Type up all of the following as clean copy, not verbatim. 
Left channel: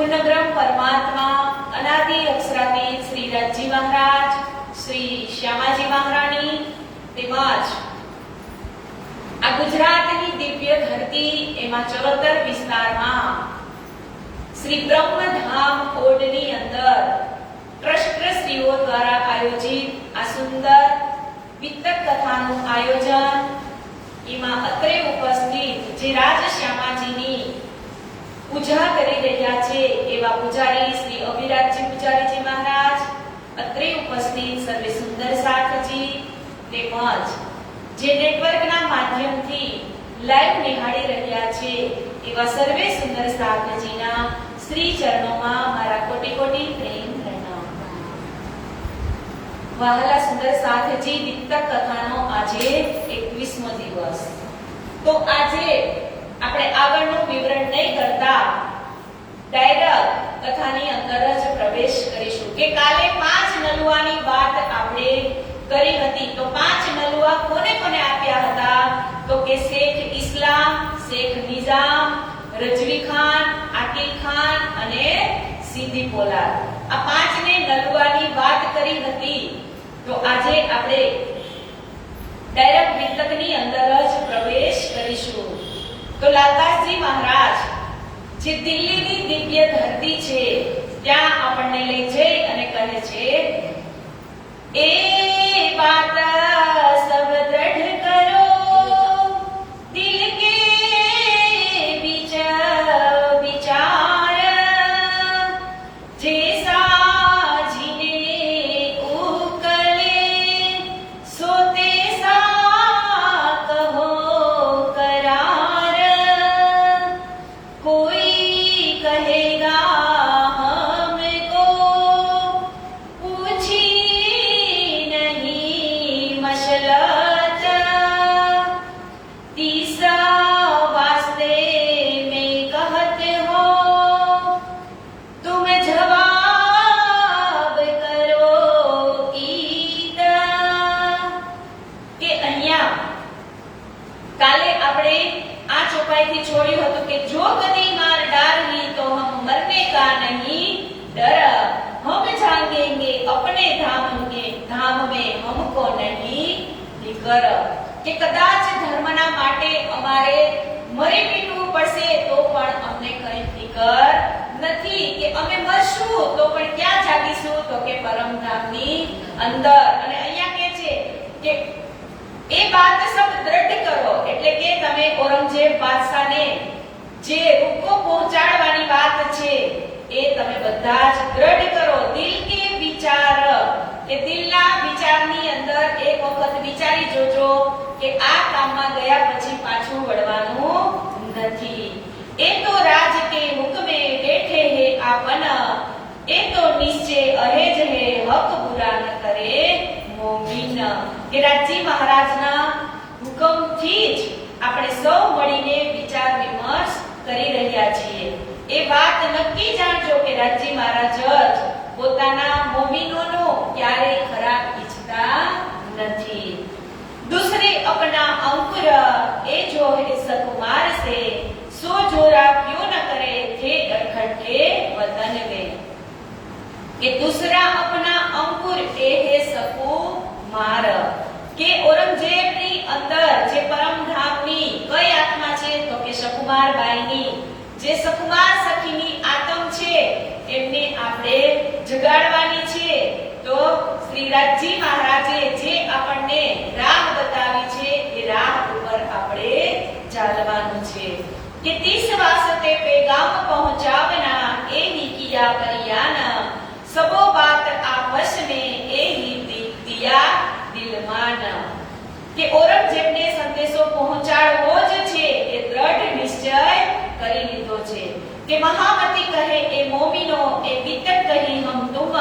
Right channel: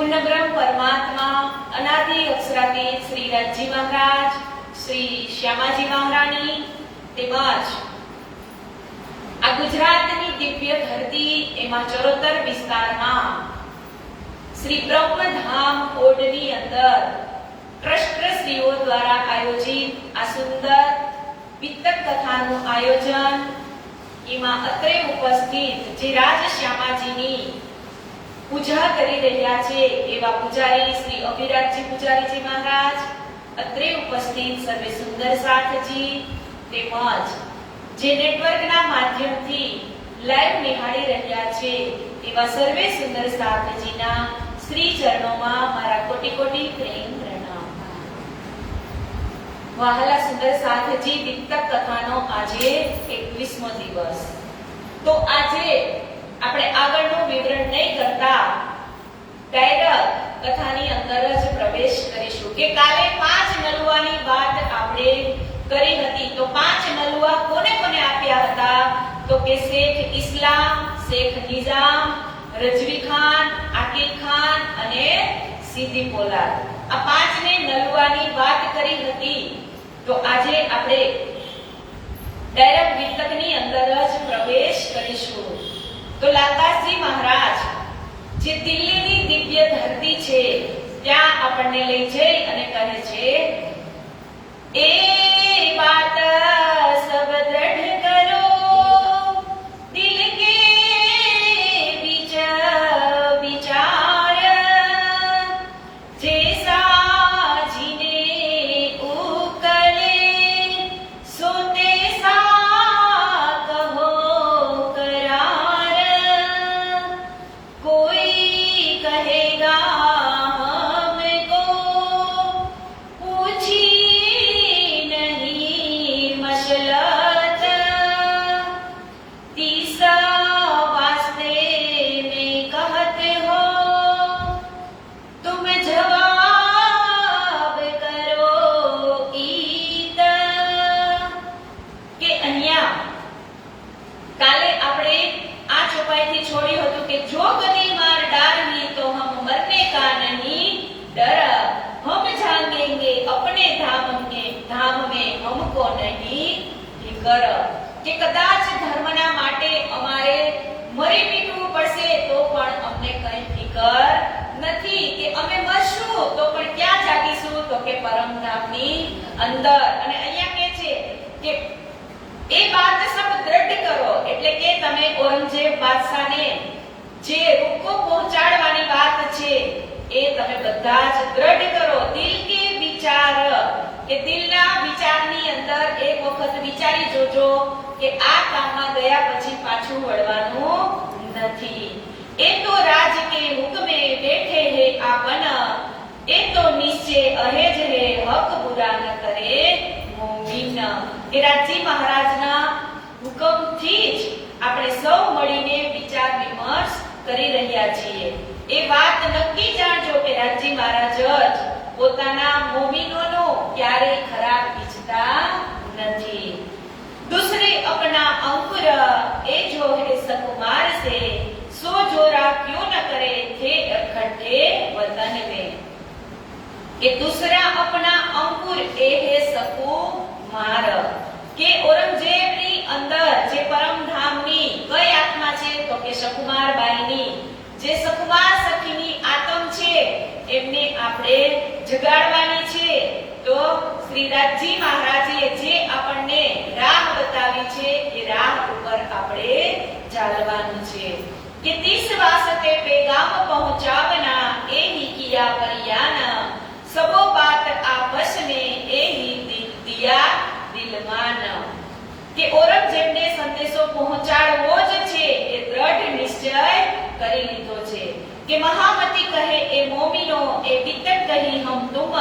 પૂર્ણબ્રહ્મ પરમાત્મા અનાદિ અક્ષરાતીત શ્રી રાજજી મહારાજ, શ્રી શ્યામાજી મહારાણી તેમજ આ ગુજરાતની દિવ્ય ધરતી એમાં ચરોતર વિસ્તારમાં શ્રી બ્રહ્મધામ ઓડની અંદર ટ્રસ્ટશ્રીઓ દ્વારા આયોજિત આ સુંદર વિતક કથાનું આયોજન એમાં અત્રે ઉપસ્થિત જે રાજશ્યામાજીની પૂજા કરી રહ્યા છે એવા પૂજારી શ્રી અભિરાજજી પૂજારીજી મહારાજ, અત્રે ઉપસ્થિત સર્વે સુંદર સાથજી તેમજ જે નેટવર્કના માધ્યમથી લાઈવ નિહાળી રહ્યા છે એવા સર્વે સુંદર સાથજીના શ્રી ચરણોમાં મારા કોટી કોટી પ્રેમ પ્રણામ। વહાલા સુંદર સાથજી દીપ્તક કથાનો આજે 21મો દિવસ। તો આજે આપણે આગળનું વિવરણ નહીં કરતા ડાયરેક્ટ કથાની અંદર જ પ્રવેશ કરીશું કે કાલે 5 નલુવાની વાત આપણે કરી હતી। તો 5 નલુઆ કોને કોને આપ્યા હતા? તો કે શેખ ઇસ્લામ, શેખ નિઝામ, રજવી ખાન, આકિલ ખાન, સીધી પોલાદ. આ પાંચને નલવાની વાત કરી હતી. તો આજે આપણે ડાયરેક્ટ વિતકની અંદર જ પ્રવેશ કરીશું. તો લાલદાસજી મહારાજ જે દિલ્હીની દિવ્ય ધરતી છે ત્યાં આપણને લઈ જઈ અને કહે છે, એ બાત સબ દ્રઢ કરો દિલ કે વિચાર જૈસા જીને ઉકલે સોતે સા કહો કરાર કોઈ કહેગા हमको पूछी नहीं मशलत तीसरा वास्ते में कहते हो तुम जवाब करो ईद. કે અહીંયા કાલે આપણે આ ચોપાઈથી છોડ્યું હતું કે જો ગલી માર ડારવી તો હમ મરને કા નહીં ડર, हम जाएंगे अपने धाम में हमको नहीं फिकर. કે કદાચ ધર્મના માટે અમારે મરી પીટવું પડશે તો પણ અમને કઈ ફિકર નથી, કે અમે મરશું તો પણ ક્યાં જાગીશું, તો કે પરમધામની અંદર. અને અહીંયા કહે છે કે એ વાત સબ દ્રઢ કરો, એટલે કે તમે ઔરંગઝેબ બાદશાહને જે રૂકો પહોંચાડવાની વાત છે એ તમે બધા જ દ્રઢ કરો. દિલ કે વિચાર, કે દિલના વિચારની અંદર એક વખત વિચારી જોજો કે આ કામમાં ગયા પછી પાછું વળવાનું નથી. એ તો રાજ કે હુકમે બેઠે હે આપન, એ તો નિશ્ચય અહેજ હે હક બુરા ન કરે મોમીન. કે રાજજી મહારાજના હુકમથી જ આપણે સૌ મળીને વિચાર વિમર્શ કરી રહ્યા છીએ. એ વાત નક્કી જાણજો કે રાજજી મહારાજ જ પોતાના મોમીનોનો ક્યારેય ખરાબ ઈચ્છતા નથી. दूसरे अपना अंकुर ए जो है सकुमार से सो जोरा क्यों न करे थे इकट्ठे वतन में. કે दूसरा अपना अंकुर ए है सकुमार, કે ઔરંગઝેબની અંદર જે પરમધામની કઈ આત્મા છે, તો કે સકુમાર બાઈની જે સકુમાર સખીની આત્મ છે એમને આપણે જગાડવાની છે. તો શ્રી રાજજી મહારાજે જે આપણને રાહ બતાવી છે એ રાહ ઉપર આપણે ચાલવાનું છે. કે 30 વાસ્તે પેગામ પહોંચાવના એ ही किया परियान, सबो बात आपस में ए ही दिया दिलमान. કે ઔરંગઝેબને સંદેશો પહોંચાડવો જ છે એ દ્રઢ નિશ્ચય કરી લીધો છે. કે મહામતી કહે એ મોમીનો એ વિતક કહી હમ તુમ,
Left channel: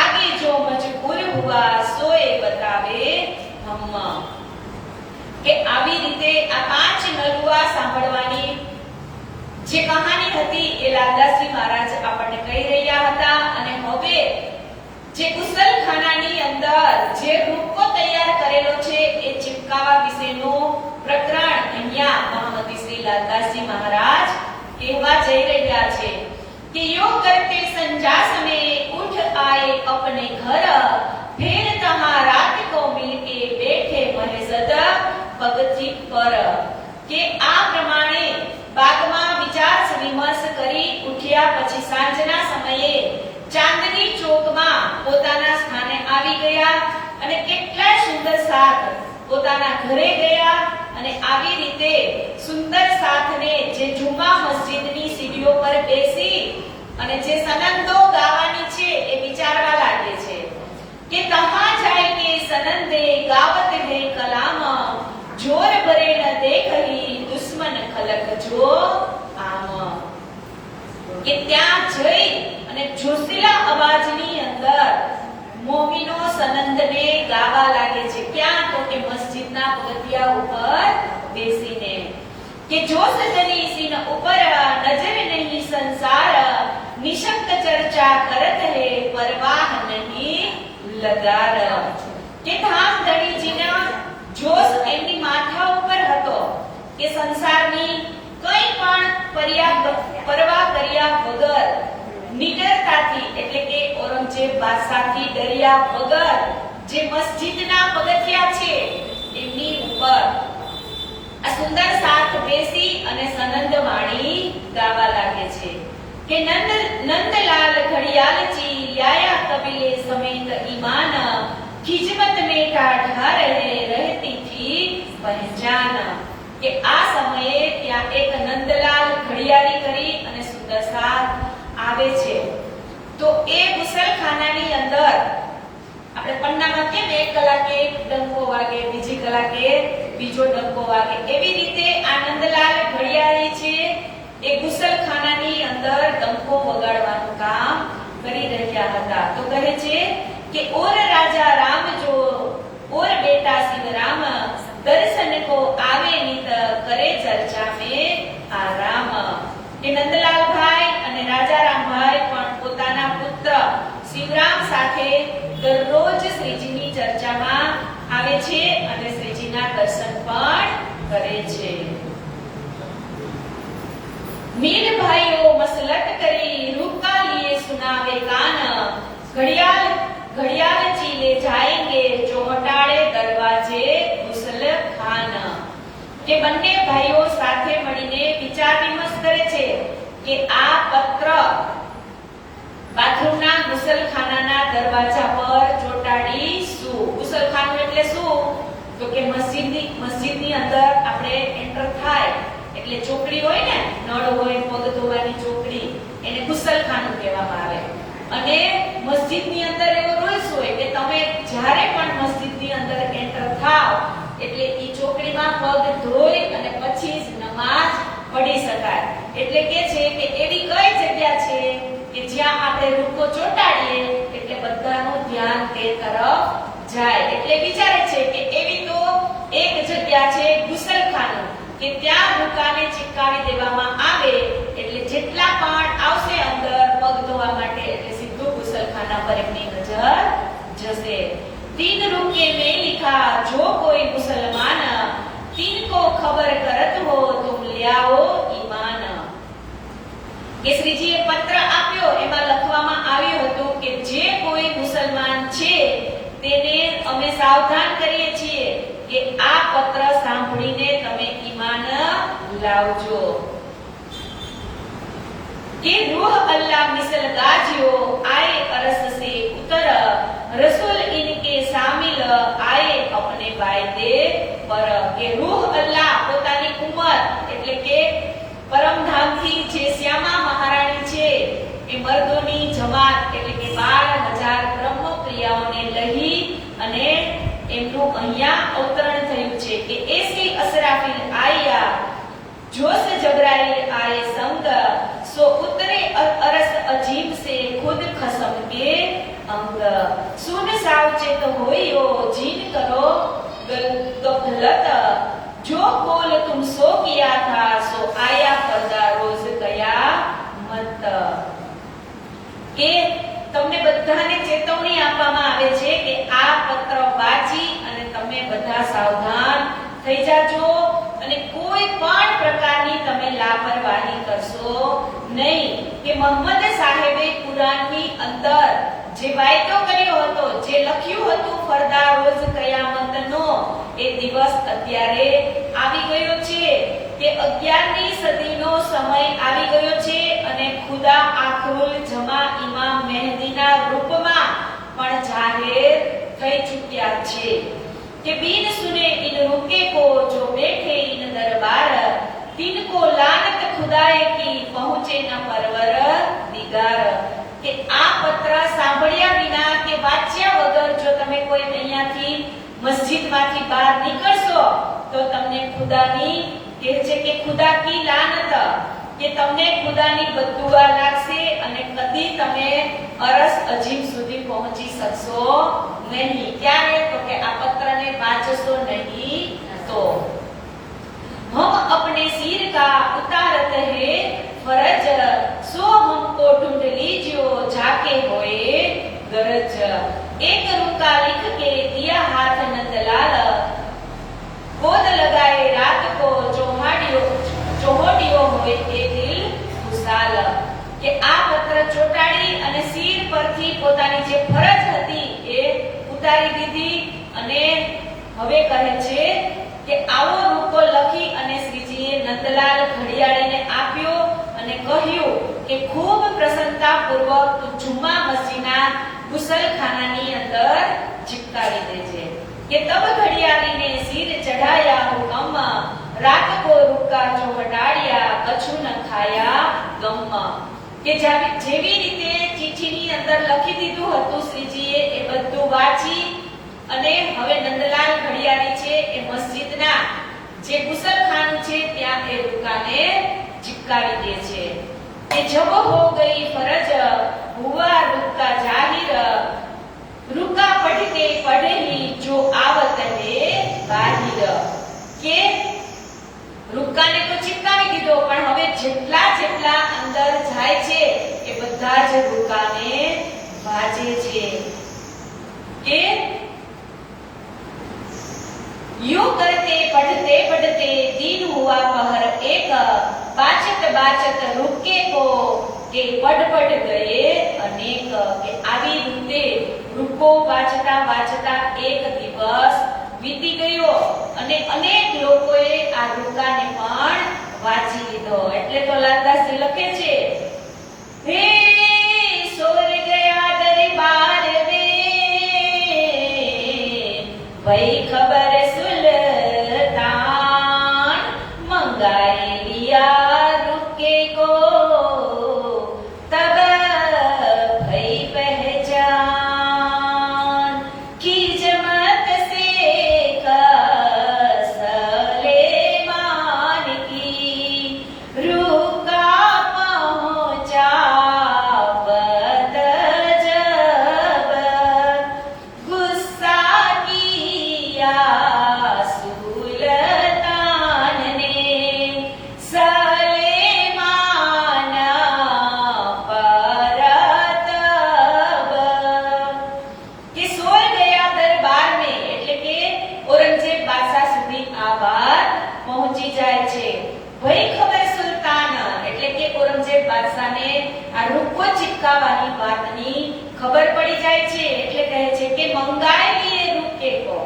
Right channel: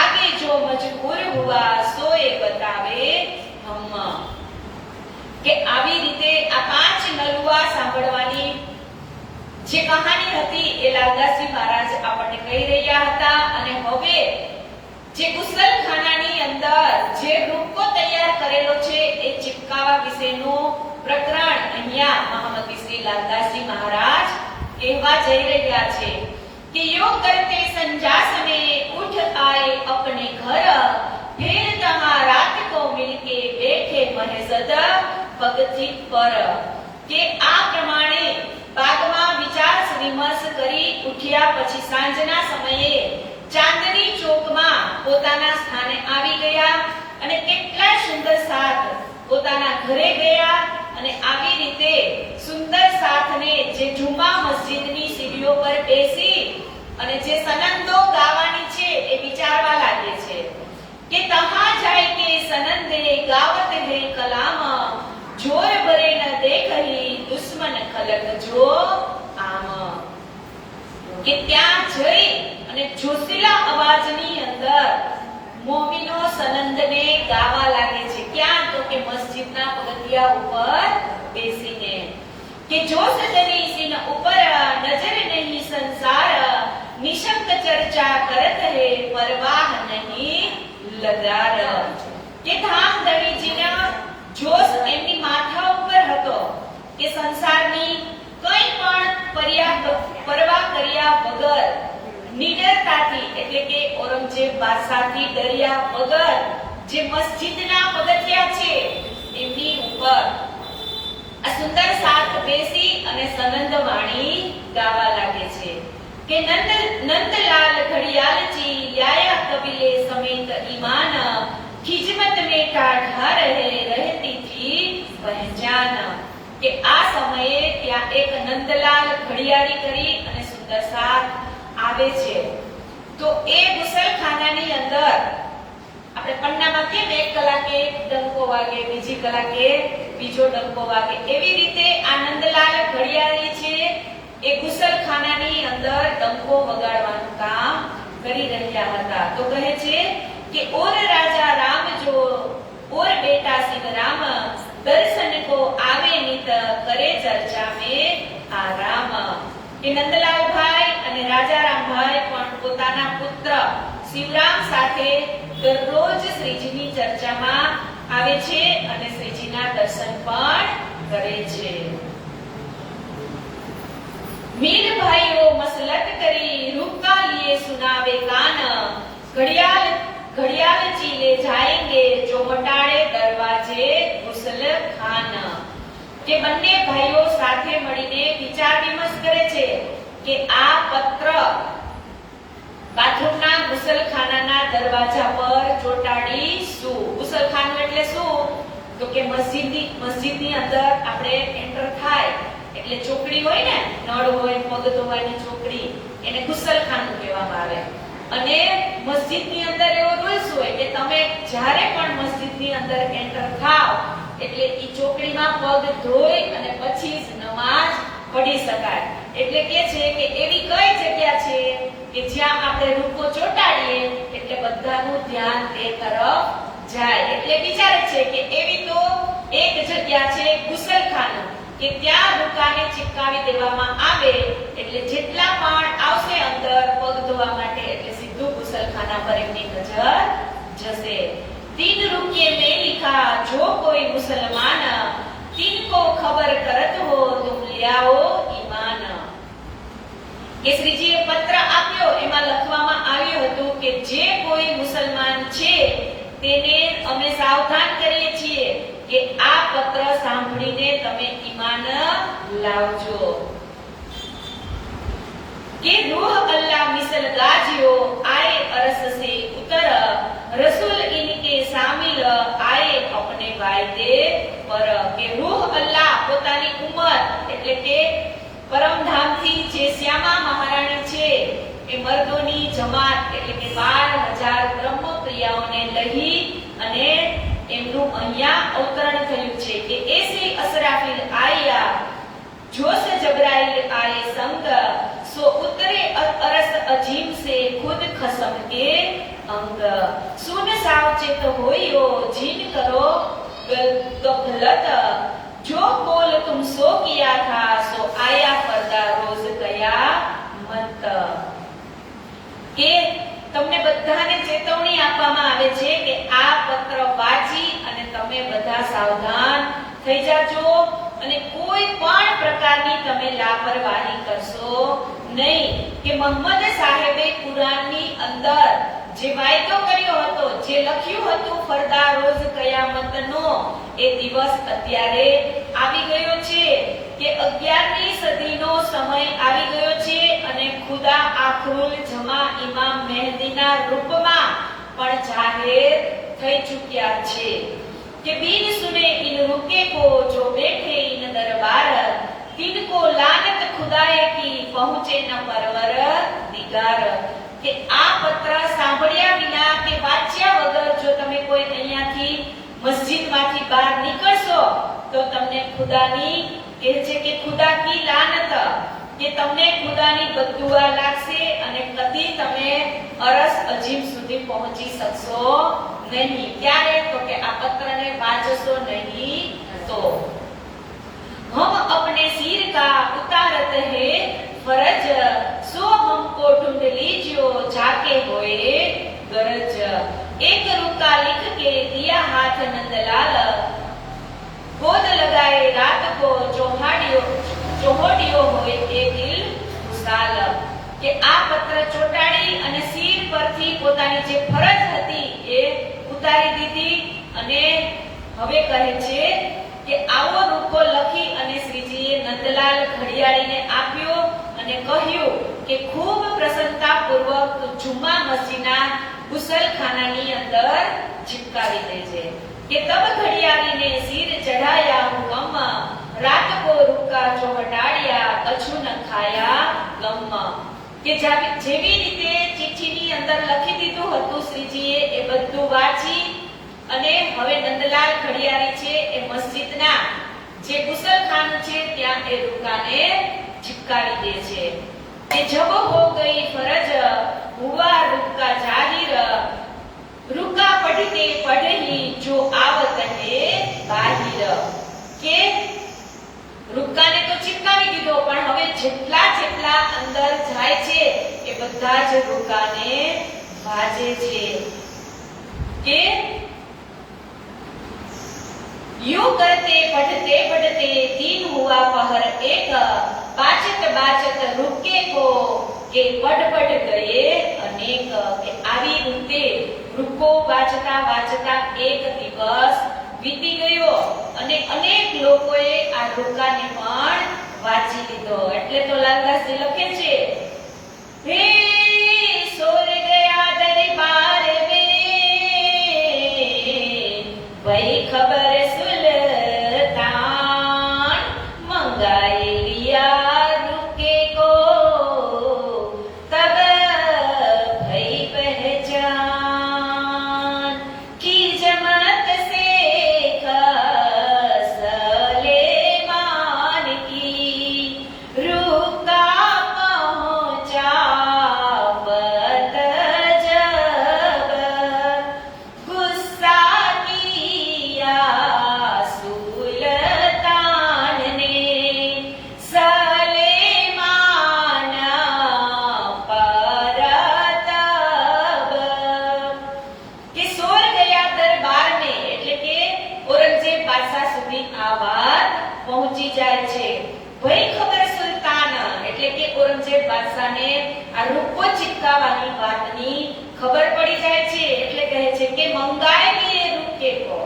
આગે જો મજબૂર હુઆ સોએ બતાવે હમ. કે આવી રીતે આ પાંચ નલુઆ સાંભળવાની જે કહાની હતી એ લાલદાસજી મહારાજ આપણને કહી રહ્યા હતા. અને હવે જે કુશલખાનાની અંદર જે રૂપકો તૈયાર કરેલો છે એ ચિપકાવા વિશેનું પ્રકરણ અહીંયા મહામતી શ્રી લાલદાસજી મહારાજ કહેવા જઈ રહ્યા છે. कि योग करते संजा समय उठ आए अपने घर, फिर तहाँ रात को मिलके बैठे महेसद पगथी पर. કે આ પ્રમાણે બાગમાં વિચાર વિમર્શ કરી ઉઠ્યા પછી સાંજના સમયે ચાંદની ચોકમાં પોતાના સ્થાને આવી ગયા અને કેટલા સુંદર સાથ પોતાના ઘરે ગયા. અને આવી રીતે સુંદર સાથને જે જુમા મસ્જિદની સીડીઓ પર બેસી અને જે સનંદો ગાવાની છે એ વિચારવા લાગે છે. કે તહાં જાય કે સનંદે ગાવત હે કલામ, જોર ભરે ન દેખહી દુશ્મન ખલક જો આમ. કે ત્યાં જઈ અને જોશીલા અવાજની અંદર મોમીનો સનંદને ગાવા લાગે છે. ક્યાં? તો કે મસ્જિદના પગથિયા ઉપર બેસીને. કે જો સજની સિન ઉપર નજર નહીં સંસાર, નિશંક ચર્ચા કરત હે પરવાહ નહીં લગાડ. કે ધામ ધણીજીના જોશ એમની માથા ઉપર હતો કે સંસારની કંઈ પણ પરવા કર્યા વગર નિડર એટલે કે ઔરંગઝેબ બાદશાહથી ડર્યા વગર જે મસ્જિદના પગથિયા છે એમની ઉપર આ સુંદર સાથ બેસી અને સનંદ વાણી ગાવા લાગે છે કે નંદલાલ ઘડિયાલજી લાયા કબીલે સમેત ઈમાન ખિજમત में ठाढ़ा रहे रहती थी पहचान કે આ સમયે ત્યાં એક નંદલાલ ઘડિયાળી કરી અને સુંદર સાથ આવે છે તો એ ગુસલખાનાની અંદર આપણે પન્નામાં કેમ એક કલાકે એક ડંકો વાગે બીજી કલાકે બીજો ડંકો વાગે એવી રીતે આ નંદલાલ ઘડિયાળી છે એ ગુસલખાનાની અંદર ડંકો વગાડવાનું કામ કરી રહ્યા હતા તો કહે છે કે ઓર રાજા રામ જો ઓર બેટા સિંહ રામ दर्शन को आवे नित करे चर्चा में आराम કે નંદલાલ ભાઈ અને રાજારામ ભાઈ પણ પોતાના પુત્ર શિવરામ સાથે દરરોજ શ્રીજીની ચર્ચામાં આવે છે અને શ્રીજીના દર્શન પણ કરે છે મીર ભાઈઓ મસલત કરી રૂપકા લીએ સુનાવે કાન घड़ियालजी ले जाएंगे जो हटाड़े दरवाजे गुसलखान કે બંને ભાઈઓ સાથે મળીને વિચાર વિમર્શ કરે છે કે આ પત્ર બાથરૂમના ગુસલખાનાના દરવાજા પર ચોંટાડીશું ગુસલખાનું એટલે શું તો કે મસ્જિદની અંદર આપણે એન્ટર થાય એટલે ચોકડી હોય ને નળ હોય પગ ધોવાની ચોકડી એને ગુસલખાનું કહેવામાં આવે અને મસ્જિદની અંદર એવો રૂલ્સ હોય કે તમે જ્યારે પણ મસ્જિદની અંદર એન્ટર થાઓ એટલે ઈ ચોકડીમાં પગ ધોઈ અને પછી જ નમાઝ પઢી શકાય એટલે કે છે કે એવી કઈ જગ્યા છે કે જ્યાં આપણે રૂકો ચોંટાડીએ એટલે બધાનું ધ્યાન તે તરફ જાય એટલે વિચારે છે કે એવી તો એક જગ્યા છે ગુસલખાનું કે ત્યાં રૂકાને ચીપકાવી દેવામાં આવે એટલે જેટલા પણ આવશે અંદર પગ ધોવા માટે એટલે સીધું ગુસલખાના પર એમની નજર જશે तीन रुपये में लिखा जो कोई मुसलमान तीन को खबर करत हो तुम ले आओ ईमान કે શ્રીજીએ પત્ર આપ્યો એમાં લખવામાં આવ્યું હતું કે જે કોઈ મુસલમાન છે તેને અમે સાવધાન કરીએ છીએ કે આ પત્ર સાંભળીને તમે ઈમાન લાવજો કે રૂહ અલ્લાહ મિसल गाजियो आए अरस से उतर रसूल इनके शामिल आए अपने वायदे पर કે રૂહ અલ્લાહ પોતાની ઉંમર એટલે કે પરમધામથી જે શ્યામા મહારાણી છે એ મર્દોની જમાત એટલે કે 12,000 બ્રહ્મપ્રિયાઓને લઈ અને એમનું અહીંયા અવતરણ થયું છે કે એસી અસરાફિલ આયા जोश जबराइल आए संग सो उतरे अरस अजीम से खुद खसम के अंग सुन सावचेत होइयो जीन करो गफलत जो कोल तुम सो किया था सो आया पर्दा रोज गया मत કે તમને બધાને ચેતવણી આપવામાં આવે છે કે આ પત્ર વાંચી અને તમે બધા સાવધાન થઈ જાજો અને કોઈ પણ પ્રકારની તમે લાપરવાહી કરશો નહીં કે મોહમ્મદ સાહેબે કુરાનની અંદર જે વાયદો કર્યો હતો જે લખ્યું હતું ફરદા રોજ કયામતનો એ દિવસ અત્યારે આવી ગયો છે કે 11મી સદીનો સમય આવી ગયો છે અને ખુદા આખરુલ જમા ઇમામ મહેદીના રૂપમાં પણ જાહેર થઈ ચૂક્યા છે कि बीन सुने इन रुके को जो बैठे इन दरबार तिनको लानत खुदाए की पहुंचे न परवर दिगार કે આ પત્ર સાંભળ્યા વિના કે વાંચ્યા વગર જો તમે કોઈ અહીંયાથી મસ્જિદમાંથી બહાર નીકળશો તો તમને ખુદાની કહે છે કે ખુદા કી લાનત કે તમને ખુદાની બદદુઆ લાગશે અને કદી તમે અરસ અજીમ સુધી પહોંચી શકશો नहीं क्या है तो कि आप पत्र ने वाचसो नहीं तो हम अपने सिर का उतारत है फरज सो हमको ढूंढ लीजियो जाके होए गरज एक रुका लिख के दिया हाथ नंदलाल गोद लगाए रात को जोहोडियो होए ये दिल खुशाल કે આ પત્ર માત્ર ચોંટાડી અને શિર પરથી પોતાની જે ફરજ હતી એ ઉતારી દીધી અને હવે કહે છે કે આવો રૂપો લખી અને શ્રીજીએ નંદલાલ ઘડિયાળીને આપ્યો અને કહ્યું કે ખૂબ પ્રસન્નતાપૂર્વક જુમ્મા મસ્જિદના ગુસલખાનાની અંદર ચિપકાવી દેજે કે તબ ઘડિયાળીને શિર ચઢાયા હુકમ રાત કો રૂકા ચોહટાડ્યા કછું ન ખાયા ગમ કે જેવી રીતે ચિઠ્ઠીની અંદર લખી દીધું હતું શ્રીજીએ એ બધું વાંચી અને હવે નંદલાલ ઘડિયાળી છે એ મસ્જિદના જે ગુસલખાનું છે ત્યાં એ રૂકાને ચિપકાવી દે છે કે જબ હો ગઈ ફરજ હુઆ રૂકા જાહિર રૂકા પઢતે પઢી જો આવત હે બાહિર કે રૂકાને તો ચિપકાવી દીધો પણ હવે જેટલા અંદર જાય છે એ બધા જ રૂકાને વાજે છે કે यूं करते पढ़ते दिन हुआ पहर एक बाचत रुके को के पढ़ गए अनेक के આવી રૂકે રૂકો વાંચતા એક દિવસ વીતી ગયો અને અનેક લોકોએ આ રૂકાને પણ વાંચી લીધો એટલે તો લાલદાસજી લખે છે હે સોર ગયા દરબાર વે ભઈ ખબર ચિપકાવવાની વાતની ખબર પડી જાય છે એટલે કહે છે કે મંગાયેલી એ રૂકે કો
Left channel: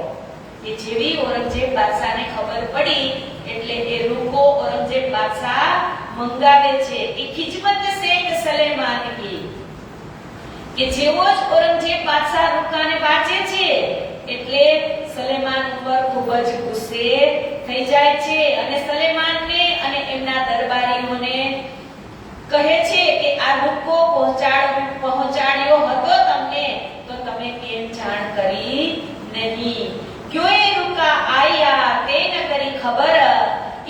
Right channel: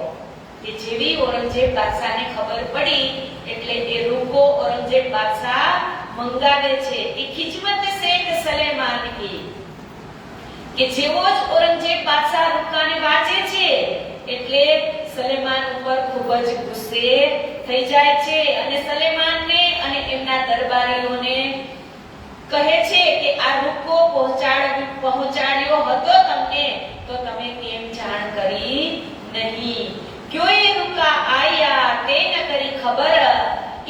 કે જેવી ઔરંગઝેબ બાદશાહને ખબર પડી એટલે કે રૂકો ઔરંગઝેબ બાદશાહ મંગાવે છે કે ખિજમત શેખ સલેમાન કી કે જેવો જ ઔરંગઝેબ બાદશાહ રૂકાને વાંચે છે એટલે સલેમાન ઉપર ખૂબ જ ગુસ્સે થઈ જાય છે અને સલેમાનને અને એમના દરબારીઓને કહે છે કે આ રૂકો પહોંચાડ્યો હતો તમને તો તમે કેમ જાણ કરી નહીં क्यों ये रुका आया ते न करी खबर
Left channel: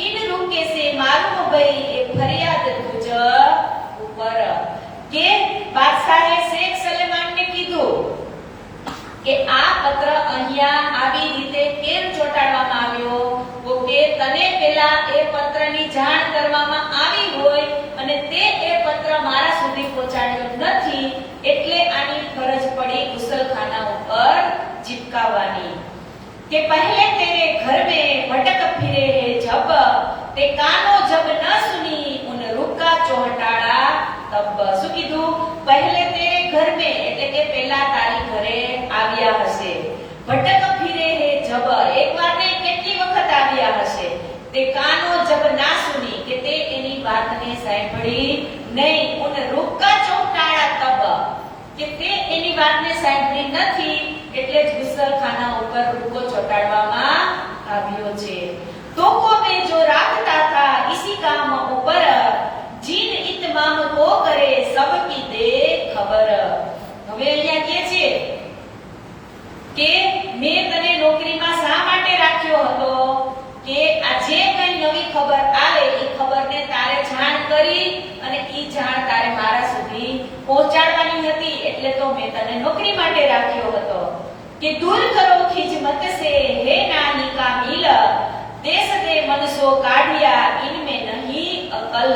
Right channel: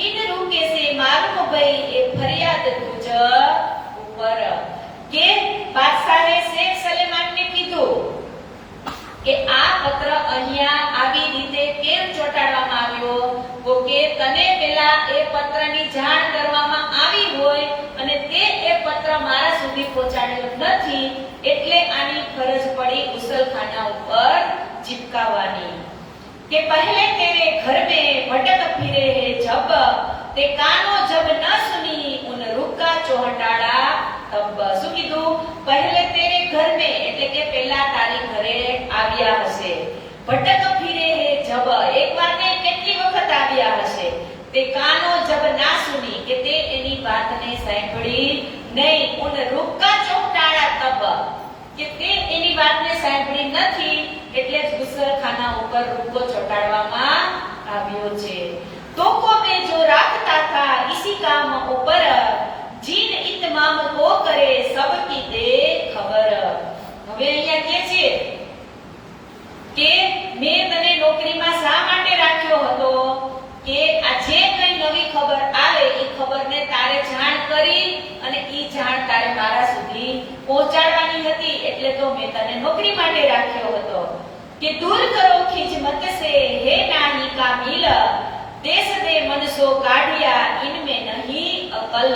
इन रुके से मालूम भई ये फरियाद तुझ ऊपर के बादशाहे शेख सलेमान ने कीधुं કે આ પત્ર અહીંયા આવી રીતે કેમ ચોંટાડવામાં આવ્યો તો કે તને પહેલા એ પત્રની જાણ કરવામાં આવી હોય અને તે એ પત્ર મારા સુધી પહોંચાડ્યો નથી એટલે આની ફરજ પડી ગુસલખાના ઉપર ચિપકાવવાની કે પહેલે તેરે ઘર में भटक फिरे है जब ते कानो जब न सुनी उन रुका चौहटाड़ा तब શું કીધું પહેલે તેરે ઘર में એટલે કે પહેલા તારી ઘરે આવ્યા હશે ભટક ફિરે હે જબ એકવાર નહીં કેટલી વખત આવ્યા હશે તે કાનો જબ ના સુની કે તે એની વાતને સાંભળી નહીં ઉન રૂકા ચોંટાડા તબ કે તે એની વાતને સાંભળી નથી એટલે જ ગુસલખાના ઉપર રૂકો ચોંટાડવામાં આવ્યો છે તોકો में जो રાખતા था इसी काम ऊपर જીન ઇતમામ કો કરે સબકી દે ખબર હવે અહીંયા કહે છે કે મેં તને નોકરીમાં શા માટે રાખ્યો હતો કે આ જે કઈ નવી ખબર આવે એ ખબરને તારે જાણ કરી અને ઈ જાણ તારે મારા સુધી પહોંચાડવાની હતી એટલે તો મેં તને નોકરી માટે રાખ્યો હતો કે દૂર કરો ખિજમત સે હે નાની કા મિલ દેશ દે મનસો કાઢિયા ઇનમે નહીં અકલ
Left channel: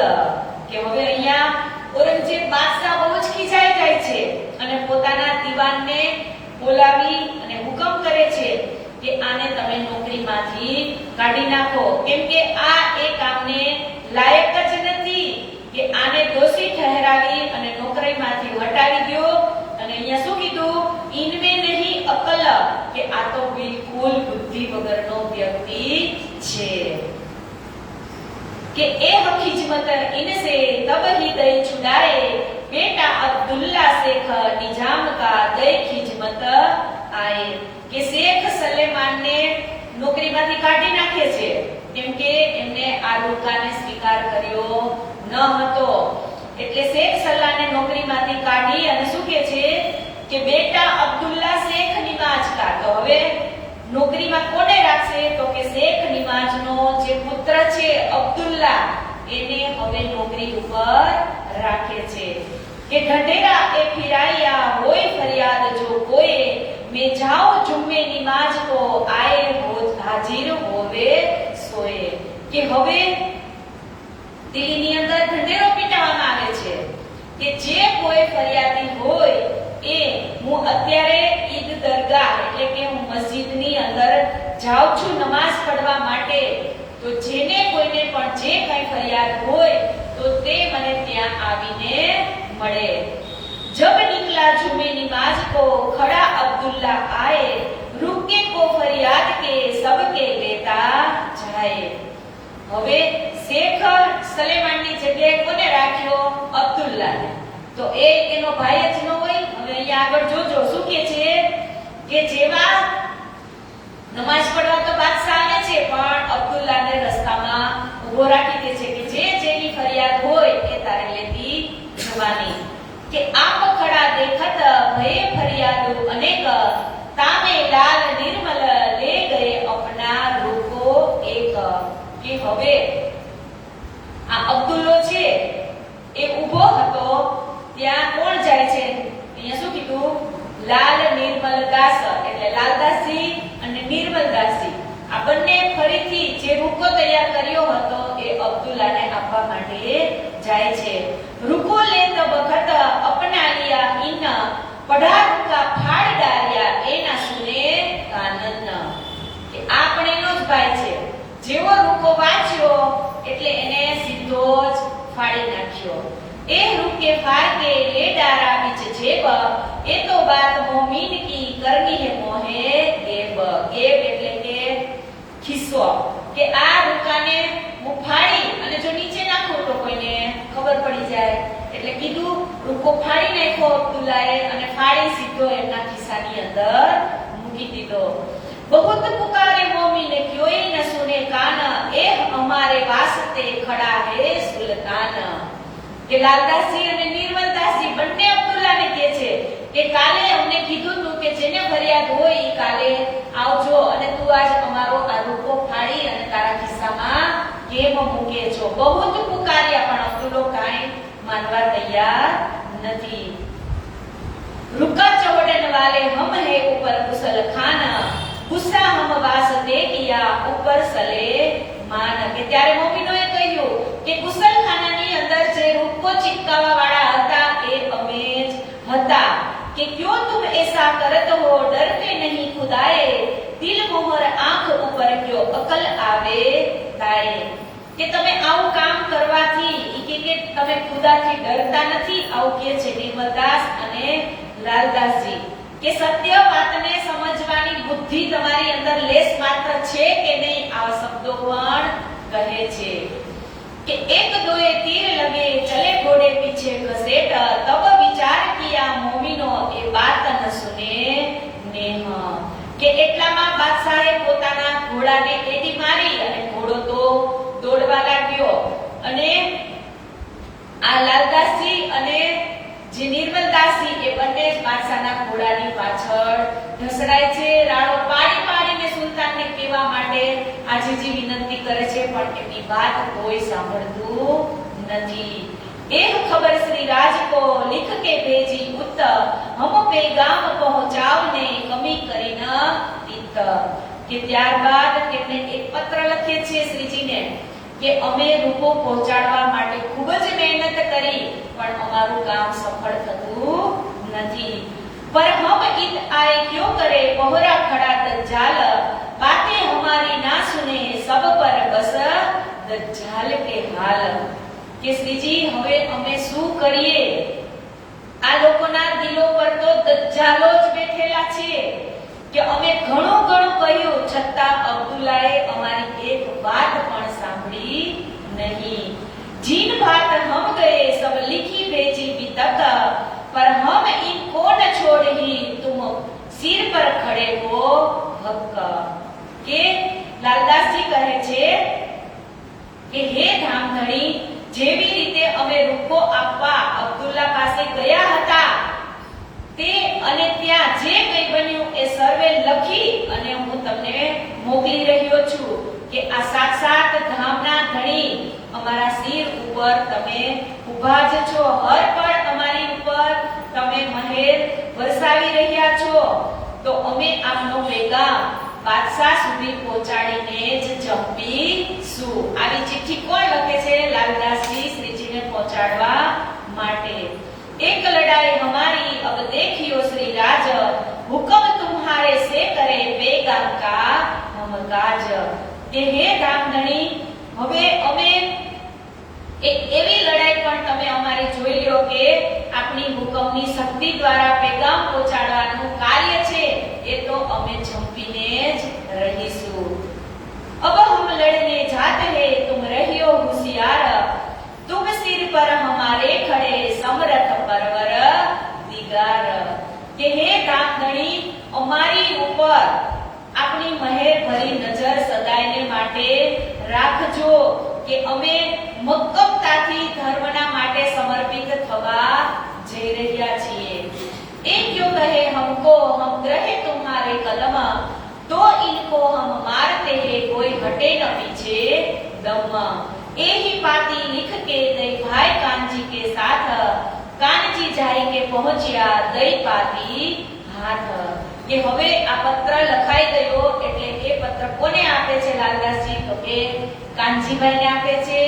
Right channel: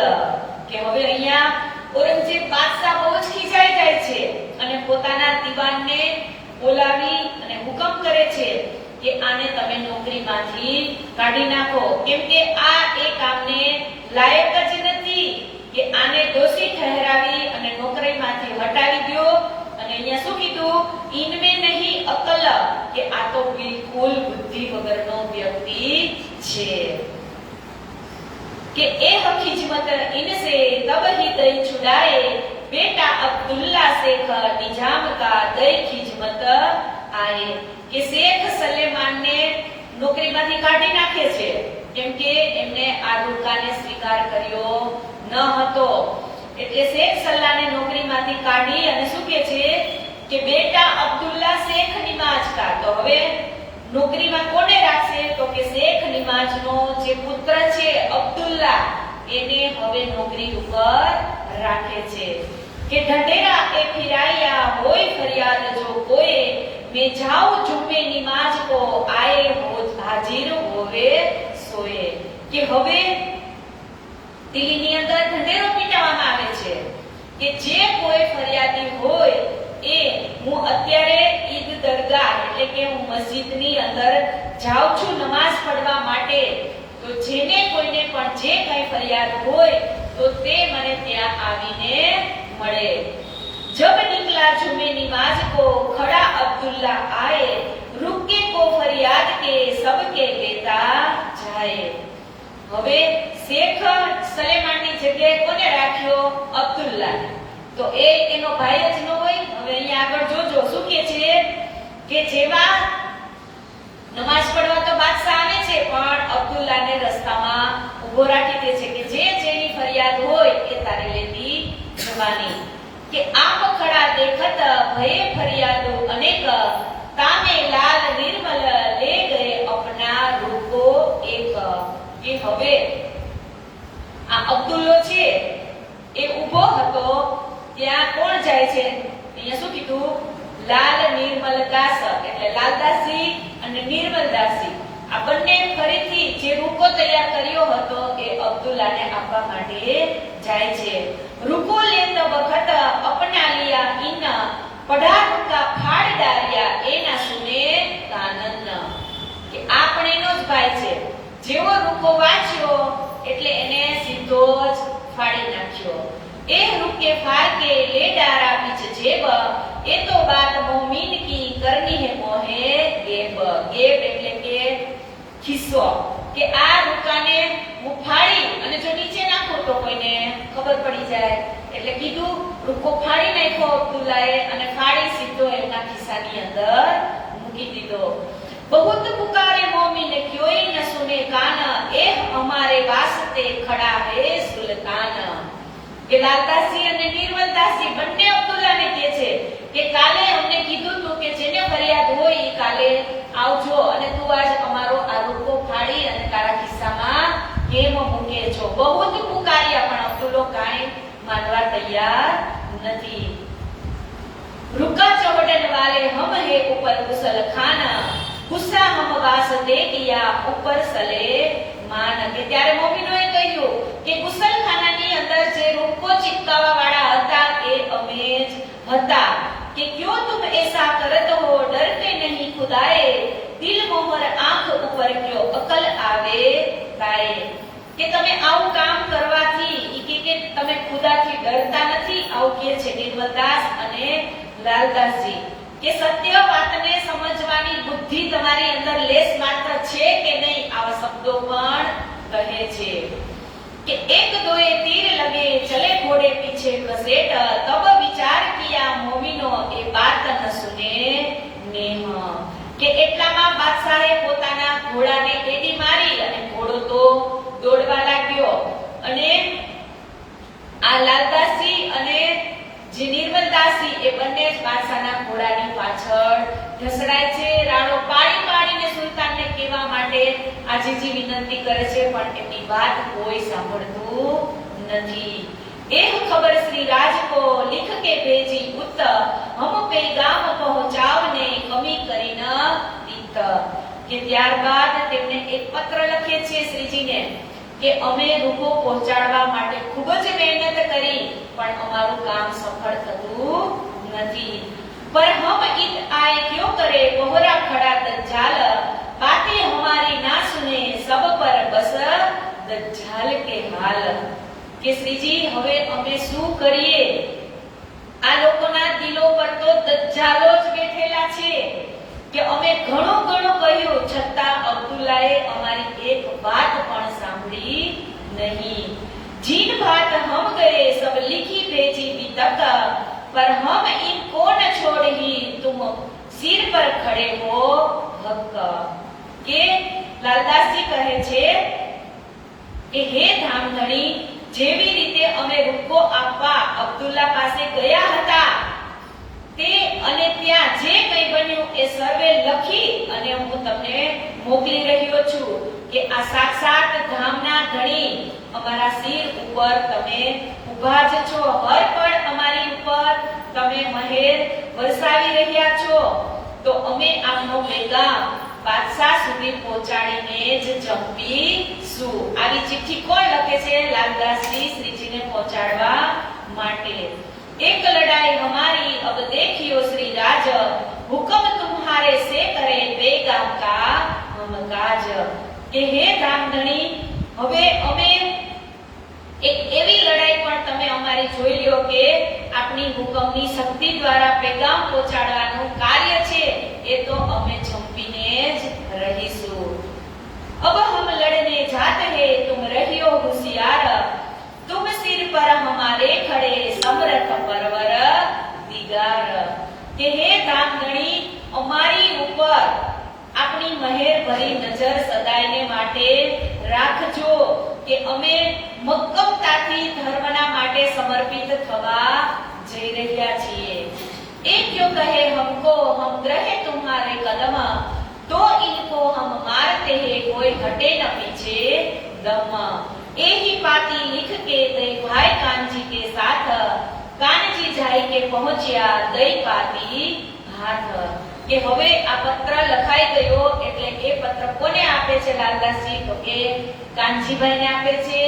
કે હવે અહીંયા ઔરંગઝેબ બાદશાહ બહુ જ ખીજાઈ જાય છે અને પોતાના દીવાનને બોલાવી અને હુકમ કરે છે કે આને તમે નોકરીમાંથી કાઢી નાખો કેમ કે આ એ કામને લાયક જ નથી કે આને દોષી ઠહેરાવી અને નોકરીમાં કે આ તો બિલકુલ બુદ્ધિ વગરનો વ્યક્તિ છે कि ए खिजमत इनसे तब ही दई छुड़ाए बेटा अब्दुल्ला शेख निजाम का दई खिजमत आए કે શેખ સલેમાનને નોકરીમાંથી કાઢી નાખે છે કેમ કે એમને આ રૂકાને સ્વીકાર કર્યો ન હતો એટલે શેખ સલ્લાને નોકરીમાંથી કાઢી અને શું કહે છે કે બેટા અબ્દુલ્લા શેખ નિમાજ કા તો હવે નોકરીમાં કોને રાખશે તો કે શેખ નિમાજનો જે પુત્ર છે અબ્દુલ્લા એને હવે નોકરી ઉપર રાખે છે કે ઢંઢેરા એ ફિરાયા હોય ફરિયાદ જો કોઈ मैं जाओ जुम्मे निमाज को आए हो हाजिर होवे सोए કે હવે દિલ્હીની અંદર ઢંઢેરો પીટાવવામાં આવે છે કે જે કોઈ ફરિયાદી હોય એ હું અત્યારે ઈદ દરગાહ એટલે કે હું મસ્જિદની અંદર જાઉં છું નમાઝ પઢવા માટે તો જેને કોઈને પણ જે કઈ ફરિયાદ હોય તો તે મને ત્યાં આવીને મળે जब निकला जुमे नमाज को खड़ा अब्दुल्ला आए रुके को फरियाद के सबके लेता जाए હવે શેખ સલેમાનની જગ્યાએ કોને રાખ્યો અબ્દુલ્લા તો એ એનો ભાઈ જ ન હોય હવે અહીંયા આગળ જોજો શું કહે છે કે જેવા નમાઝ પઢવા તો બાદશાહ આવે છે પણ અબ્દુલ્લાને રસ્તામાં ઊભો રાખી દે છે કે જે જેની ફરિયાદ હોય એ તારે લેવી જવાની કે આપ ખડા દેખત ભય ફરિયાદ અનેક તામે લાલ નિર્મલ લે ગયે અપના રૂકો એક કે હવે આ અબ્દુલ્લો છે એ ઊભો હતો ત્યાં કોણ જાય છે અહીંયા શું કીધું લાલ નિર્મલ દાસ એટલે લાલદાસજી અને નિર્મલદાસજી આ બંને ફરીથી જે રૂકો તૈયાર કર્યો હતો એ અબ્દુલ્લાને આપવા માટે જાય છે રૂકો લે તો વખત અપના લિયા ઇન પઢા રૂકા ફાડ ડાર્યા એના સુને કાનન કે આપણેનો જ ભાઈ છે જેવો રૂકો વાંચ્યો એટલે એને સીધો જ ફાડી નાખ્યો એ રૂકે ફાડ કે લે ડારા બીચ જેબ એ તો બાત મોમીન કી કરની હે મોહે ગેબ ગેબ એટલે કે ખિસ્સો કે આ રૂકાને હું ફાડી અને જો નીચે નાખું તો કોઈને ખબર પડી જાય એટલે કીધું રૂકો ફાડી નાખ્યો અબ્દુલ્લાએ અને ફાડી સીધો એના ખિસ્સાની અંદર મૂકી દીધો बहुत पुकारे मोमी ने क्यों न सुने कान ए हमारे वास्ते खड़ा है सुल्तान કે લાલદાસજી અને નિર્મલદાસજી બંને અબ્દુલ્લાને કહે છે કે કાલે અમને કીધું તું કે જેને ફરિયાદ હોય એ કાલે આવજો અને તું આજ અમારો આ રૂકો ફાડી અને તારા ખિસ્સામાં કેમ મૂકે છો બહુ જ પુકાર્યા પણ અબ્દુલ્લો કાંઈ માનવા તૈયાર નથી रुका चौड़न वाले हम है ऊपर कुशल खाना गुस्सा हम वास दे दिया ऊपर सले मान કે ત્યારે મોમીનોએ કહ્યું કે ગુસલખાનાની અંદર જે રૂપકો ચિપકાવા વાળા હતા તે અમે જ હતા કે ક્યો तुम ऐसा करत हो डर के नहीं खुदाए दिल मोहर आंख ऊपर क्यों अकल आवे ताए કે તમે આવું કામ કરવાથી કે તમે ખુદાથી ડરતા નથી આવું કહે છે નિર્મલદાસ અને લાલદાસજી કે સત્ય વાતને સમજવાની બુદ્ધિ તમારી અંદર લેશ માત્ર છે કે નહીં આ શબ્દો પણ કહે છે કે એક દોએ તીર લગે ચલે ઘોડે પીછે ઘસેટ તબ વિચાર કિયા મોમીનો એ બાત ન સુને નેહ કે એટલામાં બાદશાહે પોતાના ઘોડાને એડી મારી અને ઘોડો તો દોડવા લાગ્યો અને આ લાલદાસજી અને જે નિર્મલદાસજી એ બંને બાદશાહના ઘોડાની પાછળ ઘસડાય છે રાડો પાડી પાડીને સુલતાનને કહેવા માટે આજીજી વિનંતી કરે છે પણ એની વાત કોઈ સાંભળતું નથી एक खबर श्री राज को लिख के भेजी उत हम पैगाम पहुंचावने कमी કરી ન ઇત કે ત્યારબાદ તેમણે એક પત્ર લખે છે શ્રીજીને કે અમે રૂપો પહોંચાડવા માટે ખૂબ જ મહેનત કરી પણ અમારું કામ સફળ થતું નથી पर हम ईद आए क्यों करे कोहरा खड़ा दज्जाल बातें हमारी ना सुने सब पर बस दज्जाल के हाल કે શ્રીજી હવે અમે શું કરીએ આ લોકોના દિલો પર તો દજ્જાલો જ બેઠેલા છે કે અમે કહ્યું, છતાં અબ્દુલ્લાએ અમારી એક વાત પણ સાંભળી નહીં. જીન बात हम गए सब लिखी भेजी भी तक, पर हम इनको न छोड़ ही तुम सिर पर खड़े हो हक. કે લાલદાસજી કહે છે કે હે ધામધણી, જેવી રીતે અમે રૂપો આપવા અબ્દુલ્લા પાસે ગયા હતા તે અને ત્યાં જે કંઈ બન્યું એ સર્વે લખી અને હું તમને મોકલી રહ્યો છું કે આ સાક્ષાત ધામના ધણી અમારા સિર ઉપર તમે ઊભા જ છો, હર પળ અમારી ઉપર તમે મહેર વરસાવી રહ્યા છો, તો અમે આપનો પેગામ બાદશાહ સુધી પહોંચાડીને જ જંપીશું. આવી ચિઠ્ઠી કોણ લખે છે? લાલદાસજી શ્રીજીને પહોંચાડવા માટે. एक लड़ाई हमारी अब देखियो श्री राज, हुक्म तुम्हारे से करे बेगाम का हम काज. કે હે ધામધણી, હવે અમે એક એવી લડાઈ પણ તમે અમારી જોઈ લ્યો કે આપણી હુકમની શક્તિ દ્વારા પેગામ પહોંચાડવાનું કાર્ય છે એ તો અમે ઝંપીને જ રહીશું. अब हम लड़ने जाते हैं तुम रहियो होशियार, तुम सिर पर हमारे खड़े समरथ परवर दिगार. કે હે ધામધણી, અમારી ઉપર આપણી મહેર ભરી નજર સદાયને માટે રાખજો કે અમે મક્કમતાથી ધર્મના માટે સમર્પિત થવા જઈ રહ્યા છીએ. એ ક્યો કહે हमको हम ग्रहे तुम्हारे कदम, तो इनको हम मारते हैं कोई हटे न पीछे दम. यही पाती लिख के दई भाई कांजी के साथ, कांजी जाई के पहुंचिया दई पाती हाथ. કે હવે આ પત્ર લખાઈ ગયો એટલે એ પત્ર કોને આપે છે લાલદાસજી? તો કે કાનજીભાઈને આપે છે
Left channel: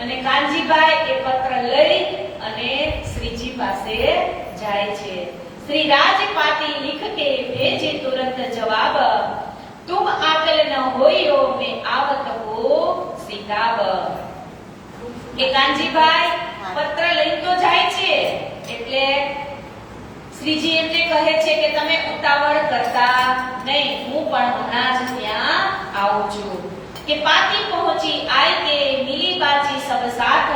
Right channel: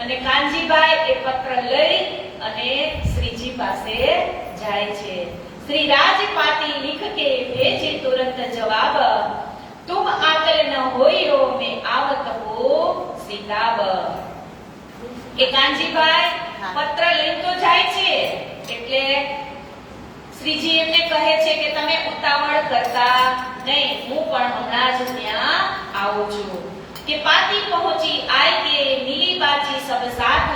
અને કાનજીભાઈ એ પત્ર લઈ અને શ્રીજી પાસે જાય છે. श्री राजपाती लिख के भेजे तुरंत जवाब, तुम आकल न होइयो मैं आवत हो सीताब. કે કાનજીભાઈ પત્ર લઈને તો જાય છે એટલે શ્રીજી એમને કહે છે કે તમે ઉતાવળ કરતા નહીં, હું પણ હમણાં જ ત્યાં આવું છું. કે પાતી પહોંચી આઈ કે मिली बाजी सब साथ,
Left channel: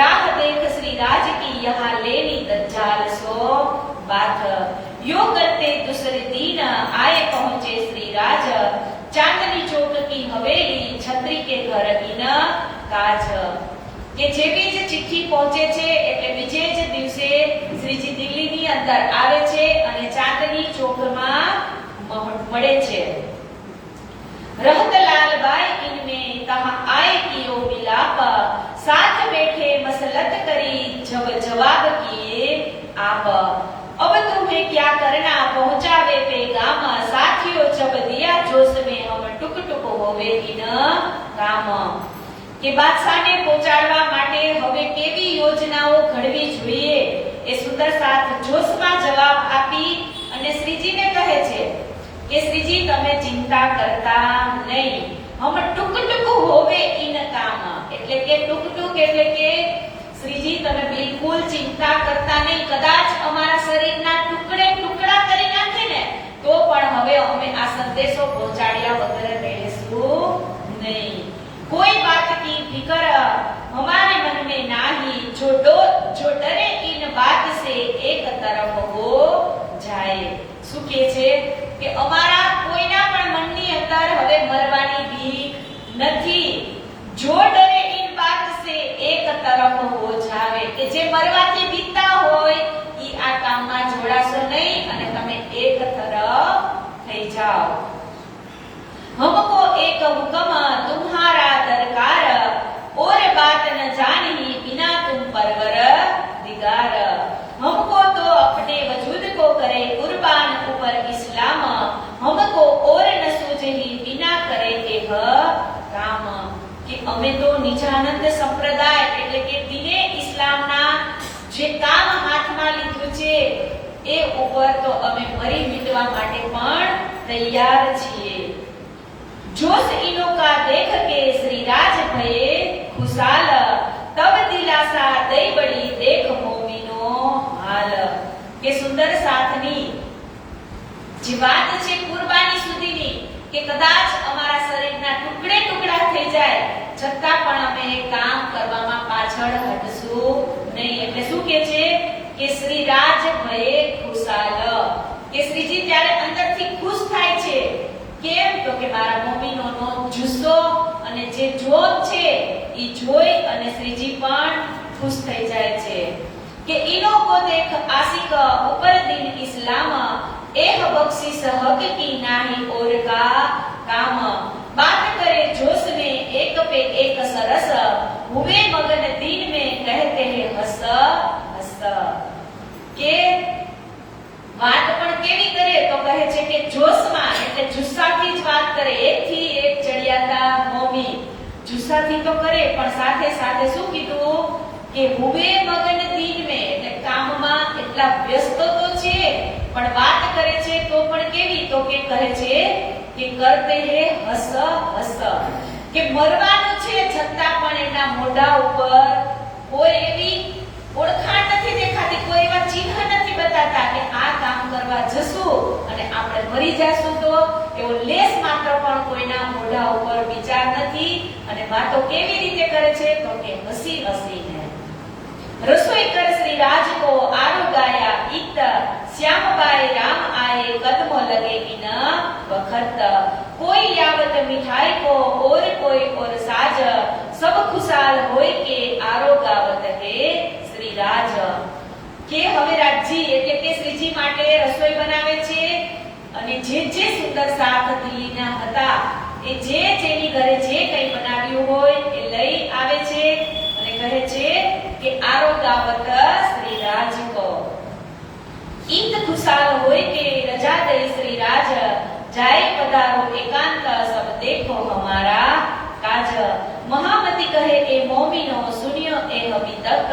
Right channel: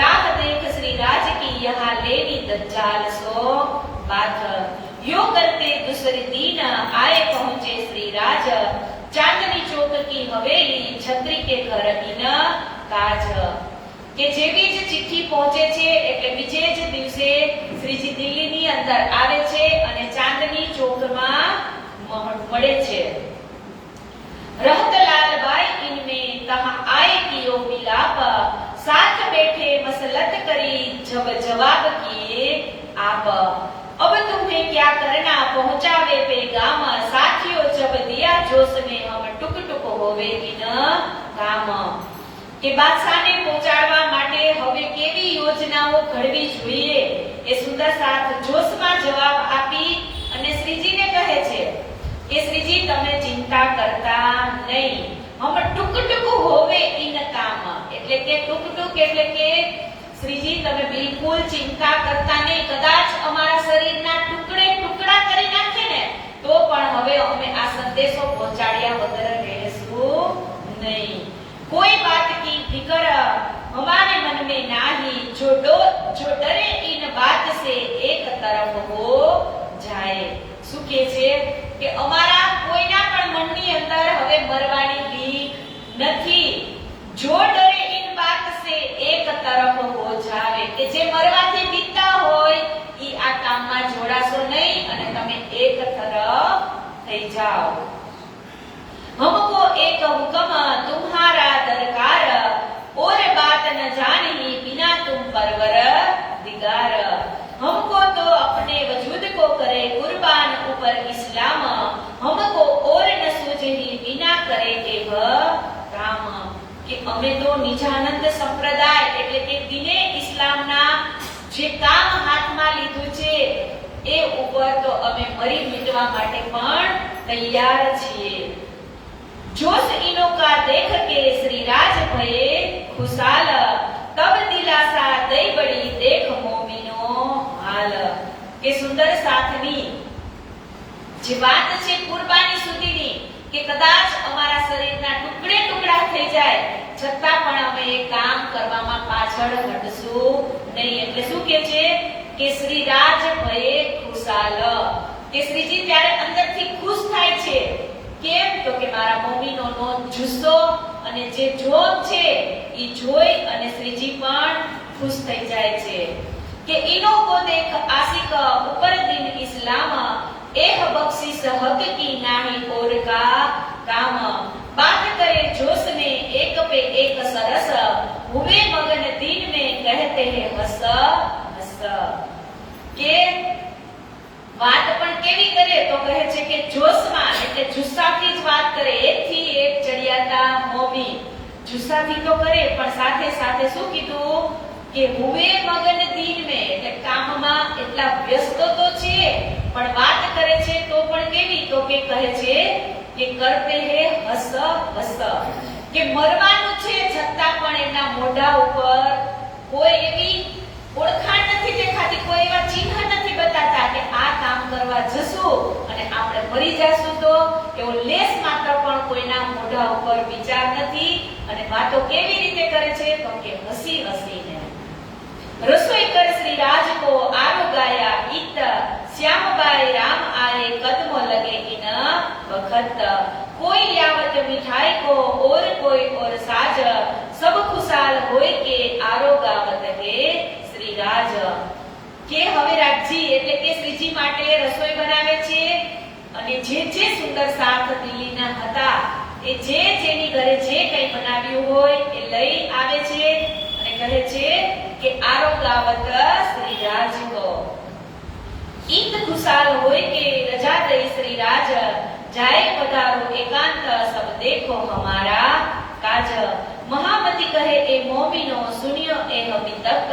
राह देख श्री राज की यहाँ लेनी दज्जाल सो बात. यो करते दूसरे दिन आए पहुंचे श्री राज, चांदनी चौक की हवेली छत्री के घर इन काज. કે જેવી જ ચિઠ્ઠી પહોંચે છે એટલે બીજે જ દિવસે શ્રીજી દિલ્હીની અંદર આવે છે અને ચાંદની ચોકમાં મળે છે. रहतलाल बाई इनमें कहा आए कियो मिलाप, साथ बैठे मसलत करी जब जवाब किए आप. अब तुम्हें क्या करना पहुंचावे पैगाम, साथियों जब दिया जोश में हम टुक टुक होवे किन काम. કે બાદશાહને પહોંચાડવા માટે હવે કેવી યોજનાઓ ઘડવી જોઈએ એ સુંદર સાથ જોશમાં જવાબ આપી અને શ્રીજીને કહે છે કે શ્રીજી તમે ચિંતા કરતા નહીં, હમ ટુક ટુક હોવે ઇન કામ. એટલે કે ટુક ટુક એટલે કે શ્રીજી તમે બિલકુલ ચિંતા કરતા નહીં, કદાચ અમારા શરીરના ટુકડે ટુકડા કરી નાખે ને તો પણ હવે અમે આ સંદેશો પહોંચાડ્યા વગર રહેશું નહીં. कोई बात की फिकर हमारे मन में नाही, जो डरे इन बात से एक तरफ हो जाए. શું કહે છે કે અમારા કોઈના પણ મનની અંદર હવે મરવાની બીક નથી. જો ડરે इन बात से एक तरफ हो जाए, કે જે મરવાથી બીકતા હોય ઈ આ કામમાં જોડાશો નહીં અને તમે એક તરફ થઈ જાઓ. हमको एक हुक्म तुम्हारा दरकार, और बात न जानी बिना तुम परवर दिगार. हमको तो अपने वजूद को करे कुर्बान ऊपर इस्लाम, हमको और न सूझे बिना करे के काम. કે અમે તો નિજાનંદ સંપ્રદાય એટલે કે દિને ઇસ્લામના જે કામ હાથમાં લીધું છે એ ઉપર તો અમે મરી મિટવા માટે પણ તૈયાર છીએ. जोश इनो का देख के श्री राज भये खुशाल, तब दिलासा दई बड़ी देख मोमिनो हाल. કે સુંદર સાથની જે વાત છે કુરબાની સુધીની કે કદાચ અમારા શરીરના ટુકડે ટુકડા થઈ જાય છતાં પણ અમે એ કામ કરવામાં પાછળ હટશું નહીં. એટલે શું કહે છે કે શ્રી રાજ ભયે ખુશાલ, કે શ્રીજી ત્યારે અંદરથી ખુશ થાય છે. કેમ? તો કે મારા મમ્મીનો જુસ્સો અને જે જોત છે એ જોઈ અને શ્રીજી પણ ખુશ થઈ જાય છે. કે ઈનો કો દેખ આશિક ઉપર દિન ઇસ્લામ, એહ બક્ષિસ હક કી નાહી ઓર કા કામ. बात करे जोश में एक पे एक सरस, हुए मगन दिन में कहते हैं हस हस. કે વાત પણ કેવી કરે તો કહે છે કે જોશમાં એટલે જુસ્સાથી જ વાત કરે. એકથી એક ચડિયાતા મોમી જુસ્સાથી તો કરે પણ સાથે સાથે શું કીધું કે હુવે મગન દિન में એટલે કામમાં એટલા વ્યસ્ત તો છે પણ વાત કરે છે તો પણ કેવી તો કે કહે છે કે કરતે હે હસ હસ. કે મરવાનું છે છતાં પણ એના મોઢા ઉપર કોઈ એવી ઓળખાણ નથી દેખાતી, કોઈ એવા ચિહ્ન નથી બતાતા કે આ કામ કરવા જશું અને આપણે મરી જશું તો એવો લેસ માત્ર પણ કોઈના મોઢા ઉપર વિચાર નથી. અને વાતો કેવી રીતે કરે છે તો કે હસી હસીને. રસોઈ કર શ્રી રાજ કો આરો ગાયા ઈત, શ્યામબાઈ રામ આए कदम लगे इन वखत, कोई यावत मिठाई को और कोई और साज, सब खुशाल होय के आरो गावत है श्री राज. કે હવે રાજજી એટલે કે શ્રીજી માટે રસોઈ બનાવે છે અને જે સુંદર શાક દિલ્હીના હતા એ જેની ઘરે જે કંઈ બનાવ્યું હોય એ લઈ આવે છે અને કહે છે કે આરો ગાવત શ્રી રાજ કો. ઈદ ખુશાલ હોય કે રજા દઈ શ્રી રાજ, જાય પધારો એકાંત સબ દેખો હમારા કાજ. महामती कहे ए मोमिनो सुनियो ए अभी तक,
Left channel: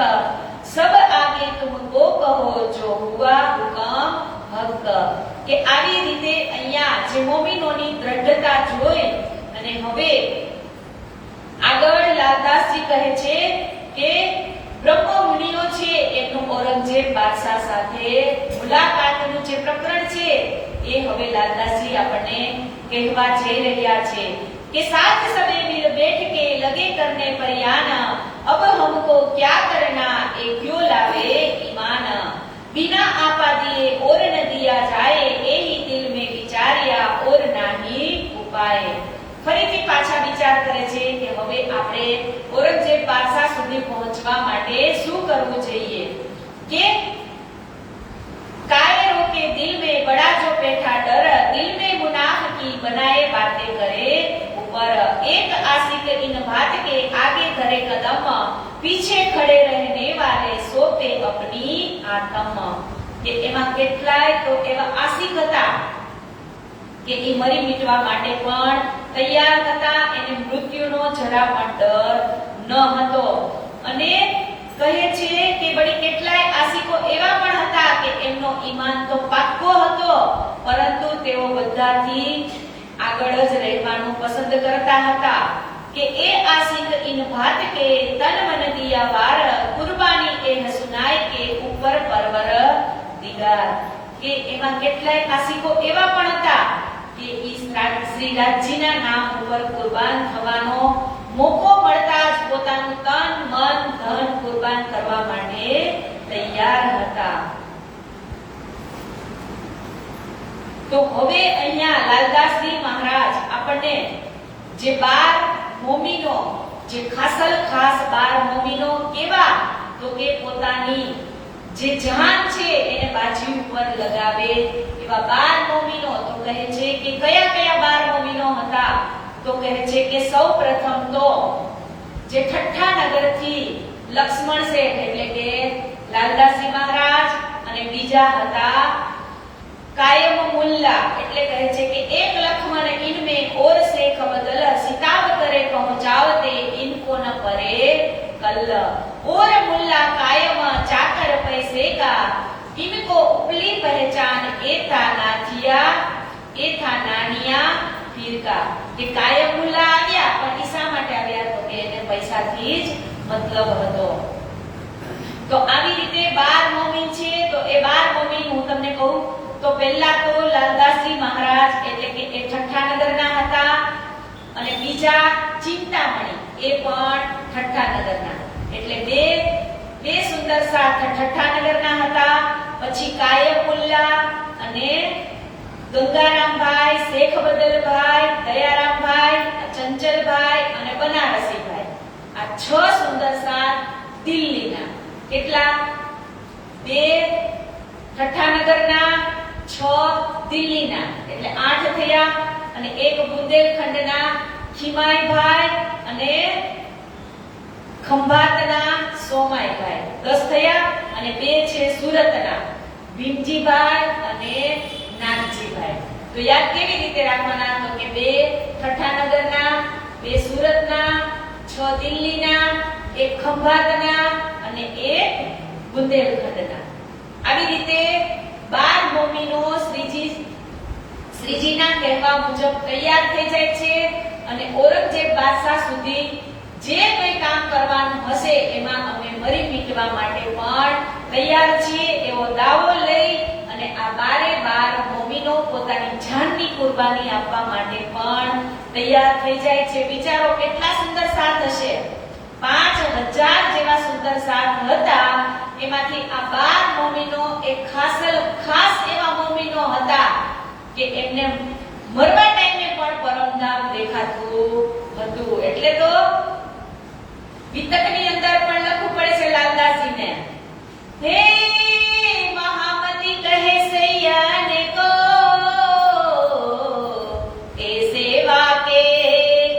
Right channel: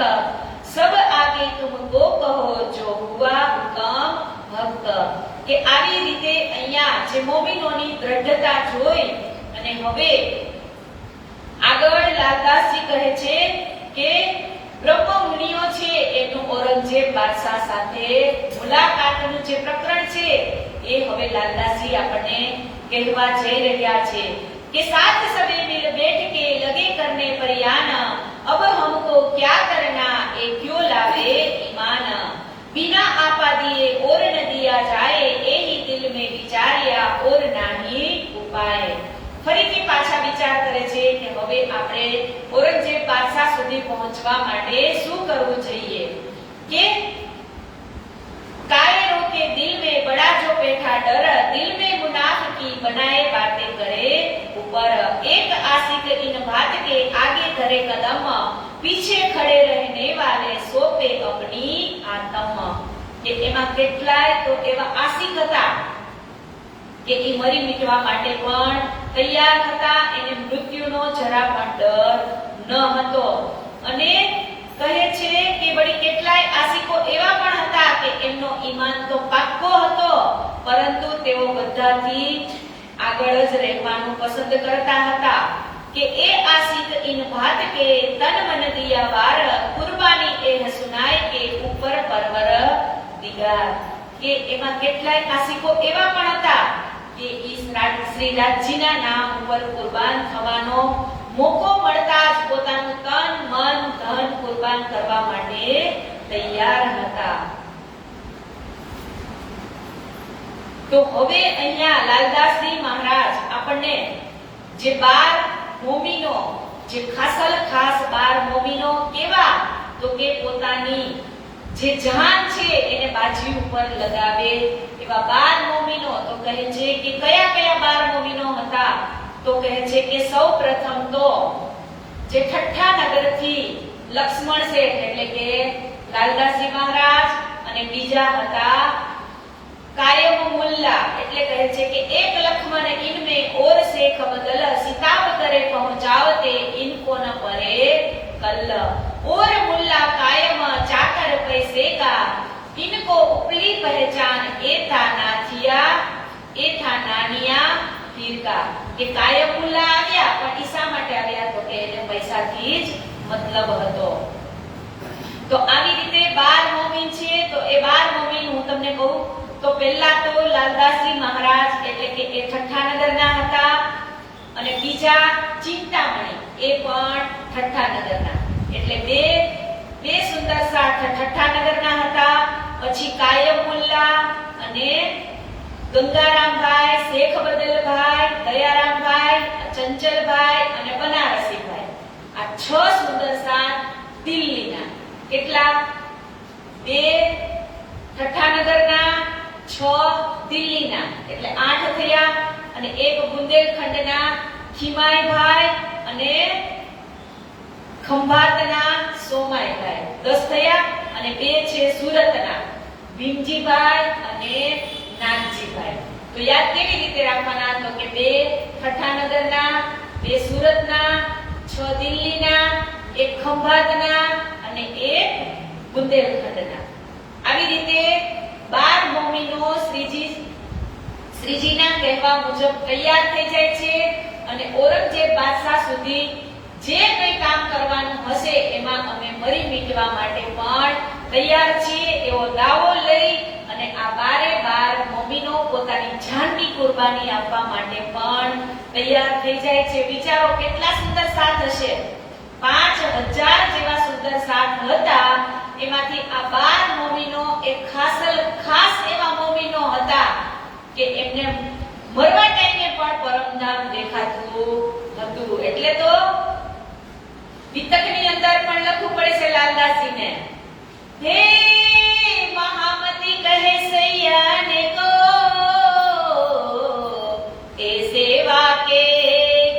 सब आगे तुमको कहो जो हुआ हुकम हक. કે આવી રીતે અહીંયા જે મોમિનોની દ્રઢતા જોઈ અને હવે આગળ લાલદાસજી કહે છે કે બ્રહ્મ મુનિઓ છે એનું ઔરંગઝેબ બાદશાહ સાથે મુલાકાતનું જે પ્રકરણ છે એ હવે લાલદાસજી આપણને કહેવા જઈ રહ્યા છે कि साथ सबे मिल बैठ के लगे करने परियान, अब हमको क्या करना ये क्यों लावे ईमान. बिना आपा दिए और न दिया जाए यही दिल में विचारिया और नाही उपाय. ફરીથી પાછા વિચાર કરે છે કે હવે આપણે ઔરંગઝેબ બાદશાહ સુધી પહોંચવા માટે શું કરવું જોઈએ. કે कायरों के दिल में बड़ा जो बैठा डर, दिल में मुनाफिकी बनाए बातें करे ऊपर. एक आशिक इन बात के आगे धरे कदम, पीछे खड़े रहने वाले सोपे अपनी आत्म. કે એમાં કેટલાય તો એવા આશિક હતા કે એ મરી મિટવા માટે પણ તૈયાર હતા, એને મૃત્યુનો જરા પણ ડર ન હતો. અને કહે છે કે વળી કેટલાય આશિકો એવા પણ હતા કે એમનો ઈમાન તો પાક્કો હતો પરંતુ તેઓ બધાથી આગળ જ રહેવાનું પસંદ કરતા હતા. કે એ આશિક इन बात के तन मन दिया वार, कुर्बानी ए हसुनाए के ऊपर परवर दिगार. કે એમાં કેટલાય આશિકો એવા પણ હતા કે ઈ શ્રી રાજજીના નામ ઉપર કુરબાન થવાનો મોકો મળતા જ પોતાનું તન મન ધન કુરબાન કરવા માટે તૈયાર હતા. તો હવે અહીંયા લાલદાસજી મહારાજ આપણને જે 12 મોમીનો જે ખાસલ ખાસ 12 મોમીનો કેવા તો કે પોતાની જે જાન છે એને બાજી ઉપર લગાવે એવા 12 મોમીનો તો કહે છે કે કયા કયા 12 મોમીનો હતા તો કહે છે કે સૌપ્રથમ તો જે ઠઠ્ઠા નગરથી લક્ષ્મણ શેઠ એટલે કે લાલદાસજી મહારાજ અને બીજા હતા कायम मुल्ला એટલે કહે છે કે એક લખમણ ઇનમે ઓર શેખ બદલ સિતાબ કરે પહોંચાવતે ઇनको ન પરે कल और मुल्ला कायम चाकर पैसे का इनको उपली पहचान एथा नानिया पीर का. કે કાયમ મુલ્લા આવ્યા પણ ઈસા માટે આવ્યા તો કે એને પૈસાથી જ મતલબ હતો. તો આવી રીતે 12 મોમીન છે. તો એ 12 મોમીન હું તમને કહું તો પહેલા તો લાલદાસજી મહારાજ એટલે કે એ ઠઠ્ઠાનગરના હતા, અને બીજા ચિંતામણી એ પણ ઠઠ્ઠાનગરના, એટલે બે સુંદર સાથ ઠઠ્ઠાનગરના હતા. પછી કાયમુલ્લા અને ગંગારામભાઈ, શેખ બદલભાઈ, દયારામભાઈ, ચંચલભાઈ અને બનારસીભાઈ, આ 6 સુંદર સાથ દિલ્હીના. કેટલા? 2 ઠઠ્ઠાનગરના, 6 દિલ્હીના, એટલે 8 થયા. અને 1 બુંદેલખંડના ખીમાઈભાઈ અને ખંભાતના સોમાઈભાઈ, 10 થયા. અને 2 છે સુરતના ભીમજીભાઈ અને નાનજીભાઈ. તો યાદ કેવી રીતે રાખવાના? તો કે 2 ઠઠ્ઠાનગરના, 2 સુરતના, 6 દિલ્હીના, 1 ખંભાતના અને 1 બુંદેલખંડના. આવી રીતે 12 મોમીનો શ્રીજીના કહેવા મુજબ તૈયાર થઈ જાય છે. અને ઔરંગઝેબ બાદશાહ સુધી જે કંઈ કામ કરવાનું હશે એમાં અમે મરી મીટવા માટે પણ તૈયાર છીએ એવો દાવો લઈ અને આ 12 મોમીનો પોતાની જાનની કુરબાની આપવા માટે પણ તૈયાર થઈ જાય છે. વિચારો કેટલા સુંદર સાથ હશે. 5000 જેવા સુંદર સાથ હતા. એમાંથી આ 12 મોમીનો એક ખાસ એવા મોમીનો હતા કે એમને મરવા ટાઈમે પણ પરમધામ દેખાતું હતું. એટલે તો વિતકની અંદર પણ લખવું પડે છે લાલદાસજીને, હે મહામતી કહે સૈયાને કો એ સેવા કે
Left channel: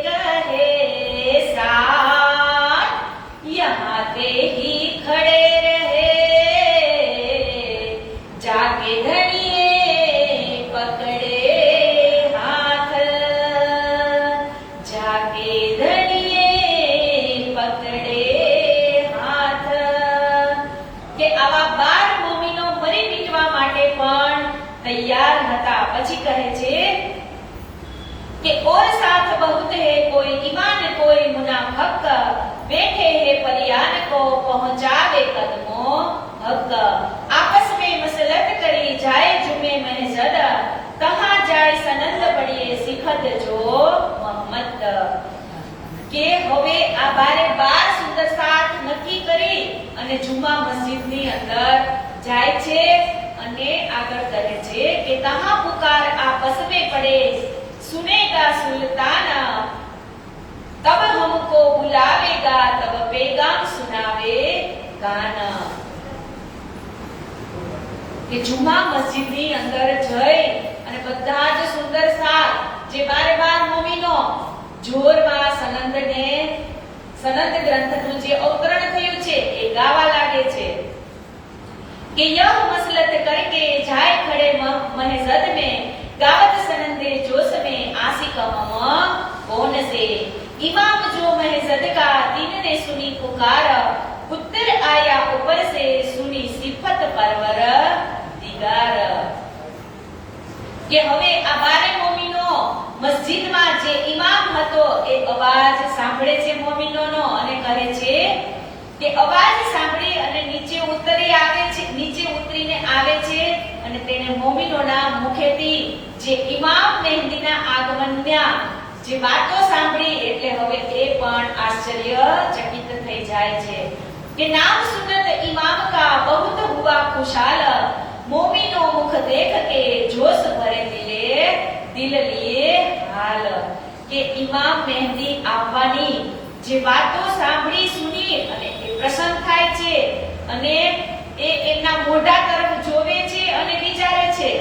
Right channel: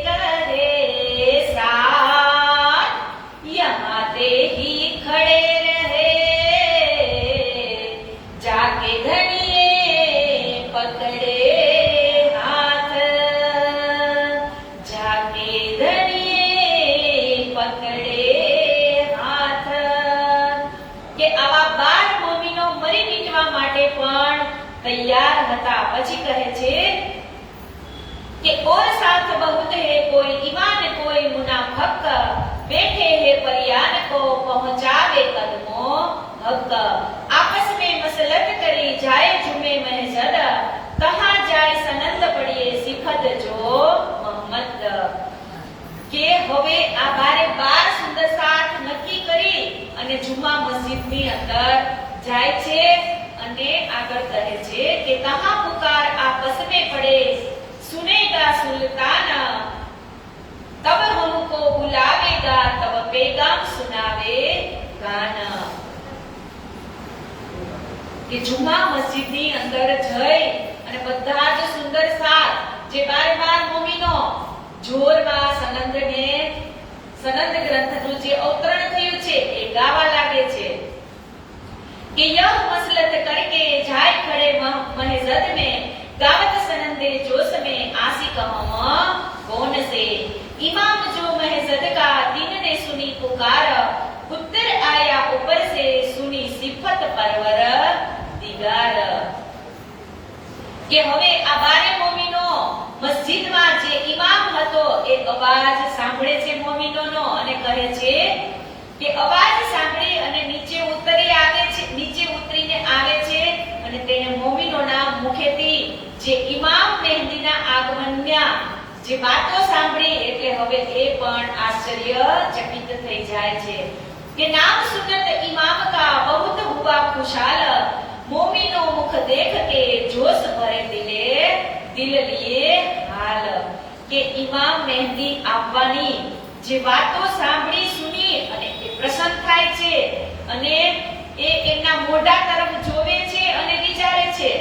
કરે સાથ યહાં તે ही खड़े रहे जाके घड़िए पकड़े हाथ जाके घड़िए पकड़े हाथ. કે આવા 12 મોમીનો મરી મીટવા માટે પણ તૈયાર હતા. પછી કહે છે કે और साथ बहुत है कोई ईमान कोई मुनाफक बैठे है परियान को पहुंचावे कदमों हक आपस में मसलत करी जाए जुमे महजद कहां जाए सनंद पड़िए सिखद जो मोहम्मद. કે હવે આ 12 સુંદર સાથ નક્કી કરી અને જુમા મસ્જિદની અંદર જાય છે અને આગળ કહે છે કે કહાં પુકાર આપસ में पड़े सुनेगा सुल्तान तब हमको बुलावेगा तब पैगाम सुनावे गान. કે જુમા મસ્જિદની અંદર જઈ અને બધા જ સુંદર સાથ જે 12 મોમીનો જોરમાં સનંદ ગ્રંથનું જે અવતરણ થયું છે એ ગાવા લાગે છે કે યહ મસલત કરકે જાય ખડે महजद में गावत सनंदे जोश में आशिक हम कौन से इमाम जो महजद का दीन ने सुनी पुकार पुत्र आया ऊपर से सुनी सिफत परवर दिगार. કે હવે આ 12 મોમીનો મસ્જિદમાં જે ઇમામ હતો એ અવાજ સાંભળે છે મોમીનોનો અને કહે છે કે અવાજ સાંભળી અને નીચે ઉતરીને આવે છે અને તેને મોમીનોના મુખેથી જે ઇમામ મહેદીના આગમનના જે વાતો સાંભળી એટલે હવે એ પણ આશ્ચર્યચકિત થઈ જાય છે કે નામ સુનત ઇમામ કા બહુત હુઆ ખુશાલ મોમીનો મુખ દેખ કે જોશ ભરે દિલ લીએ હાલ. કે ઇમામ મહેદી આવવાની જે વાતો સાંભળી સુની અને એ પ્રસન્ન થાય છે અને એ એમના મોઢા તરફ જોવે છે અને વિચારે છે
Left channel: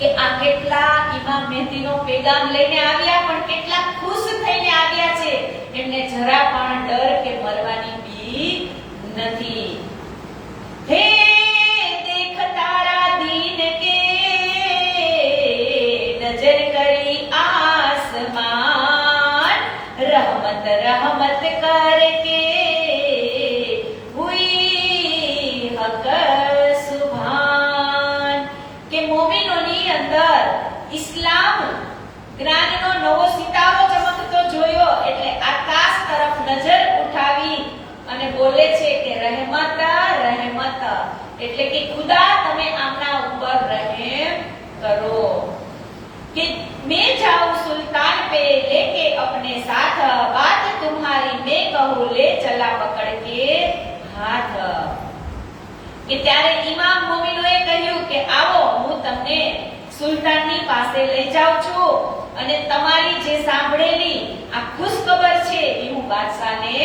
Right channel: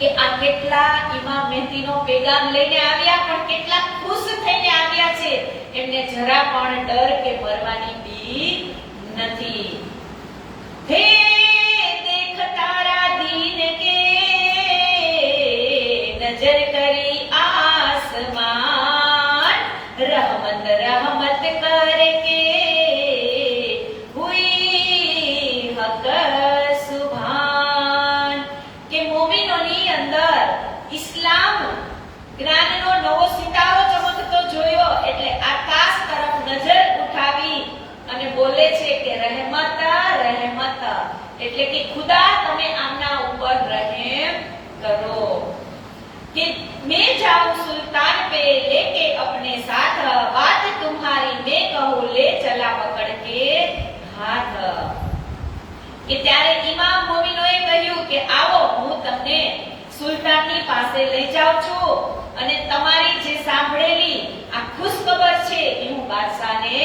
કે આ કેટલા ઇમામ મહેદીનો પેગામ લઈને આવ્યા, પણ કેટલા ખુશ થઈને આવ્યા છે. એમને જરા પણ ડર કે મરવાની બીક નથી. હે દેખ તારા દીન કે नजर करी आसमान रहमत रहमत करके हुई हक सुभान. કે મોમીનોની અંદર ઇસ્લામ જ્ઞાનનો નવો સિતારો ચમકતો જોયો એટલે આકાશ તરફ નજર ઉઠાવી અને બોલે છે કે રહેમત રહેમત, એટલે કે ખુદા તમે આમના ઉપર कि मैं जाऊं सुल्तान पे लेके अपने साथ, बात तुम्हारी मैं कहूं ले चला पकड़ के हाथ। કે ત્યારે ઇમામ મોમીનોએ કહ્યું કે આવો હું તમને સુલતાનની પાસે લઈ જાઉં છું અને તમારી જે સાંભળેલી આ ખુશખબર છે એ હું બાદશાહને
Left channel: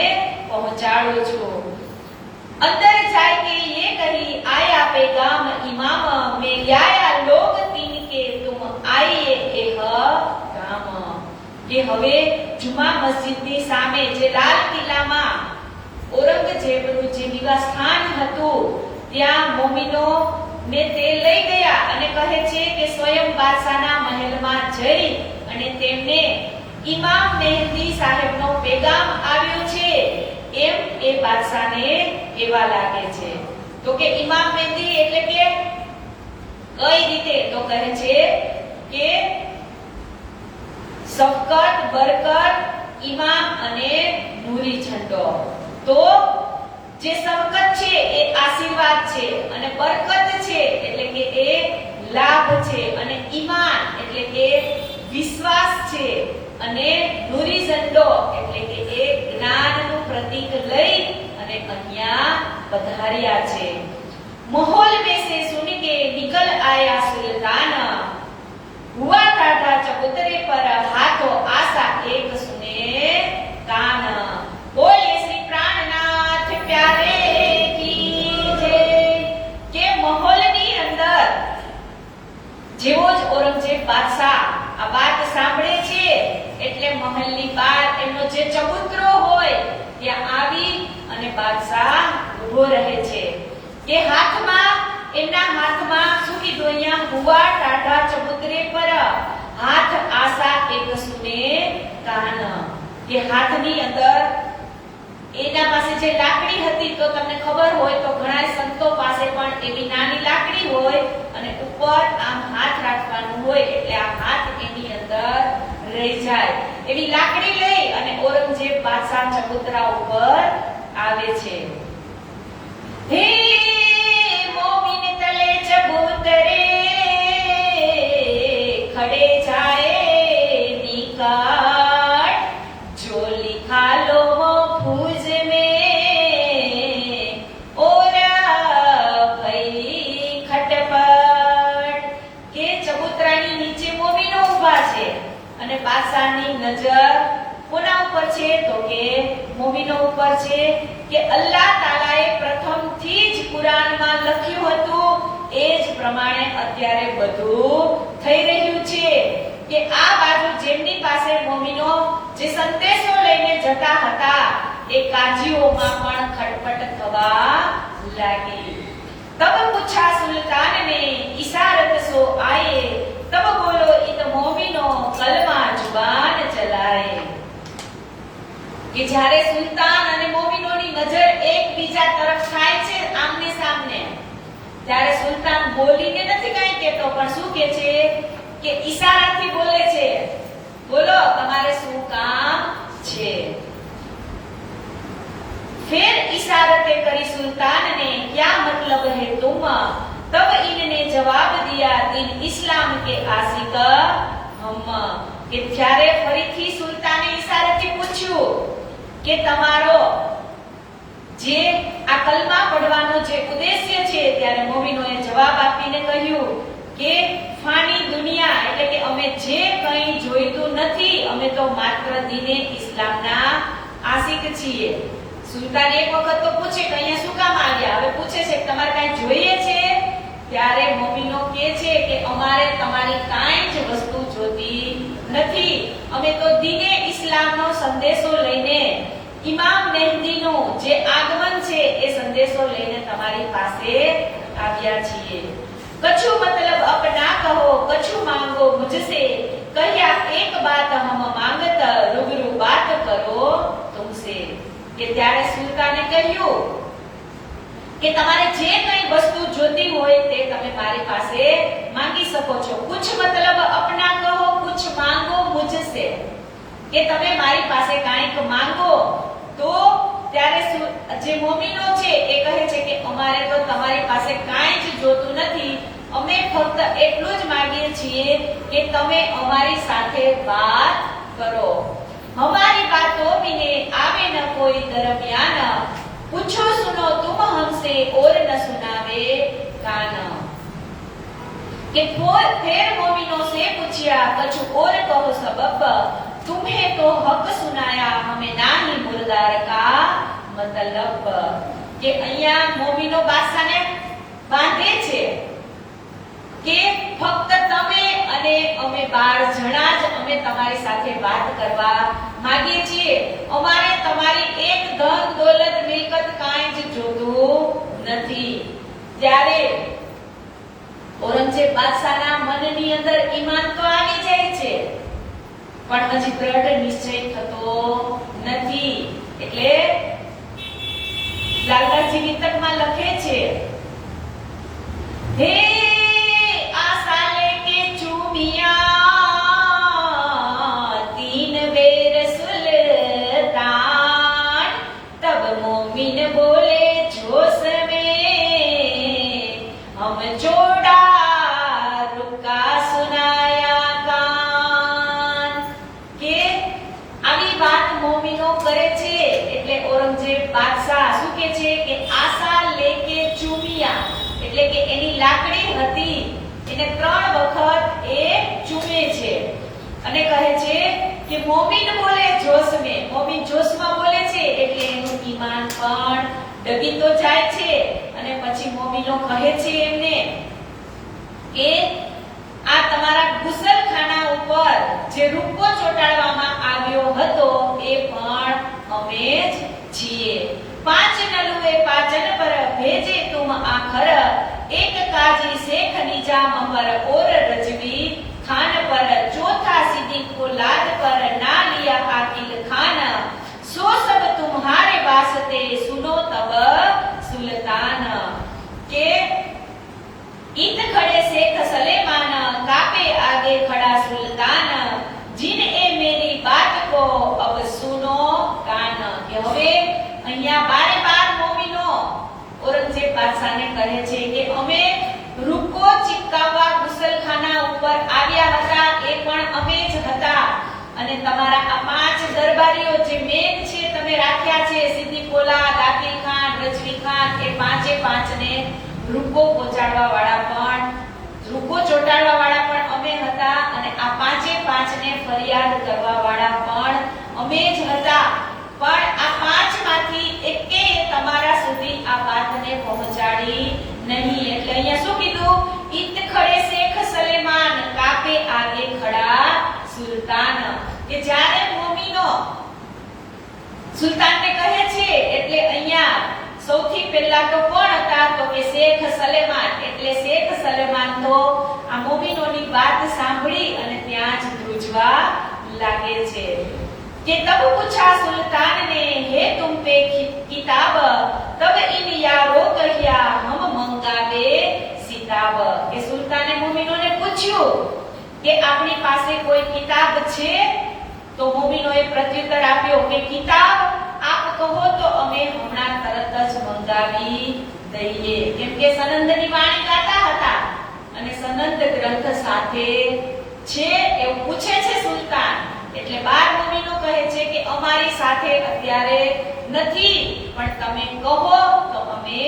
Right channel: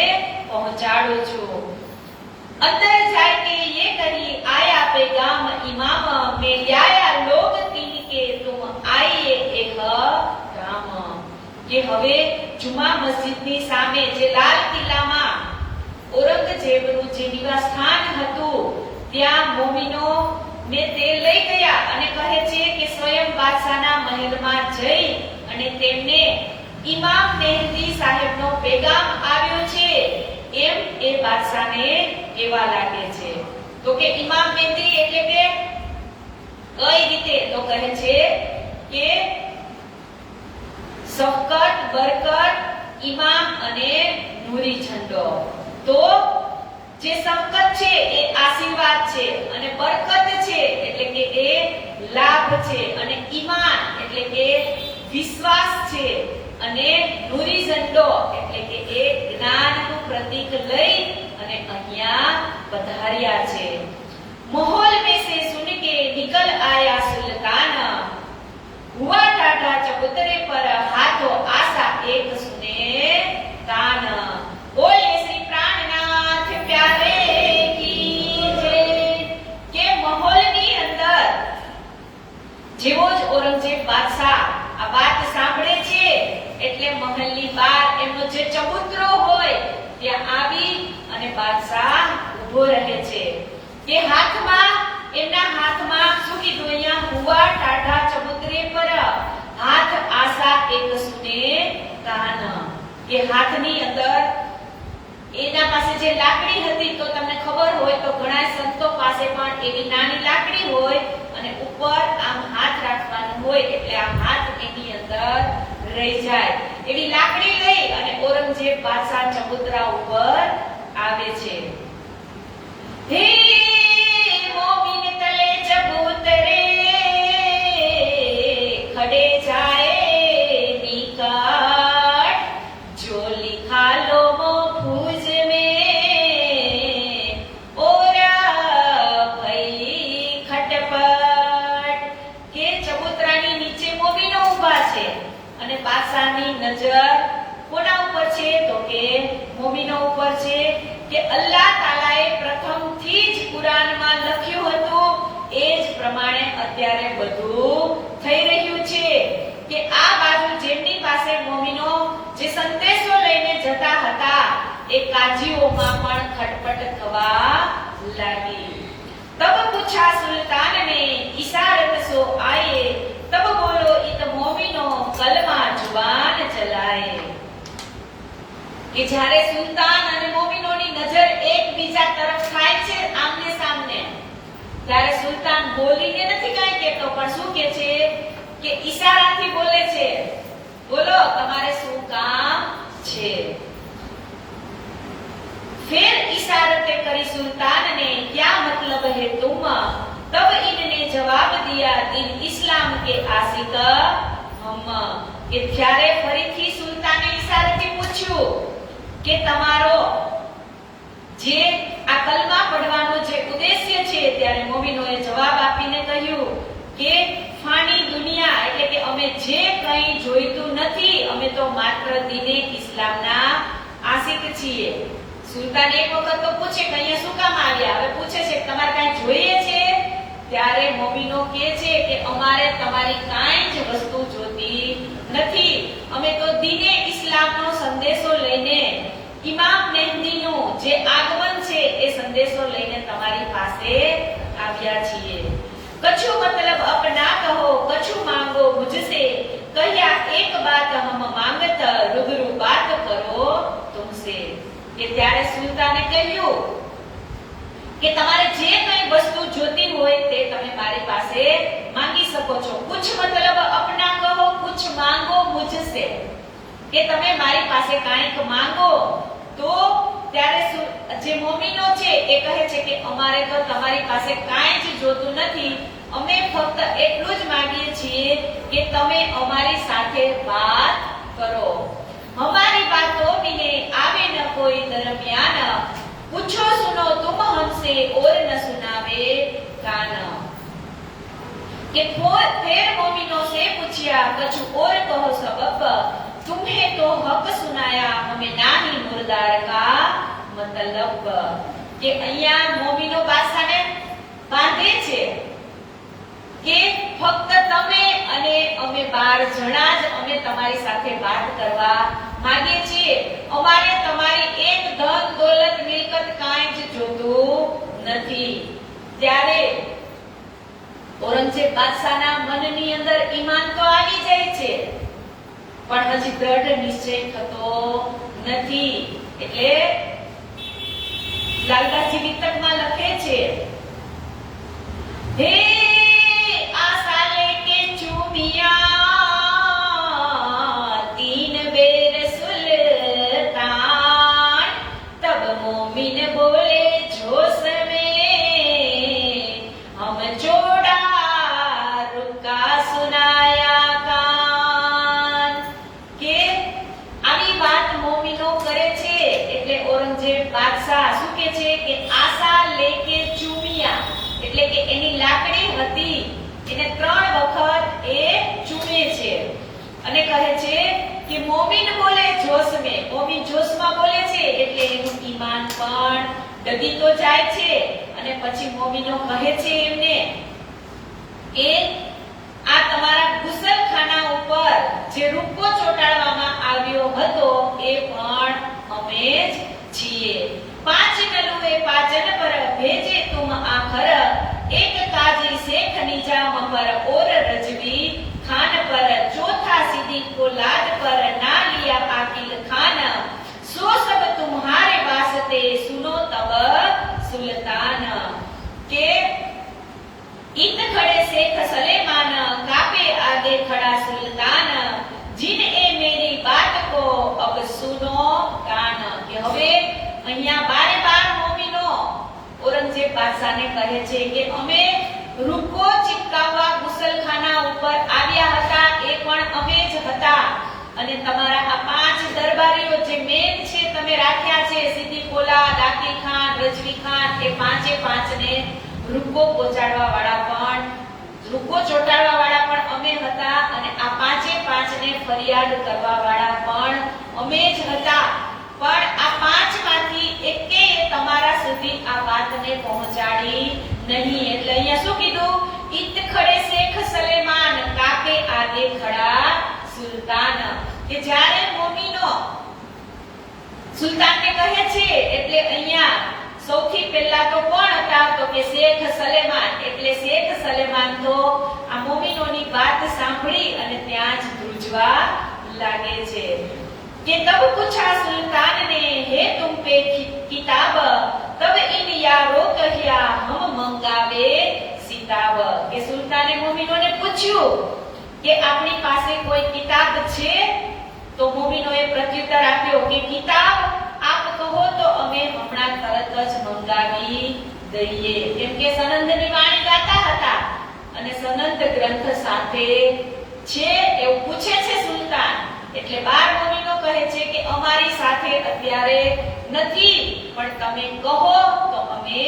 પહોંચાડું છું। अंदर जाके ये कही आया पैगाम इमाम में लाया लोग तीन के तुम आइए एह राम। કે હવે જુમા મસ્જિદની સામે જે લાલ કિલ્લામાં ઔરંગઝેબનું જે નિવાસસ્થાન હતું ત્યાં મોમીનો ને તે લઈ ગયા અને કહે છે કે સ્વયં બાદશાહના મહેલમાં જઈ અને તેમને ઇમામ મહેદી સાહેબનો પેગામ આવ્યો છે એમ એ બાદશાહને કેવા લાગે છે। તો કે ઇમામ મહેદી એટલે કે કઈ રીતે? તો કહે છે કે સફકત, બરકત, ઇમામ અને નૂરી ઝંડો। તો જે સફકત છે એ આશીર્વાદ છે અને બરકત છે એટલે કે એ લાભ છે અને ઈમાન એટલે કે વિશ્વાસ છે અને નૂરી ઝંડો એટલે કે એ જ્ઞાનનું પ્રતીક લઈ અને અહીંયા પધાર્યા છે। माहौल में से सुन के निकल आया सुल्तान, हुआ टाटा चबूतरे पर हाथों आशा एक सुने कान। बोले श्री प्राणनाथ प्यारे की जय। के माहौलनी अंदर જેવો જ ઔરંગઝેબ બાદશાહ આ વાત સાંભળે છે એટલે મહેલની બહાર એમનો જે ચબૂતરો હોય ત્યાં આવી અને બાદશાહ ઊભો રહે છે। કે હાથમાં એમના હાથમાં શું કીધું અહીંયા? હુવા ટાઢા ચબૂતરે પર હાથ આશા એક સુને કાન। કે હાથની અંદર એના પાસે જે લાકડી હતી તો તમને ખબર હોય તો ઘણા સંતો પાસે પણ એવી નાની લાકડી હોય અને ઉપર આમ હાથ રાખવાનું હોય એટલે આ હાથ એની અંદર રહી જાય એવી લાકડી લઈ અને ઔરંગઝેબ બાદશાહ ચબૂતરા ઉપર આવે છે। હે મોમીન તલે ચબૂતરે ખડે જાય નિકાટ, જો लिखा लो वो फूज में ओरा भई खटपट। के चबूतरानी નીચે મોમીનો ઊભા છે અને બાદશાહની નજર કોના ઉપર છે? તો કે મોમીનો ઉપર છે। કે અલ્લાહ તાલાએ પ્રથમથી જ કુરાનમાં લખ્યું હતું એ જ પ્રમાણે અત્યારે બધું થઈ રહ્યું છે। કે આ બાજુ જેમની પાસે મોમીનો જે સંદેશો લઈને જતા હતા એ કાજીઓમાં પણ ખટપટ થવા લાગી। तब पूछा सुल्तान ने इशारत सो आए, तब बोलो इत मोमिनो कलमा जुबान चलाए। કે જ્યારે સુલતાન અને મોમિનોની નજર એકબીજા તરફ થાય છે આમને સામને ત્યારે સુલતાન બોલીને નથી કાંઈ કહેતો પણ શું કહે છે કે ઈશારાથી બોલે છે, બોલો તમારે શું કામ છે। फिर इशारते करी सुल्तान ने क्या मतलब है तुम? तब इनने जवाब दिया दिन इस्लाम के आशिक हम। કે ત્યારે ફરીથી સુલતાને ઈશારાથી પૂછ્યું કે તમારો જે આ કલમા પઢવાનો જે ઉદ્દેશ્ય છે ત્યારે મોમિનોએ જવાબ આપીને કહ્યું કે ફાની દુનિયા એટલે કે અમે જે કંઈ જોઈતું નથી અમે તો માત્ર દીને ઇસ્લામના આશિક છીએ। સુલતાન એક વખત તો પૂછે કે અહીંયા શું કામ આવ્યા? હવે પૂછે છે કે તમારે કાંઈ જોઈએ છે? ત્યારે મોમિનો કહે છે કે અમારે તમારી કાંઈ જ વસ્તુ જોતી નથી, અમે તો દીને ઇસ્લામનો સંદેશો લઈને ઇમામ મહેદીનો જે આગમન છે એ સંદેશો લઈને તમારી પાસે આવ્યા છીએ। કछु मतलब अपना कहो कछु मांगो मुझसे, कहिया एक बात हम मांगत रूबरू बात करो तुमसे। કે ત્યારે સુલતાને કહ્યું કે તમારે જે કંઈ વસ્તુ જોતી હોય તે તમે મારી પાસે માંગી શકો છો। कुछ मतलब अपना कहो कुछ मांगो मुझसे, કે તમે મારી પાસે કાંઈક માંગો તો ત્યારે જે મોમિનો છે એ કહે છે કે અમારે તો તમારી પાસે કાંઈ જ જોતું નથી, અમે ફક્ત એટલું જ માંગીએ છીએ કે તમે અમારી સાથે વાત કરો. हमारी बातों में आवे न कोई दरमियान, पूछो सुनो तुम हमसे और न सुनावे कान. कि फिर मोमिनों से पूछा कुछ और कहो सबब, तुम्हें तो हक सुनाया हमें नाही मुर्दार का मतलब. કે અહીંયા મોમિનો બાદશાહને બાંધે છે કે ફક્ત તમે અને અમે 12 જણા જ અમે તમારી સાથે વાત કરવા માંગીએ છીએ. અમારે તમારી એક ધન દોલત મિલકત કાંઈ જ જોતું નથી. ત્યારે ઔરંગઝેબ બાદશાહના મનની અંદર ઈમાન તો આવી જાય છે, પણ હજી દ્રઢ નિશ્ચય થતો નથી. એટલે લાલબાગજી વિતકમાં લખે છે, હે આશા લેકે ચૂમિયા तीन बेर सुल्तान, तब मोमिन बोले जोश में हम जोड़ा रुका सुनाया कान. કે આવી વાત મોમિનો કરે છે. એટલે ઔરંગઝેબ બાદશાહ શું કહે છે કે આશા લેકે ચૂમિયા, એટલે કે એની લાકડી હતી એને 3 વખત એ ચૂમે છે અને કહે છે કે મોમિન બોલે જોશ में, મોમિન જોશમાં બોલે છે એટલે એનું ઈમાન પણ ડગી તો જાય છે. અને પછી મોમિનો કહે છે એમને કે આ તમારા ગુસલખાના ઉપર જે રૂપકો ચોટાડવામાં આવ્યો હતો એ પણ અમે જ છીએ. 5 નલુએ પાચન પર ભેજે તુમ આખર, एक काजी शेख निजाम पर और रजवी खान पर, चौथा सिद्दीक को लाद पर ना लिया आकिल खान, सो सब तुम्हारे वास्ते सुनो तब सुल्तान. के इत खड़े शेख सलेमान, कापे आगे खड़ा सुल्तान, जिन ए मेरी बात को अब सुनो कान. के હવે અહીંયા 12 મોમિનો ઔરંગઝેબ બાદશાહને કહે છે કે અમે રૂપકો ચિપકાવવા ગુસલખાના ઉપર આવ્યા હતા, એ પણ અમે જ હતા. અને તમારા આ 5 દરબારીઓ જે મેન છે તમે રાખ્યા છે, સિદ્દીક કોલા, દાકી ખાન, રજવી ખાન, એ 5 ને રૂપકો પહોંચાડવા વાળા પણ, રૂપકો ચોટાડવા વાળા પણ અમે હતા. અને આ 5 ને ફરિયાદ કરવા વાળા પણ અમે જ હતા. પણ આ 5 માંથી એકેય તમારા સુધી આ વાતને પહોંચાડી નહીં. એટલે અહીંયા શું કીધું? ઈત ખડે શેખ સલેમાન, કાપે આગે ખડા સુલતાન. કે જ્યારે મોમિનો સુલતાનને કહે છે એટલે અહીંયા સૌથી પહેલા તો કોણ હતા? તો કે શેખ સલેમાન. એટલે શેખ સલેમાન તો આ મોમિનોની વાત સાંભળી અને ત્યાં જ ધ્રુજવા લાગે છે. कि तब पूछा सुल्तान ने, हे तुम पे किताब, तब इन यारों कहिया हम मंगावे सिताब. કે સુલતાને મોમિનોને પૂછ્યું કે આપની પાસે કોઈ કિતાબ છે? તો મોમિનોએ પ્રત્યુત્તર આપ્યો કે કિતાબ આપ કહો તો અમે હમણાં તરત જ મંગાવી દઈએ. કેમ કે સનંદની વાણી ગાતા હતા અને સનંદ ગ્રંથ સાથે છે એવું પૂછે છે સુલતાન. એટલે 12 મોમિનો કહે છે કે અમારી સાથે અત્યારે નથી, પણ તમે કહો તો અમે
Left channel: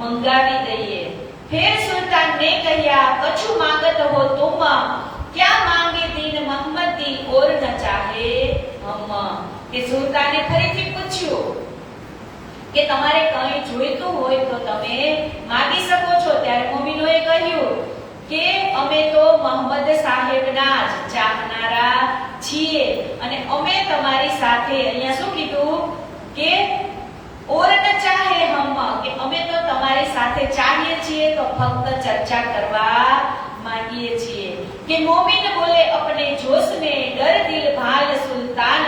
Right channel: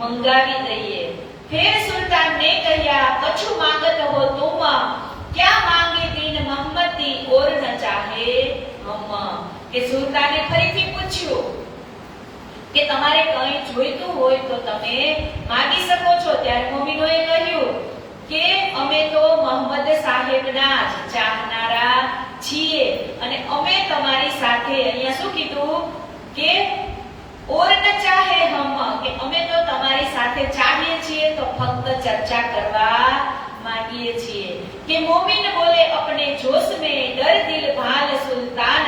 મંગાવી દઈએ. फिर सुल्तान ने कहा कछु मांगत हो तुम, क्या मांगे दीन मोहम्मद दी और न चाहे हम. કે સુલ્તાને ફરીથી પૂછ્યું કે તમારે કંઈ જોઈતું હોય તો તમે માંગી શકો છો. ત્યારે મોમિનોએ કહ્યું કે અમે તો મોહમ્મદ સાહેબના જ ચાહનારા છીએ અને અમે તમારી સાથે, અહીંયા શું કીધું કે और न चाहे हम, કે અમે તો તમારી સાથે ચાહીએ છીએ તો ફક્ત ચર્ચા કરવા માંગીએ છીએ. કે મોમિન બોલે अपने जोश में, डर दिल भाल सुल्तान,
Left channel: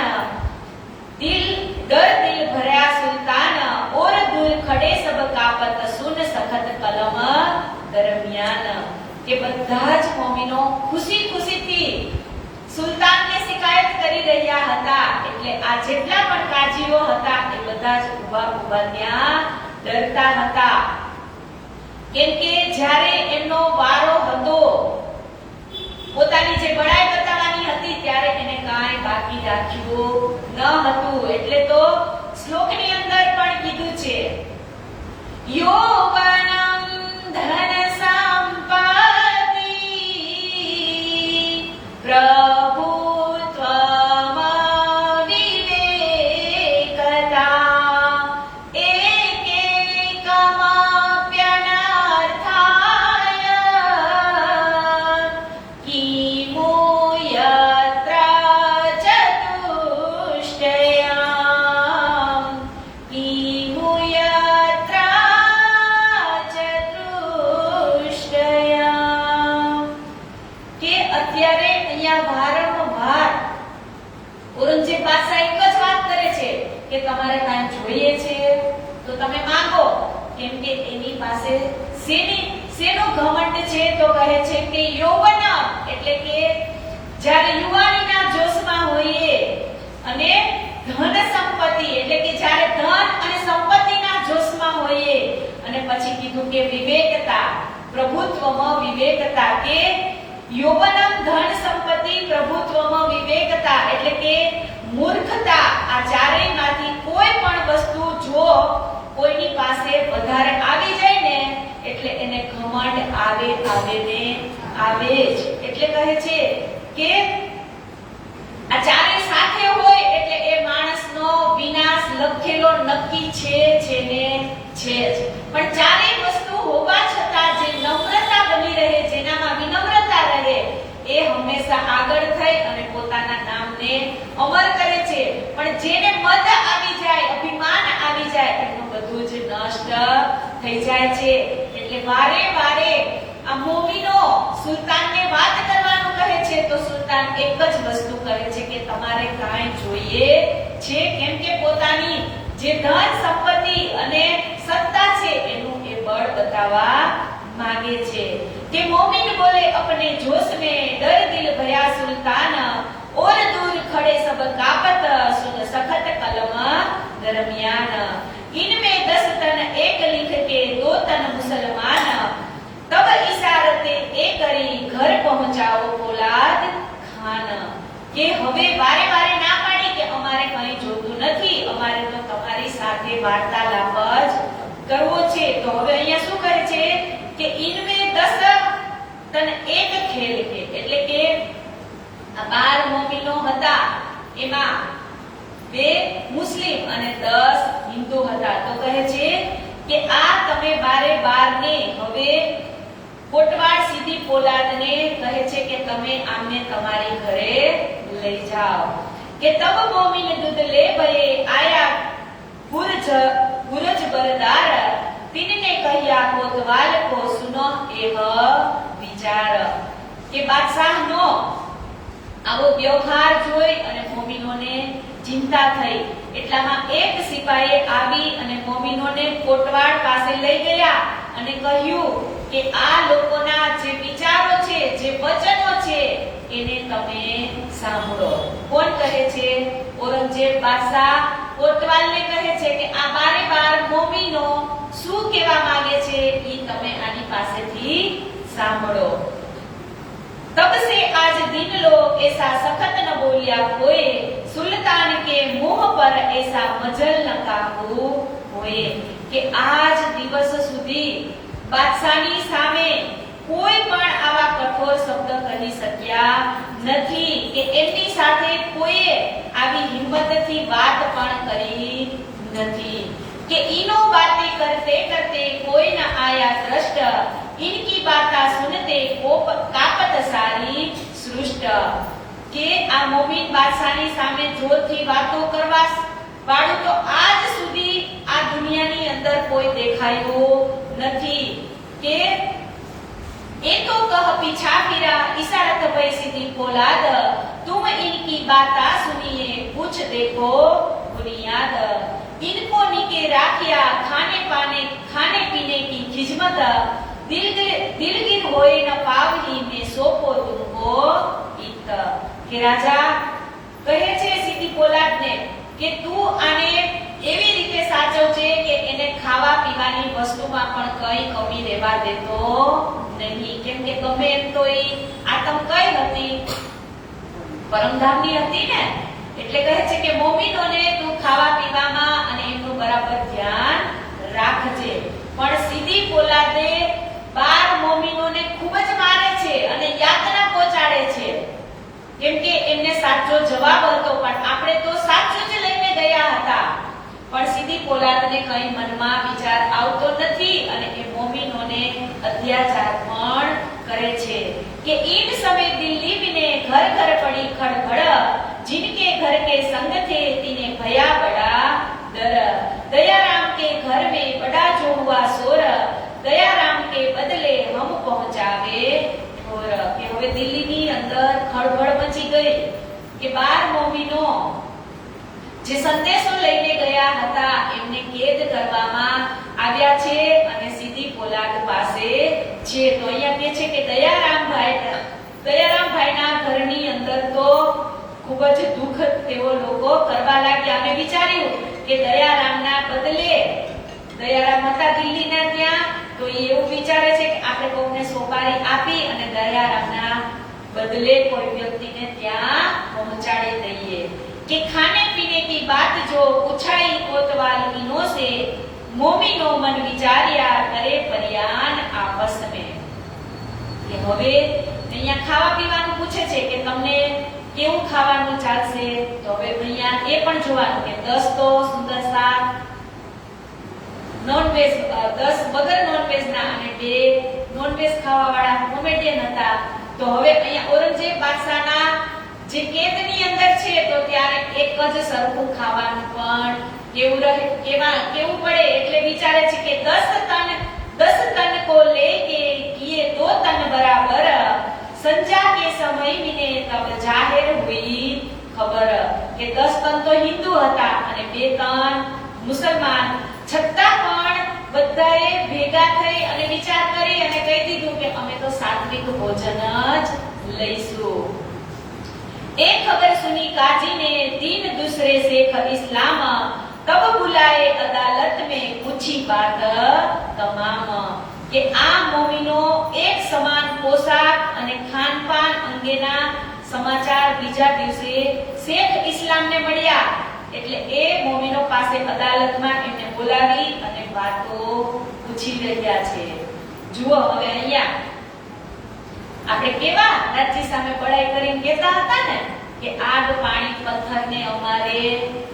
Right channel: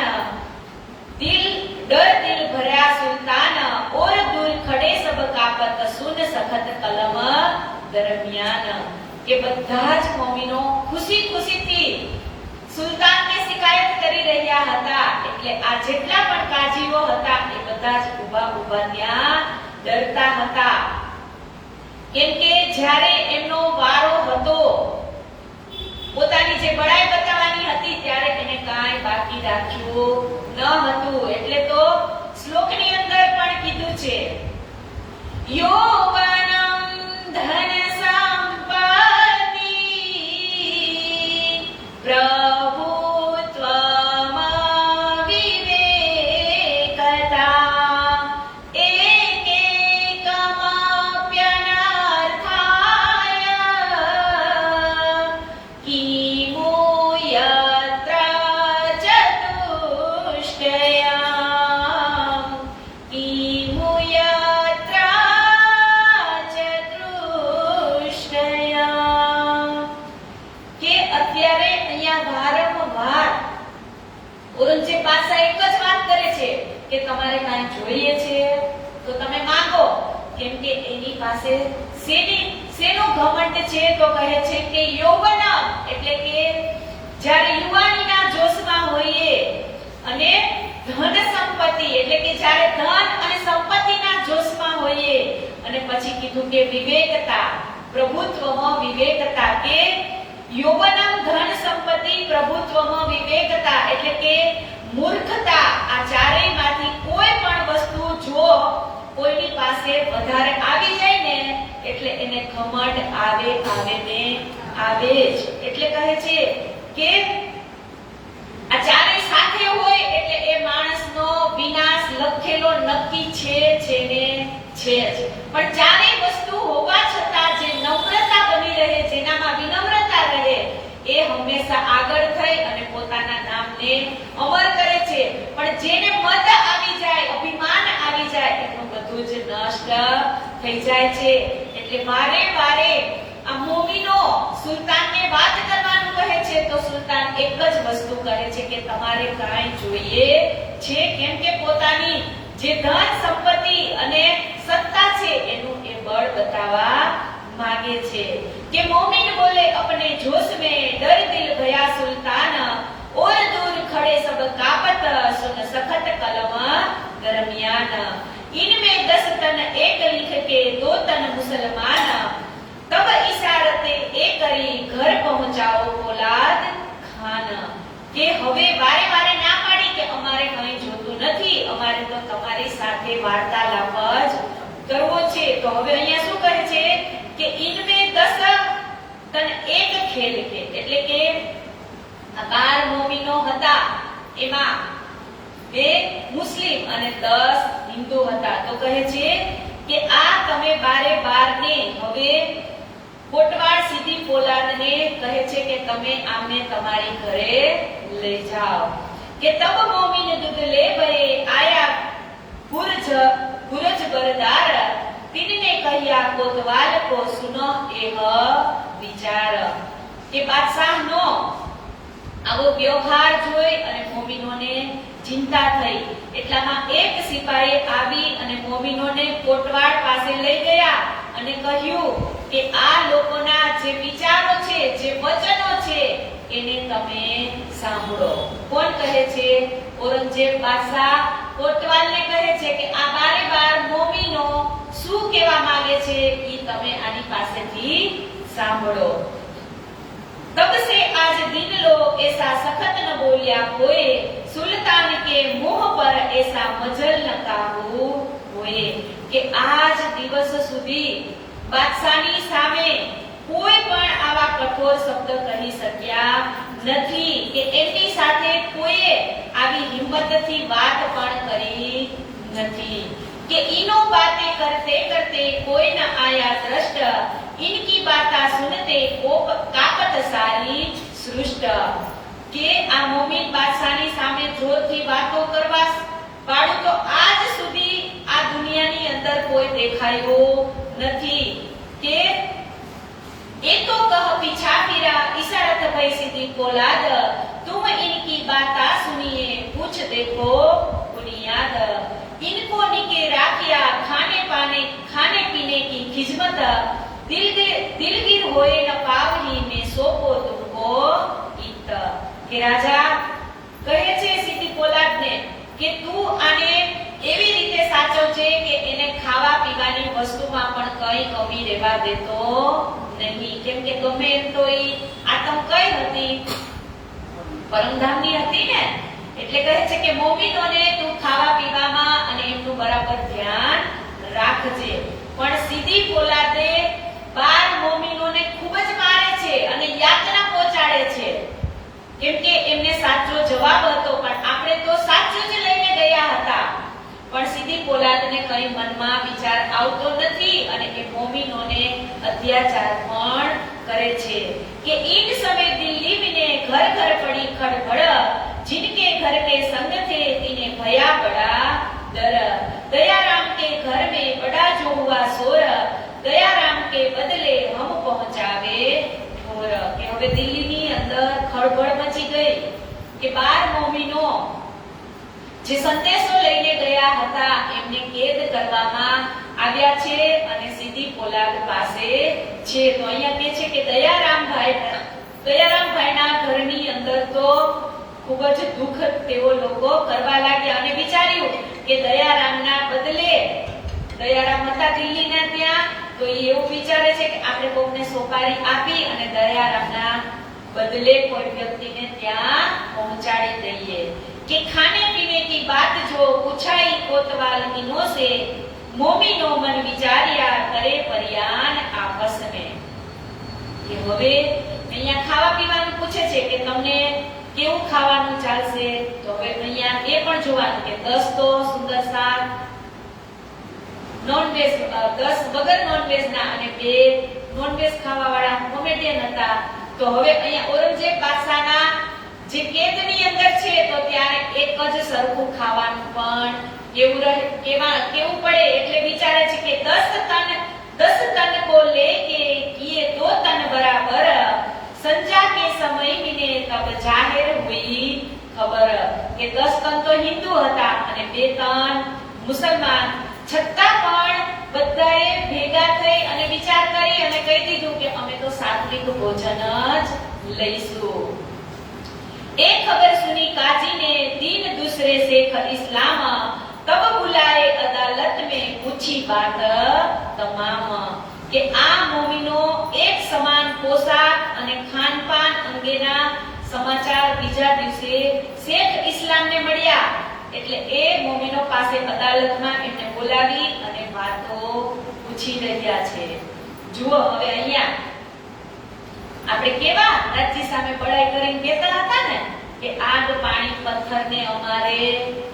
डर दिल भरा सुल्तान, और दूर खड़े सब कापत सुन सखत कलम दरमियान. કે બધા જ મોમિનો ખુશી ખુશીથી સુલતાનને શિકાયત કરી રહ્યા હતા. એટલે આ જેટલા પણ કાજીઓ હતા એ બધા જ ઊભા ત્યાં ડરતા હતા. કેમ કે જ્યારે એમનો વારો રાખ્યું ન હતું. એટલે તો શ્લોકની અંદર પણ કીધું છે યૌવનમ ધન સંપત્તિ પ્રભુત્વમ વિવેકતા એકેકમપ્યનર્થાય કિમુ યત્ર ચતુષ્ટયામ કિમુ યત્ર ચતુષ્ટયામ. કે અત્યારે અહીંયા વારંવાર ઔરંગઝેબ બાદશાહ એક જ વાત કરે છે કે તમારે કાંઈ જોઈએ છે તો તમે માંગો. કેમ કે એની પાસે શેનું ઘમંડ છે? તો કહે છે કે યૌવનમ, એટલે કે જ્યારે યુવાનીના જોશમાં હોઈએ, અને ધન સંપત્તિ, એટલે કે જ્યારે ધન અને સંપત્તિના જોશમાં હોઈએ, અને પછી કીધું કે વિવેકતા, પ્રભુત્વમાં વિવેકતા. કે યૌવનમ ધન સંપત્તિ પ્રભુત્વમાં વિવેકતા, એટલે કે મૂર્ખતા. આ ચારેયમાંથી કોઈ પણ વસ્તુ જો કોઈની પાસે વધારે આવી જાય ને એટલે એને ઘમંડ આવે ને આવે જ. એટલે કહે છે કે આ ચારે સાથે હોય એટલે એ માણસનો વિનાશ લખેલો નક્કી છે ને છે જ. પણ ચારે વસ્તુ હોવા છતાં જે નમ્રતા બની રહે, જેનામાં વિનમ્રતા રહે, એ હંમેશા આગળ થઈ અને પોતાના નામને અમર કરે છે. પણ જેને મદ આવી જાય, અભિમાન આવી જાય, એનું બધું જ નષ્ટ થઈ જાય છે. એટલે વારે વારે આ મોમીનો સુલતાનને વાત કરવાનું કહે છે તો સુલતાન એક જ વસ્તુ કહે છે કે તમારે કાંઈ જોઈએ છે? કેમ કે પોતાની જે ધન સંપત્તિ અને સત્તા છે એનું એ બળ બતાવવા માંગે છે. કે મોમિન બોલે अपने जोश में डर दिल भया सुल्तान और दूर खड़े सब कापत सुन सखत कलम दरमियान इनमें 10 तन एक लिख के 2 तन मुसलमान तब इशारते ए करी घर पहुंचाओ પોલાદ ખાન. કે હવે વારે વારે ના પાડી કે અમારે કંઈ જોતું નથી, અમારે તો તમારી સાથે વાર્તાલાપ જ કરવો છે. તો હવે અહીંયા શું કહે છે કે ઇનમે 10 તન એક ખેલ કે, એટલે કે આ 12 મોમીનો હતા, એમાં 2 મુસ્લિમ અને 10 હિન્દુ હતા. તો કહે છે કે આ તમે 12 ને હવે કોટવાડ સીધી પોલાદને કહે છે કે તમે આમને તમારી ઘરે લઈ જાઓ. કે તબ મોમીન દૂધ લે ભયે આયા ગુરજ બરદાર તીનને કહ્યા કોતવાલ કો સુનો એહ વિચાર. કે બાદશાહનો આવો વ્યવહાર જોઈ અને મોમીનોને ચિંતા થઈ. એટલામાં એક સિપાહી આવી અને મોમીનોને કોટવાડ પાસે લઈ ગયા અને કહ્યું કે આ લોકોના જે વિચારો છે, જે વચનો છે, એને તમે સાંભળો. કોણ કહે છે? ઔરંગઝેબ બાદશાહ કોટવાલને કહે છે કે આ 12 મોમીનો શું કહેવા માંગે છે એ તમે આની પાસેથી સાંભળો. तब से आज दिन लो ऐसा सखत न बोलिया कोई सुल्तान के मुंह पर ऐसा मजल न काबू होए. કે આજ દિવસ સુધી બાદશાહની સામે કોઈ પણ આવા કઠોર શબ્દ કહી શક્યા નથી, કે એમની સાથે કોઈએ આવી હિંમતથી વાત પણ કરી નથી. કે ઈનો બાતે કરતે કરતે કોઈ ન આયા દ્રષ્ટ इनकी बाता सुनते कापत सारी सृष्ट. કે આ મોમીન બાદશાહની સામે જોરથી વાતો કરવા વાળું તો આજ સુધી આ દુનિયાની અંદર કોઈ દેખાયું નથી. કે એ તો કહ પીછા ફિરા इशारत भई सीधी पोलाद तुम इनकी बाता सुनिए कुछ देखो बुनियाद. इनको निके राखिया खाने पीने की खिजमत दिलगीर होए न पावही में सोपो तुमको इत. કે રાજા કહે છે સીધી પોલાદને કે તું આને એવી રીતે સાચવજે કે એને ખાવા પીવાની વસ્તુમાં પણ કઈ કમી રહેવા દેતો નહીં. કેમ કે ગમે એમ તો ઈ આતમ કઈ હતી, પરમધામની હતી ને, એટલે કહે છે કે મોમીનોને તું ખાવા પીવામાં અને એમનું બરાબર ધ્યાન રાખજે. પણ સીધી પોલાદે 12 મોમીનોને ખૂબ જ મારે છે અને યાતના પહોંચાડે છે, કેમ કે એમને સાચો જવાબ હતો, પણ આપણે તો સાચું જ લઈને ગયા હતા. પણ સીધી પોલાદને કઈ મનમાં વિચાર આવતો નથી અને એ મોમીનોને અત્યાચાર પણ કરે છે કે ઈન સમય દિલ્હી વિને ઘર ઘર પડી ખડભડ, जिनके घर के संग थे तीने भया बड़ा डर, दयाराम के घर में बड़ा जो हुआ शोर, दयाराम के बदले हम पहुंचावे ठोर. કે હવે દિલ્હીની અંદર ખળભળ મચી ગઈ કે 12 મોમીનો જે સંદેશો લઈને ગયા હતા એમને કેદ કરવામાં આવ્યા છે અને સીધી પોલાદ પાસે છે. તો અહીંયા કહે છે કે દયારામભાઈના ઘરની અંદર તો ખૂબ જ દુઃખ તેઓ લોકો કરવા લાગ્યા અને વિચાર્યું કે દયારામના બદલે, દયારામ હતા દિલ્હીના ત્યાં, તો એ એવું વિચારે છે કે આપણે કોઈને સોપારી આપી અને દયારામના બદલે કોઈ વ્યક્તિને ત્યાં પહોંચાડી દઈએ. कि खाने पीने की बात जो पूछाई कोतवाल इनो से, मोमिनो मन विचारिया करे परियान आपस में. કે હવે અહીંયા ખાવા પીવાનું પૂછે છે કે તમને કેવું ખાવાનું ચાલશે. તો હવે અહીંયા એ પણ જોવાનું કે 10 તો સુંદર શાક નોનવેજ, 10 વગર નોનવેજ ના અને 2 નોનવેજ ખાવા વાળા કોમેડિયન હતા. તો હવે અહીંયા ઔરંગઝેબ બાદશાહના જે કેદની અંદર છે તો ત્યારે એક જ સરખું ખાવાનું પણ કેવું પડે એટલે વિચારે છે કે 10 तन को लेके किए 2 तन बराबर, संजा के समय मिने तब जाहिर हुई खबर. કે 10 તન તો હિન્દુ હતા અને 2 તન મુસલમાન, છતાં પણ બધાએ ભેગા થઈ અને વિચાર કરી અને કહી દીધું કે અમે તો સાત્વિક ભોજન જ લઈશું. एक खबर सुनी काजी ने तीन दूसरे शेख इस्लाम, तब बुलाए अदालत में पूछी बात तमाम. કે આ મોમીનો એક સમાન પોશાક અને ખાનપાન અંગેના સમાચાર બીજા દિવસે શેખ ઇસ્લામને મળ્યા. એટલે એ મોમીનો પાસે અદાલતમાં એમને બોલાવી અને વાતો પૂછી રહ્યા છે. જુઓ હવે અહીંયા આપણે કેવા રાજ્ય સામે બળાઈ કરીને કહેતા હતા ને કે આગ પાણી પથ્થરને અમારે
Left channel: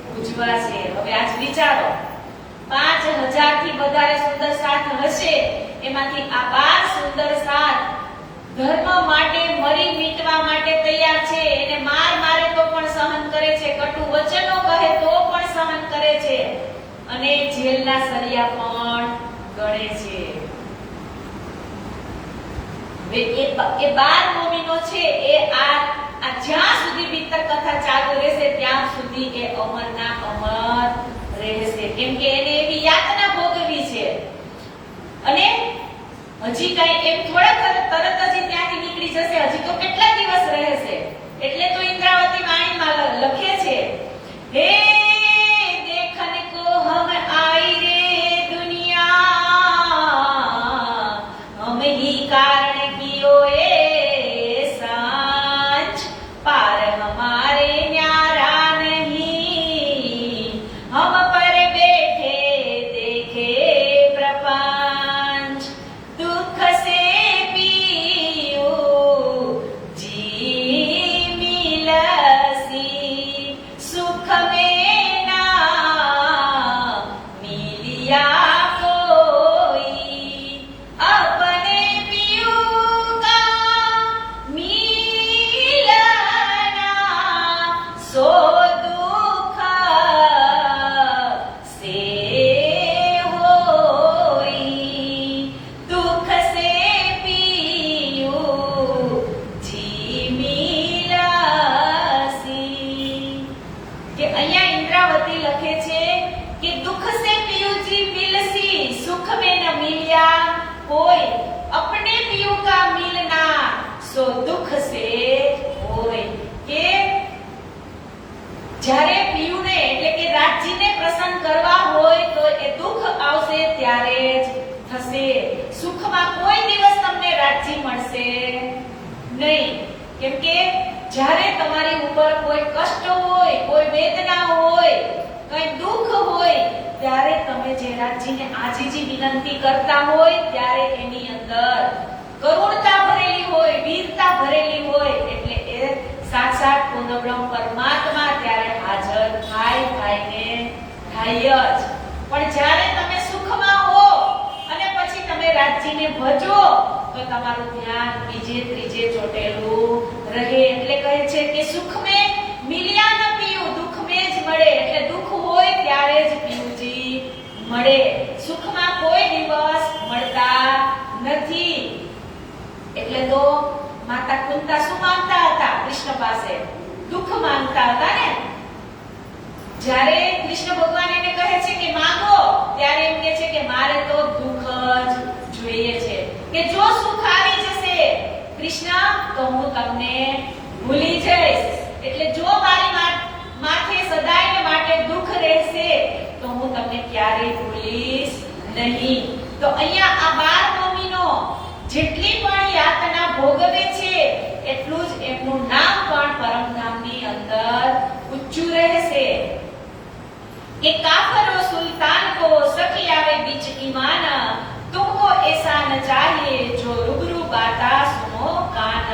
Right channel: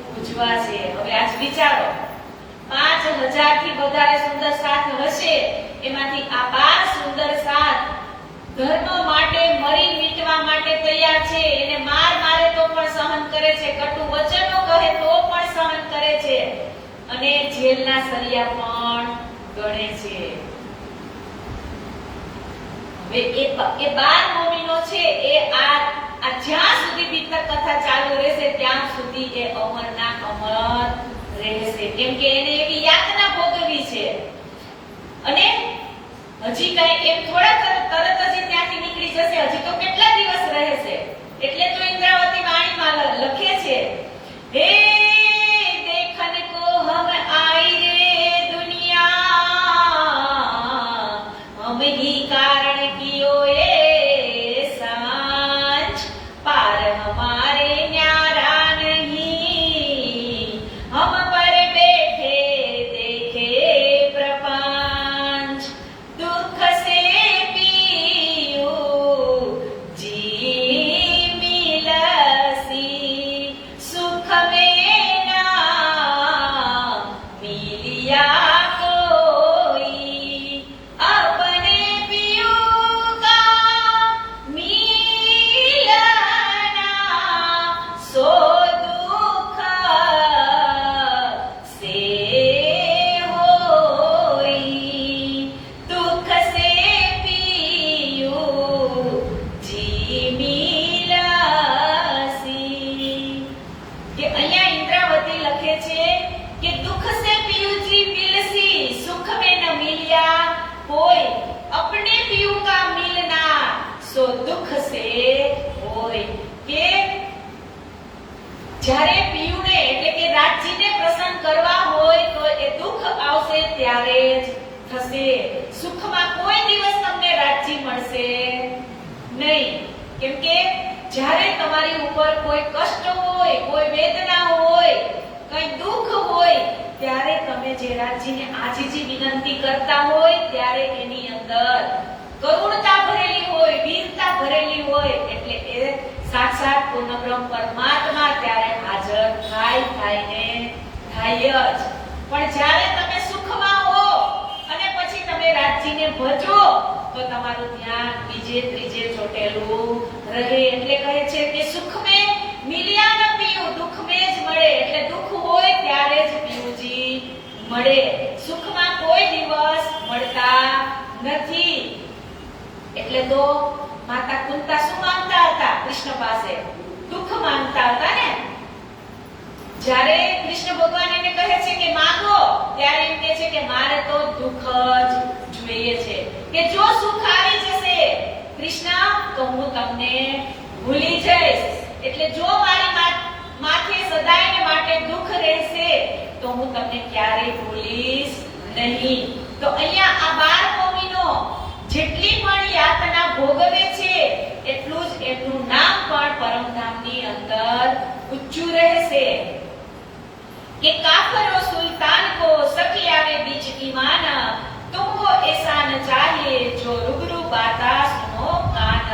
પૂજવા છે. હવે આજ વિચારો 5000 થી વધારે સુંદર સાથ હશે, એમાંથી આ 12 સુંદર સાથ ધર્મ માટે મરી મીટવા માટે તૈયાર છે. એને મારે તો પણ સહન કરે છે, કટુ વચનો કહે તો પણ સહન કરે છે અને જેલના સળિયા પણ ગણે છે. એ 12 મોમીનો છે એ આ જ્યાં સુધી બીતક કથા ચાલુ રહેશે ત્યાં સુધી એ અમરના અમર રહેશે, કેમ કે એને એવી યાતના ભોગવી છે. અને હજી કઈ એમ થોડા તરત જ ત્યાંથી નીકળી જશે, હજી તો કેટલા દિવસ રહેશે. એટલે તો ઇન્દ્રાવતી વાણીમાં લખે છે, હે દેખન કો હમ આઈ રે દુનિયા, હમ હી કારણ કિયો એ सांच, पार हमारे न्यारा नहीं, हम पर बैठे देखे प्रपंच, दुख से पियो जी मिलसी, सुख में ना मिलिया कोई, अपने पियो सो दुख से होई, दुख से पियो जी मिलसी. કે અહીંયા ઇન્દ્રાવતી લખે છે કે દુખ से पियो जी मिलसी, सुख में न मिलिया कोई, अपने पियो का मिलना सो दुख से होय. કે જ્યારે પિયુને એટલે કે રાજજીને પ્રસન્ન કરવા હોય તો એ દુઃખ આવશે ત્યારે જ થશે. સુખમાં કોઈ દિવસ તમને રાજજી મળશે નહીં, કેમ કે જ્યારે તમારી ઉપર કોઈ કષ્ટ હોય, કોઈ વેદના હોય, કોઈ દુઃખ હોય, ત્યારે તમે જે રાજ્યને આજીજી વિનંતી કરતા હોય ત્યારે એની અંદર કરુણતા ભરેલી હોય, વીરતા ભરેલી હોય, એટલે એ સાક્ષાત પૂર્ણબ્રહ્મ પરમાત્મા ત્યારે હાજર થાય જ. પણ જ્યારે તમે સુખમાં હો અને પછી તમે રાજ્યને ભજો તો તમારું ધ્યાન બીજે ત્રીજે ચોટેલું રહે. એટલે કહે છે કે સુખ મેં મિલ્યા ન પીયું, દુઃખ મેં જ મળે. એટલે દુઃખ હોય ત્યારે જ પીવુંજી મળે, સુખમાં કોઈ દિવસ મળતા નથી. એટલે તો માતા કુંતા શું માંગતા હતા કૃષ્ણ પાસે? દુઃખ માંગતા હતા ને. જ્યારે કૃષ્ણ ભગવાન એને કહે છે કે માંગો, ત્યારે એમ કહે છે કે મારે તો દુઃખ જ જોઈએ છે, કે જો સુખ આવી જશે કૃષ્ણ તો હું તમને ભૂલી જઈશ. એટલે જો મારી માથે સદાય માટે દુઃખ રહેશે તો હું તમને ક્યારેય ભૂલીશ નહીં. તો અહીંયા આ 12 મહિનો જેટલી પણ યાતના ભોગવે છે એટલું જ એમનું નામ પણ પરમધામની અંદર ઊંચું રહેશે. કે કાફરો સુલ્તાન કો સખી આવે બીચ ईमान, तुमको ऐसा न चाहिए जो रूबरू बाता सुनो कान.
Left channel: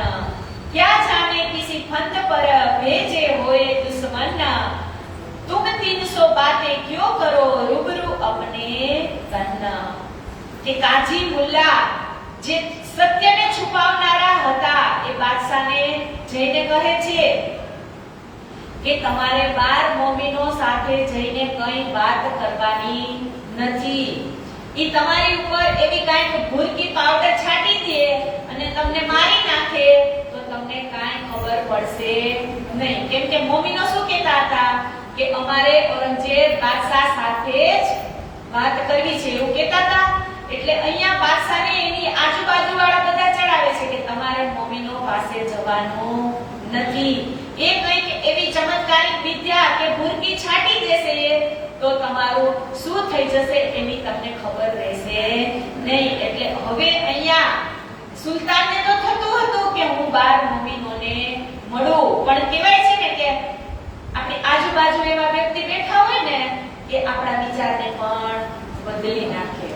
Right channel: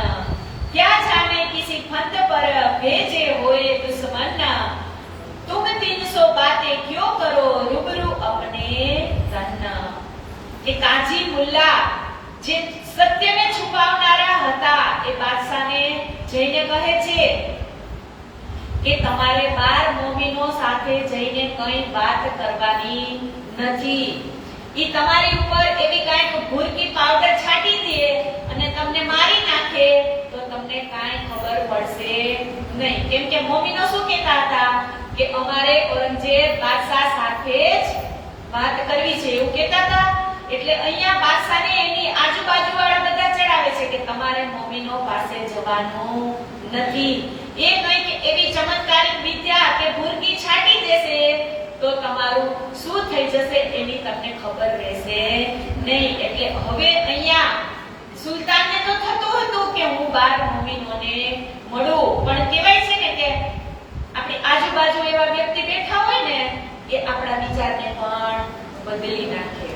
क्या जाने किसी फंद पर भेजे हुए दुश्मन, तुम 300 बातें क्यों करो रूबरू अपने तन. કે કાજી મુલ્લા જે સત્યને છુપાવનારા હતા એ બાદશાહને જઈને કહે છે કે તમારે 12 મોમીનો સાથે જઈને કઈ વાત કરવાની નથી. ઈ તમારી ઉપર એવી કાંઈક ભૂરકી પાવડર છાંટી દે અને તમને મારી નાખે તો તમને કાંઈ ખબર પડશે નહીં. કેમ કે મોમીનો શું કહેતા હતા કે અમારે ઔરંગઝેબ બાદશાહ સાથે જ વાત કરવી છે એવું કહેતા હતા. એટલે અહીંયા બાદશાહને એની આજુબાજુ વાળા બધા ચડાવે છે કે તમારે મોમીનો પાસે જવાનું નથી. એ કંઈક એવી ચમત્કારિક વિદ્યા કે ભૂરકી છાંટી દેશે તો તમારું શું થઈ જશે એની તમને ખબર રહેશે નહીં. એટલે હવે અહીંયા સુલતાનને તો થતું હતું કે હું 12 મોમીનોને મળું, પણ કહેવાય છે ને કે આપણી આજુબાજુ એવા વ્યક્તિ બેઠા હોય ને કે આપણા વિચારને પણ બદલી નાખે.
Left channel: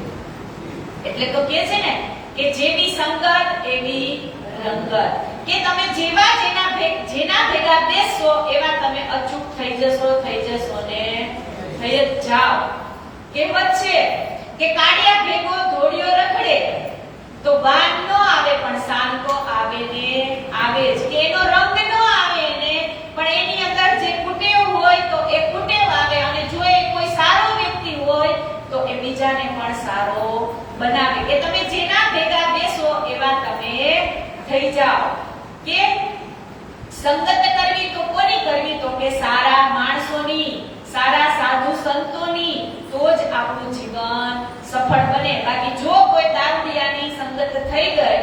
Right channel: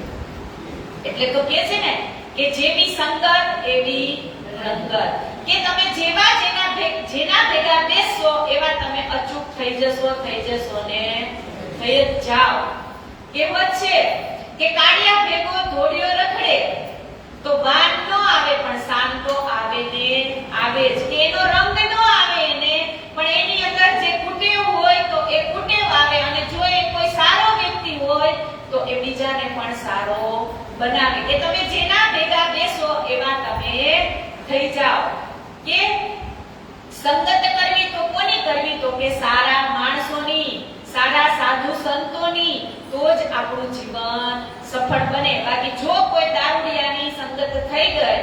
એટલે તો કહે છે ને કે જેવી સંગત એવી રંગત, કે તમે જેના ભેગા બેસશો એવા તમે અચૂક થઈ જશો ને થઈ જ જાઓ. કહેવત છે કે કાળિયા ભેગો ધોળિયો રખડે તો બાન ન આવે પણ સાન તો આવે ને આવે જ. કે એનો રંગ ન આવે એને, પણ એની અંદર જે કુટેવ હોય તો એ કુટેવ આવે, અને જો એ કોઈ સારો વ્યક્તિ હોય તો એ બીજાને પણ સારો બનાવે. કે તમે જેના ભેગા બેસો એવા તમે થઈ જાઓ. કે સંગત કરવી તો કોની કરવી? તો કે સારા માણસોની, સારા સાધુ સંતોની, તો જ આપણું જીવન સફળ બને. બાકી જો કોઈ દારૂડિયાની સંગત થઈ ગઈ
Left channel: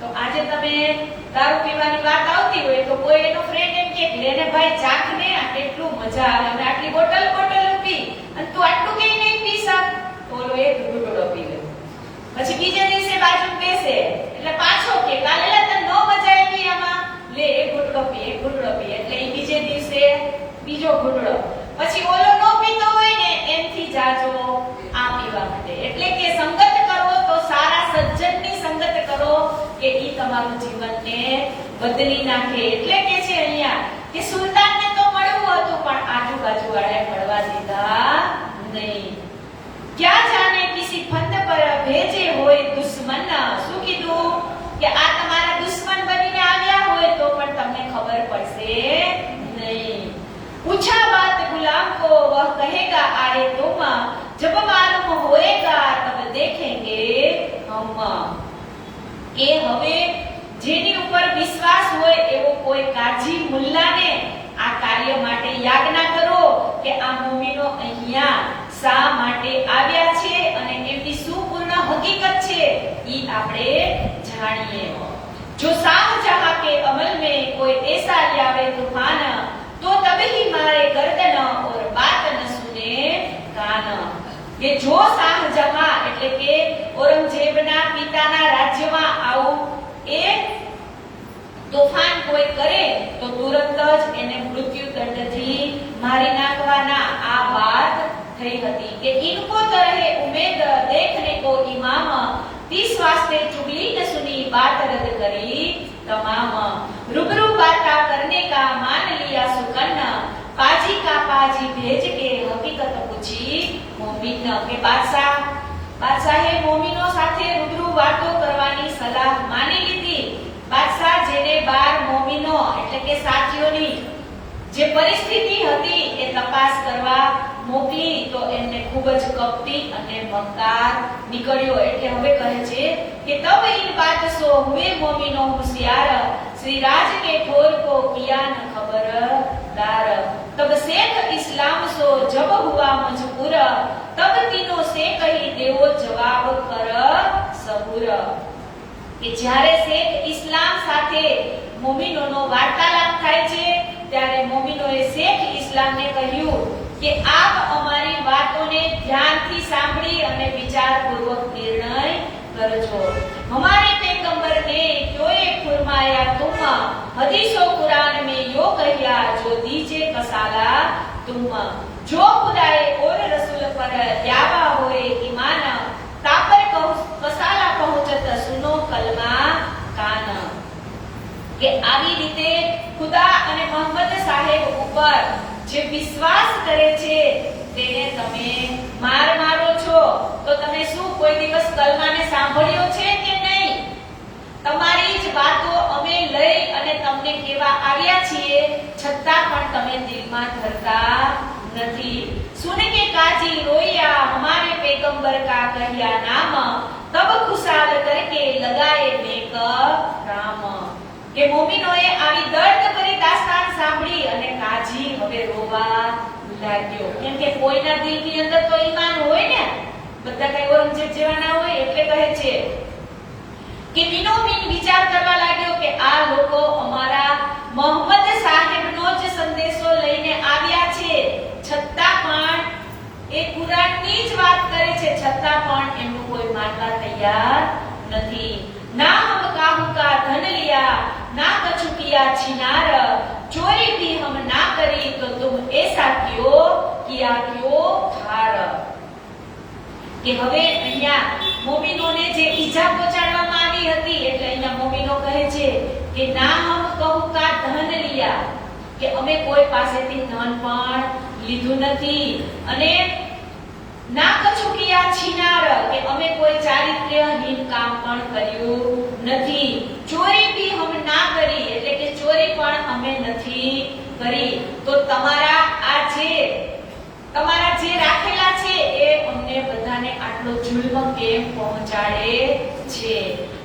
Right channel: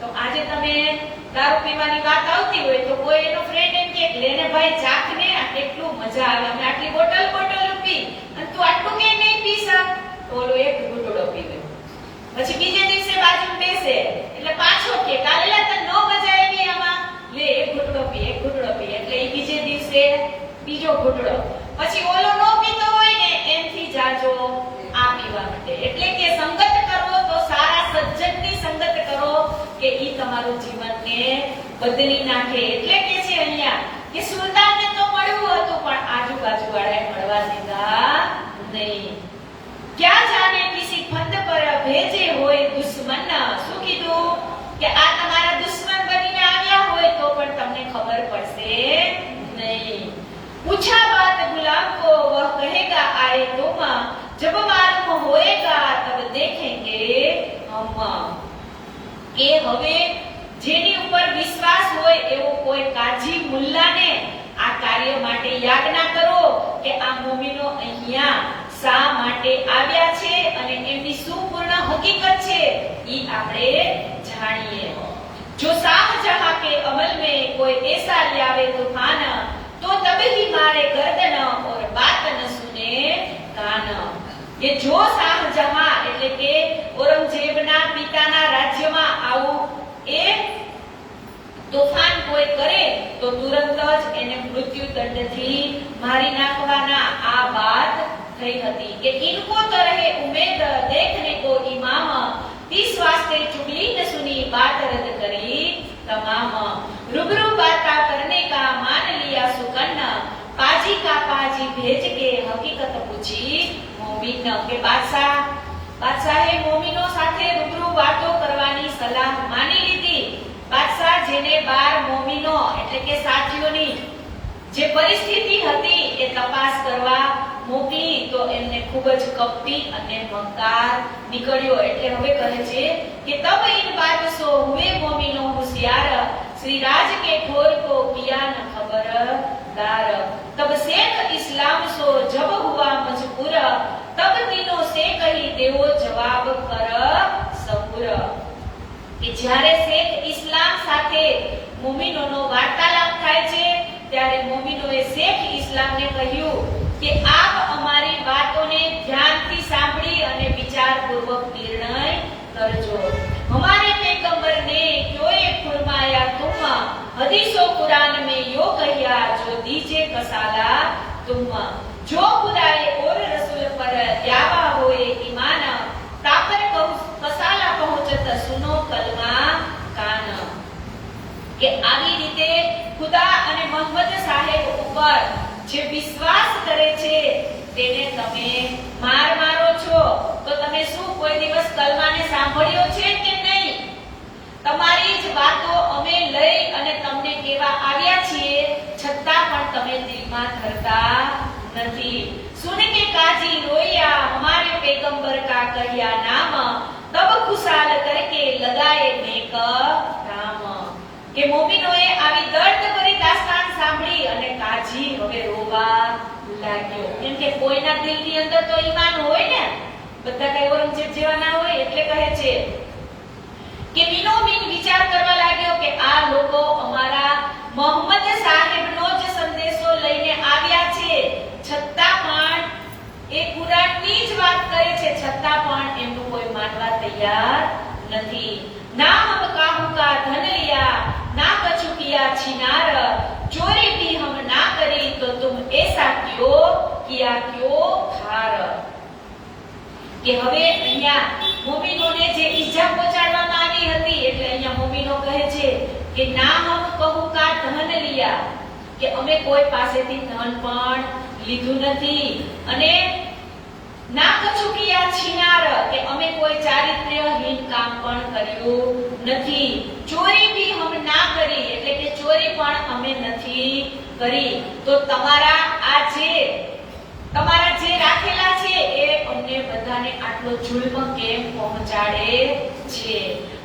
તો આજે તમે દારૂ પીવાની વાત આવતી હોય તો કોઈ એનો ફ્રેન્ડ એમ કે લેને ભાઈ ચાખ ને, કેટલું મજા આવે, અમે આટલી બોટલ પી અને તું આટલું કેમ નહીં પી શક? તો ઓલો એક ઘૂંટડો પીવે, પછી બીજે દિવસે બાજુ બેસે એટલે પાછો કે કાલે તને નો મજા આવી આમાં, લે એક ઘૂંટડો પી એટલે એ બીજે દિવસે બીજો ઘૂંટડો, પછી ઓલો નો પીતો હોય ને એમથી જાજો આ પીવા માટે. એટલે કે સંગત કરો તો સારા સજ્જનની સંગત કરો કે ઈ તમારું જીવનને બદલી નાખે. એટલે કે છે અહીંયા કે સુલતાનને તો મળવું હતું પણ આજુબાજુ વાળાએ મળવા દીધા નહીં. ક્યાં જાણે કિસી ફંદ પર ભેજે હોય દુશ્મન. શું કીધું કે આ તમારા દુશ્મન બનીને આવ્યા હોય તો પણ તમને ખબર પડશે નહીં. पूछा बात गुलाम को वह कहेगा आए तुम, जब मालूम होएगा तब देखेंगे हम. કે હવે જેની ઉપર વિશ્વાસ હોય એવો કોઈ કાજી મુલ્લાને આ કાર્ય માટે યાજ્ઞા કરો કે આ મુમીનો અહીંયા શા માટે આવ્યા છે અને એની શું પૂર્ણ હકીકત છે ઈ આપણે જાણીએ. જો શાહજહાં કે અમલ में कोई ऐसा लावे तूफान, तो तभी मारे गर्दन और बात न सुने कान. કે જો શાહજહાં એટલે કે ઔરંગઝેબના પિતાના રાજ્યમાં આવું એ તોફાન કોઈ કરે તો દંડથી મારી નાખવાના આ વાત થઈ હતી કે ઇनको तरह उम्मीद देखने को इमाम इस वास्ते चुगली न सुनी बात रद्द करी तमाम रूबरू बाता करने का मान लिया सुकन्न पाजी का पाजी भेज के हकीकत पूछी मोमिन के બાદશાહે મોમિનો સાથે રૂબરૂ વાતો કરવાની સલાહ માની લીધી. બાદશાહ જેને 12 મોમિનો એટલે કે સાથીઓની જે પરિસ્થિતિ હતી એ તપાસ કરવા મોકલી તો એમને ખૂબ જ કપટી અને મક્કાર નીકળ્યો. એટલે હવે કહે છે કે તબ ઇન બાત સો હુએ મોમિનો હોશિયાર શ્રી રાજ કે ખોર કો કિયા ન ખબરદાર તબ શેખ ઇસ્લામ સો જબ હુઆ મજબૂર તબ તીનો સે કહી દેવો જવાબ કર સબુર. કે જ્યારે શેખ ઇસ્લામ સાથે મોમિનોનો વાર્તાલાપ થાય છે ત્યારે મોમિનોએ શેખ ઇસ્લામને કહ્યું કે આપ અમારી વાતોને ધ્યાનથી સાંભળી અને વિચારપૂર્વક નિર્ણય કરજો. हमारे पैगंबर ने क्यों ये फरमाया तुम हदीसो कुरान में यो कहिया जो दीजे कसाला तुम जो खुदाए और रसूल पर दावा होए ईमान तापर कसाला पहुंचत सुनो कलमा कान. કે આવી રીતે ખુદા અને મોહમ્મદ સાહેબ ઉપર જે વિશ્વાસ કરે છે તેને તમે મારો છો તો તમે શું કોઈ દિવસ કલમાને સાંભળ્યો છે કે નહીં? તમારી જ વાતો અમે લઈ અને તમને કેવા આવ્યા છીએ છતાં પણ તમે દિલમાં ધરતા નથી. સુન કે કાજી રોયા હમારે पैगंबर का कहिया नाम तब खुशाल करके लगाए नेक राम. કે મોમિનોએ આવી દર્દભરી દાસ્તાન સાંભળી અને કાજી હવે રોવા લાગ્યો. કેમ કે કોઈના દિલની અંદર તો ઈમાન હોય ને, બધા કઈ ઔરંગઝેબ જેવા ના હોય. એટલે કહે છે કે મીનો મીન વિચાર કરવા લાગ્યો કે આ લોકો અમારા મોહમ્મદ સાહેબનો જ સંદેશો લઈને આવ્યા છે છતાં પણ એ કુરાનની જ વાત કરે છે છતાં પણ એમનું કોઈ માનવા તૈયાર નથી. ना हम काहू का धन लिया ना कछु किया छिनार चोरी भी हम ना करी तो तुम ऐसा क्यों किया क्यों खार. કે હવે અહીંયા મોમિનોને જે ઈજા પહોંચાડવામાં આવી હતી એટલે અહીંયા મોમિનો કહે છે કે ના હમ કહું કા ધન લિયા કે અમે કોઈ પાસેથી ધન પણ લીધું નથી અને ના કछु કિયા છીનાર કે અમે કોઈ ચારિત્ર્યહીન કામ પણ કર્યું નથી. ચોરી भी हम ना કરી એટલે કે ચોરી પણ અમે નથી કરી. તો તમારા જે રાખેલા છે એ અમને બધાને આટલો જુલ્મ કેમ પહોંચાડે છે.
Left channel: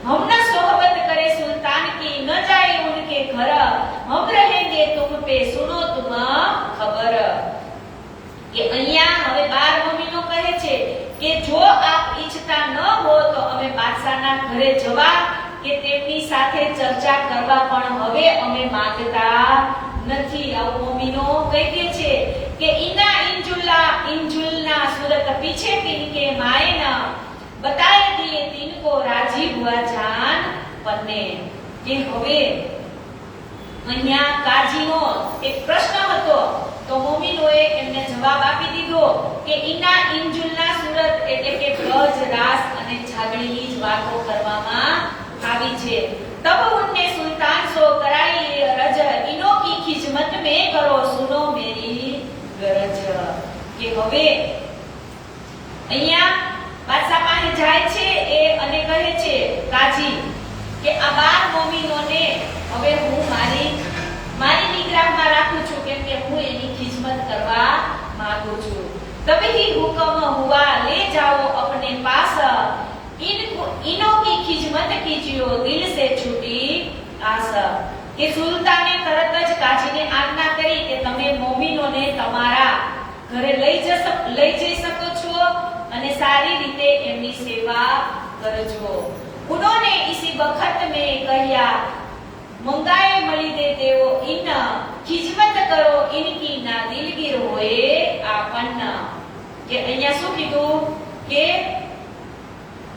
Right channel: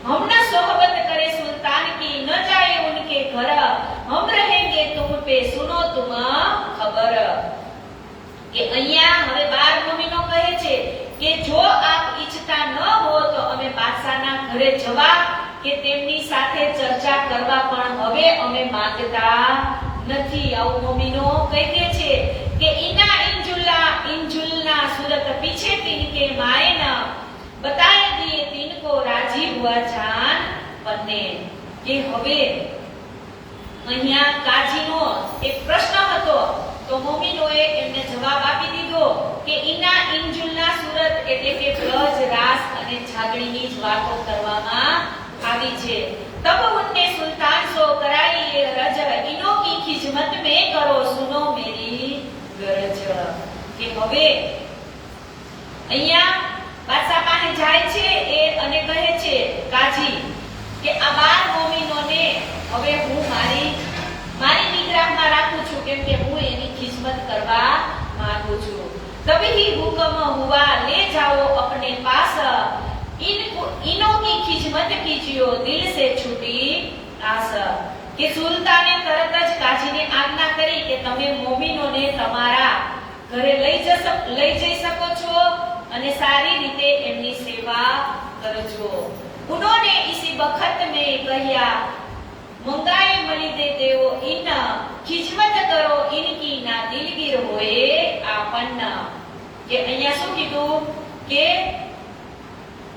हमना सोहबत करे सुल्तान की न जाए उनके घर हम रहेंगे तुम पे सुनो तुम खबर. કે અહીંયા હવે 12 મોમિનો કહે છે કે જો આપ ઈચ્છતા ન હો તો અમે બાદશાહના ઘરે જવા કે તેમની સાથે ચર્ચા કરવા પણ હવે અમે માંગતા નથી. આવું મોમિનો કહી દે છે કે ઇના इंजुलना सूरत पीछे तिनके मायना बताए दिए तिनको राजी हुआ जान पन्ने. કે હવે અહીંયા કાજીનો એક પ્રશ્ન હતો તો મોમિનોએ એમને જવાબ આપી દીધો કે ઇના ઇન્જુલના સુરત એટલે કે ગજ રાસ અને છાગણીની જ વાતો કરવામાં આવી છે. તબ ઉનને સુલ્તાન સો કરાઈ રજ ઇનો की खिजमत में करो सुनो मेरी गरज. કે હવે અહીંયા બાદશાહ પાસે જાય છે એ અને કહે છે કાજી કે આ 12 મોમિનોને હવે હું મારી નિગ્રહમાં રાખું છું કેમ કે હું એની ખિદમત કરવા માંગુ છું. तभी हुक्म हुआ ले जाओ अपने पास इनो की खिदमत कीजियो दिल से छूटी आस. કે સુલતાને તરત જ કાજીને આજ્ઞા કરી કે તમે મોમિનોને તમારા ઘરે લઈ જઈ શકો છો અને સારી રીતે એમની સેવા કરજો. उन्होंने इसी वक्त में कहिया मंगाए मली दे देवो इन खिदमत करो इनकी ना दिलगीर होए आपन. કે અહીંયા શું કીધું કે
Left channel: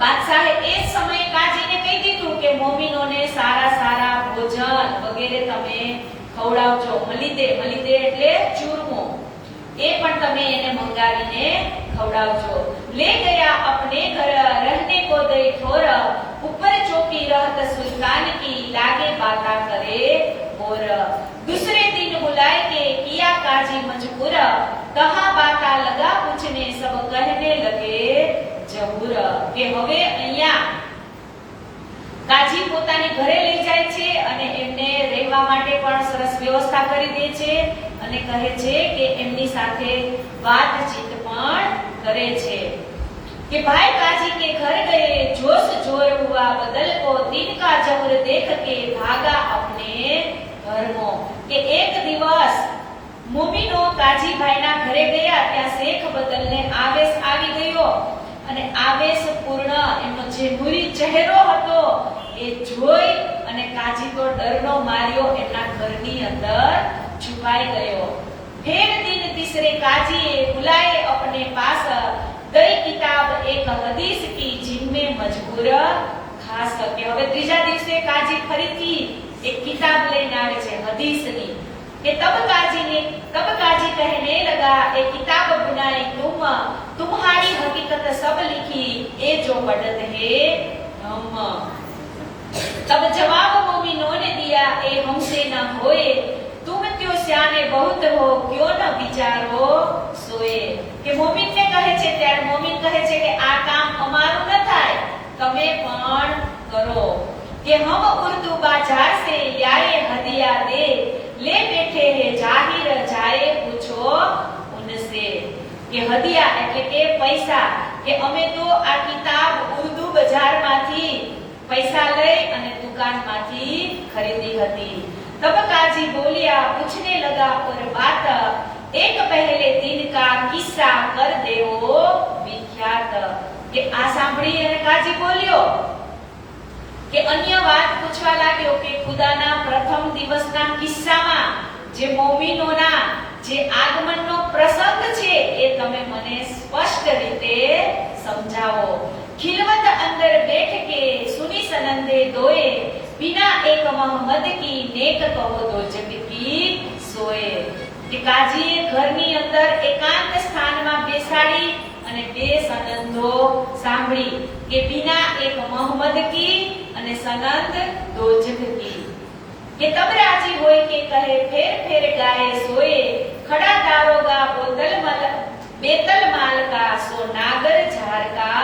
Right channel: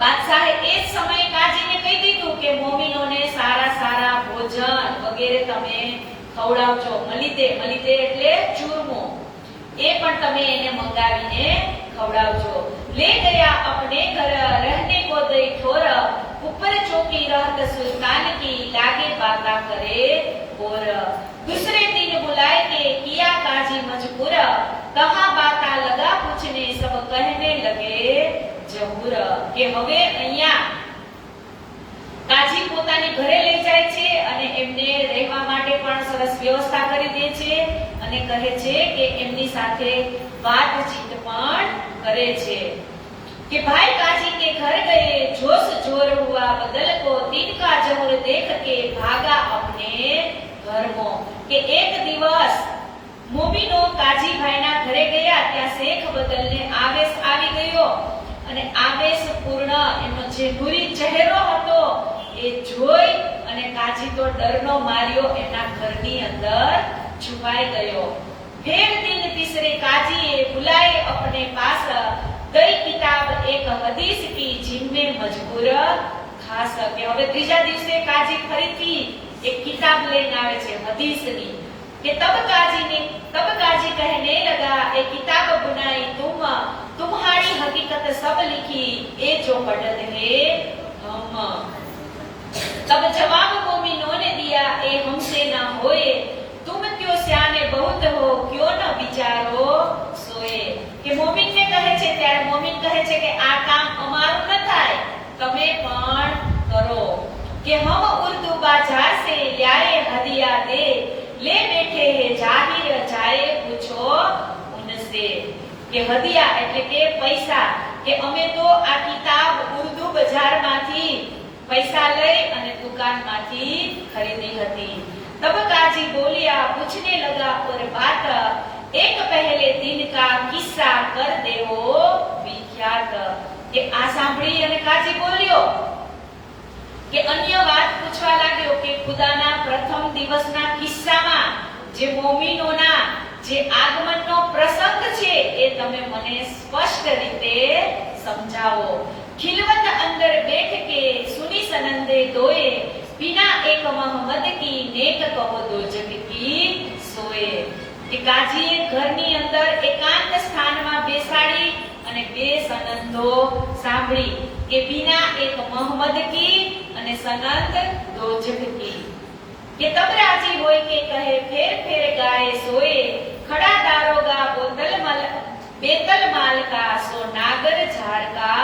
બાદશાહે એ સમયે કાજીને કહી દીધું કે મોમિનોને સારા ભોજન વગેરે તમે ખવડાવજો. મલિદે એટલે ચૂરમો, એ પણ તમે એને મંગાવીને ખવડાવજો. ले गया अपने घर रहने को दई ठोर, ऊपर चौकी रहत सुल्तान की लागे बाता करे और दूसरे दिन बुलाए के किया काजी मजबूर, कहा बाता लगा पूछने सब कहने लगे जहूर. કે હવે અહીંયા કાજી પોતાની ઘરે લઈ જાય છે અને એમને રહેવા માટે પણ સરસ વ્યવસ્થા કરી દે છે અને કહે છે કે એમની સાથે વાતચીત પણ करे छे कि भाई काजी के घर गए, जोश जोर हुआ बदल को, दिन का जहर देख के भागा अपने घर में. કે એક દિવસ મોમીનો કાજી ભાઈના ઘરે ગયા, ત્યાં શેખ બદલને આવેશ આવી ગયો અને આવેશપૂર્ણ એનો જે નૂરી ચહેરો હતો એ જોઈ અને કાજી તો ડરનો માર્યો એના ઘરની અંદર છુપાઈ ગયો. फिर दिन तीसरे काजी बुलाए अपने पास, दई किताब एक हदीस की जिनमें मजबूर खास. કે હવે ત્રીજા દિવસે કાજી ફરીથી એક કિતાબ લઈને આવે છે હદીસની. કે तब काजी कहने लगा, ए किताब बुनाई तुम्हारी हकीकत सब लिखी, ए जो पढ़त है हम. तब जवाब मोमिनों ने दिया, ए हमसे न होए, तुम क्यों स्याने बहुत हो, क्यों न विचारो सोए. કે મોમિન ને કહે છે, ત્યારે મોમિન કહે છે કે આ કામ અમારું ન થાય, તમે પણ કરો. કે હમ ઉર્દુ बाजार से याए हदिया दे, ले बैठे है जाहिर जाए पूछो उनसे. કે હદિયા એટલે કે પૈસા. કે અમે તો આ કિતાબ ઉર્દુ બજારમાંથી પૈસા લઈ અને દુકાનમાંથી ખરીદી હતી. तब काजी बोलिया, पूछने लगा और बात एक पहले दिन का किस्सा कर देवो विख्यात. કે આ સાંભળી અને કાજી બોલ્યો કે અન્ય વાત પૂછવા લાગ્યો કે ખુદાના પ્રથમ દિવસના કિસ્સામાં જે મોમિનોના જે આગમનનો પ્રસંગ છે એ તમે મને સ્પષ્ટ રીતે સમજાવો. खिलवत अंदर बैठ के सुनी सनंदे दोए, बिना एक मोहम्मद की नेक कहो दो जग की सोए. કે કાજીએ ઘરની અંદર એકાંત સ્થાનમાં બેસાડી અને બે સનંદો સાંભળી કે बिना एक मोहम्मद की અને સનંદ दो जग की. કે તબ રાજી હોય કે કહે ફેર ફેર ગાય सोए, खड़ा दारोगा बेतल माल का, सो नागर झार का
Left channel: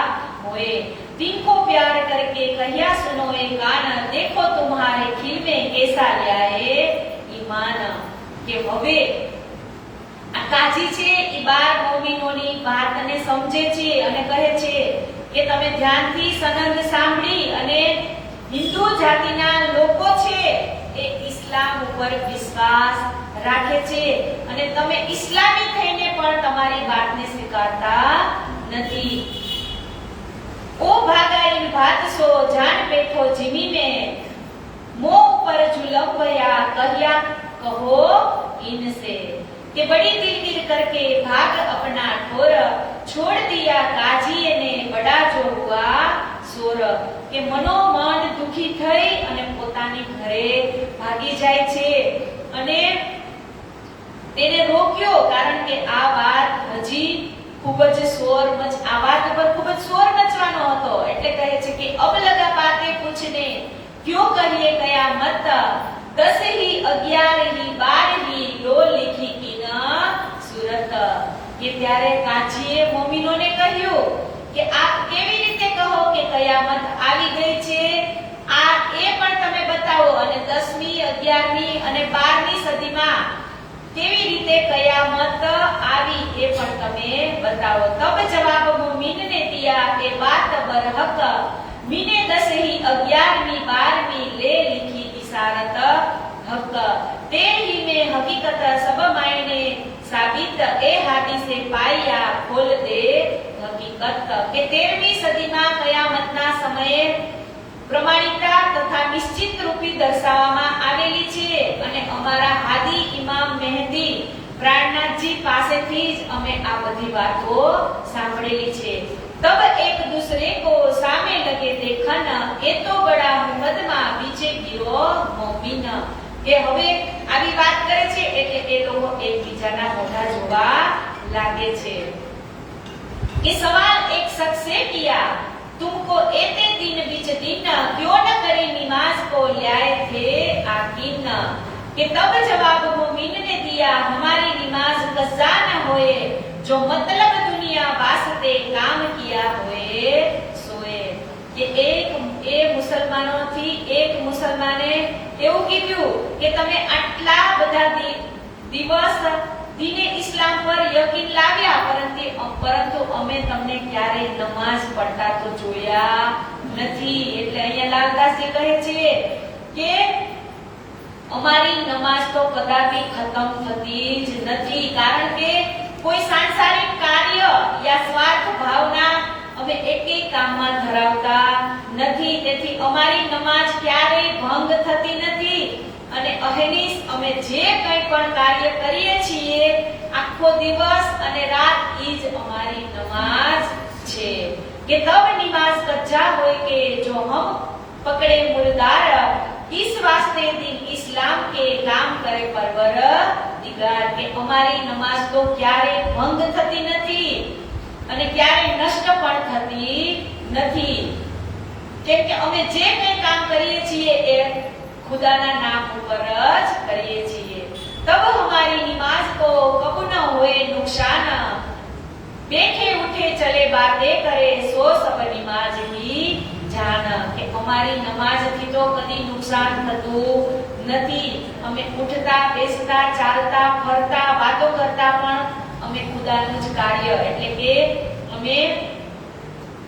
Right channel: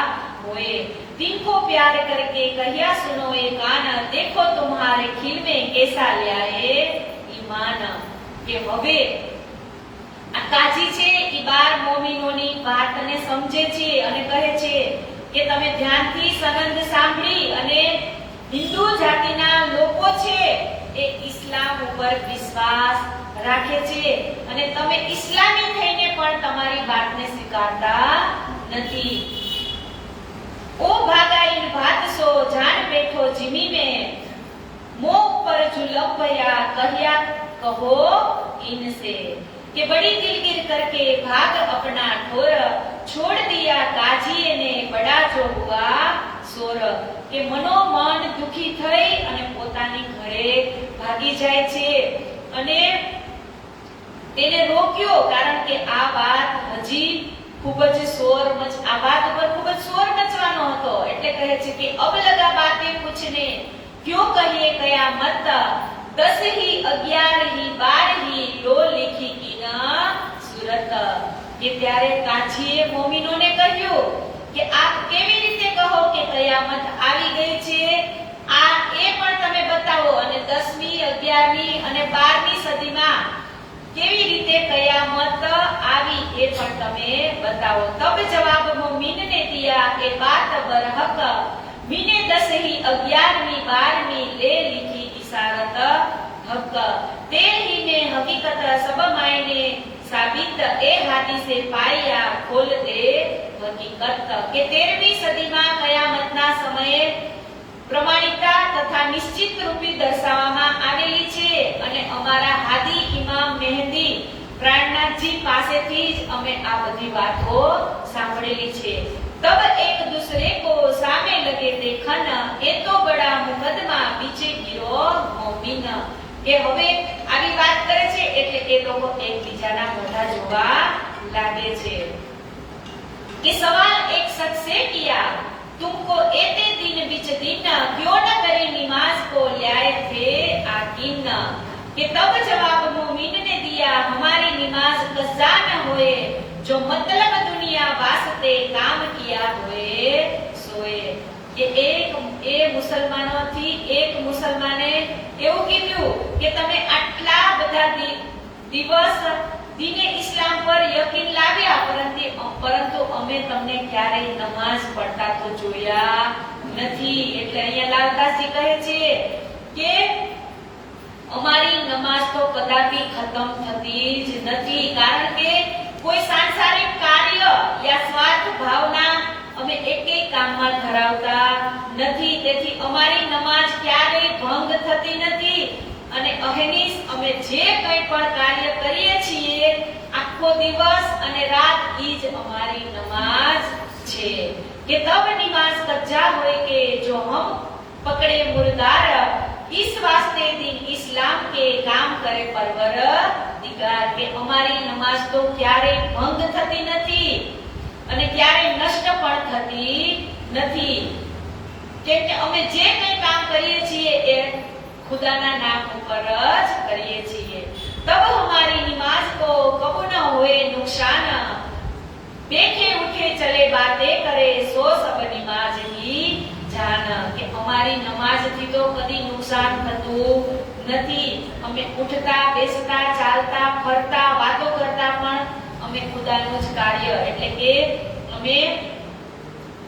होए. तिनको प्यार करके कहिया सुनो ए कान, देखो तुम्हारे खिल में कैसा लाए ईमान. કે હવે આ કાજી છે એ 12 મોમિનોની વાતને સમજે છે અને કહે છે કે તમે ધ્યાનથી સનંદ સાંભળી અને હિન્દુ જાતિના લોકો છે એ ઇસ્લામ ઉપર વિશ્વાસ રાખે છે અને તમે ઇસ્લામી થઈને પણ તમારી વાતને સ્વીકારતા નથી. ओ भागा इन बात सो जान बैठो जिनी में, मुंह पर जुलम भया कहिया कहो इनसे. कि बड़ी दिलगिर करके भाग अपना ठोर, छोड़ दिया काजीए ने बड़ा जो हुआ सोर. કે મનોમન દુખી થઈ અને પોતાની ઘરે ભાગી જાય છે અને તેને રોક્યો, કારણ કે આ વાત હજી खूब ज शोर मच आ बात पर खूब ज शोर मचवानो હતો. એટલે કહે છે કે अब लगा बातें पूछने, क्यों कहिए कयामत, 10 ही 11 ही 12 ही 2 लिखी की ना सूरत. કે ત્યારે કાજીએ મોમિનોને કહ્યું કે આપ કેવી રીતે કહો કે કયામત આવી ગઈ છે, આ એ પણ તમે બતાવો અને 10મી 11મી અને 12મી સદીમાં કેવી રીતે કયામત આવી એ પણ તમે બતાવો. तब जवाब मोमिन ने दिया के बात बरहक, मीने 10 ही 11वीं 12वीं ले लिखी इशारत हक. 13 में हकीकत सब मायने साबित, ए हादी से पाया खोल दे हकीकत. के 13મી સદીમાં કયામતના સમયે પ્રમાણિકતા તથા નિશ્ચિત રૂપી દર્શાવવામાં આવેલી છે અને અમારા હાદી ઇમામ મહેદી પ્રાણનાથજી પાસેથી જ અમે આ બધી વાતો સાંભળેલી છે. तब एक दूसरे को सामे लगे देखन, ए तो बड़ा मुकदमा बीचे गिरो मोमिन. કે હવે આવી વાત કરે છે એટલે કે લોકો એકબીજાના મોઢા જોવા લાગે છે कि सवाल एक शख्स से किया तुमको एते दिन बीच दिन क्यों न करी नमाज को लाए थे आकिन कि तब जवाब मोमिन ने दिया हमारी नमाज कज़ा न होए जो मतलब दुनिया वास्ते काम किया होए सोए કે એ મુસલમાનોથી એક મુસલમાને એવું કીધું કે તમે આટલા બધા દિવસ દીને ઇસ્લામ પર યકીન લાવ્યા પરંતુ અમે તમને ક્યારેય નમાઝ પડતા તો જોયા નથી. એટલે અહીંયા લાલદાસજી કહે છે કે અમારી નમાઝ તો કદાપી ખતમ થતી જ નથી, કારણ કે કોઈ સાંસારિક કાર્ય યા સ્વાર્થ ભાવના અમે એક કામમાં ધરાવતા નથી. તેથી અમારી નમાઝ ક્યારેય ભંગ થતી નથી અને અહેનીસ અમે જે કંઈ પણ કાર્ય કરીએ છીએ આખો દિવસ અને રાત ઈ જ અમારી નમાઝ છે. કે તબ નમાઝ કચ્ચા હોય કે જો હમ પકડે મુર્દાર इस वास्ते दिन इस्लाम के काम करे परवरदिगार કે અમારી નમાઝ તો ક્યારે ભંગ થતી નથી અને ક્યારે નષ્ટ પણ થતી નથી, કેમ કે અમે જે કંઈ કામ કરીએ છીએ એ खुदाना नाम ऊपर જ કરીએ છીએ. तब हमारी नमाज को कबू न होए नुकसान देखे उठे चले बातें करे सो सब नमाज ही जान કે અમારી નમાઝથી તો કદી નુકસાન થતું નથી. અમે ઉઠતા બેસતા ચાલતા ફરતા વાતો કરતા પણ અમે ખુદાનું જ કાર્ય એટલે કે અમે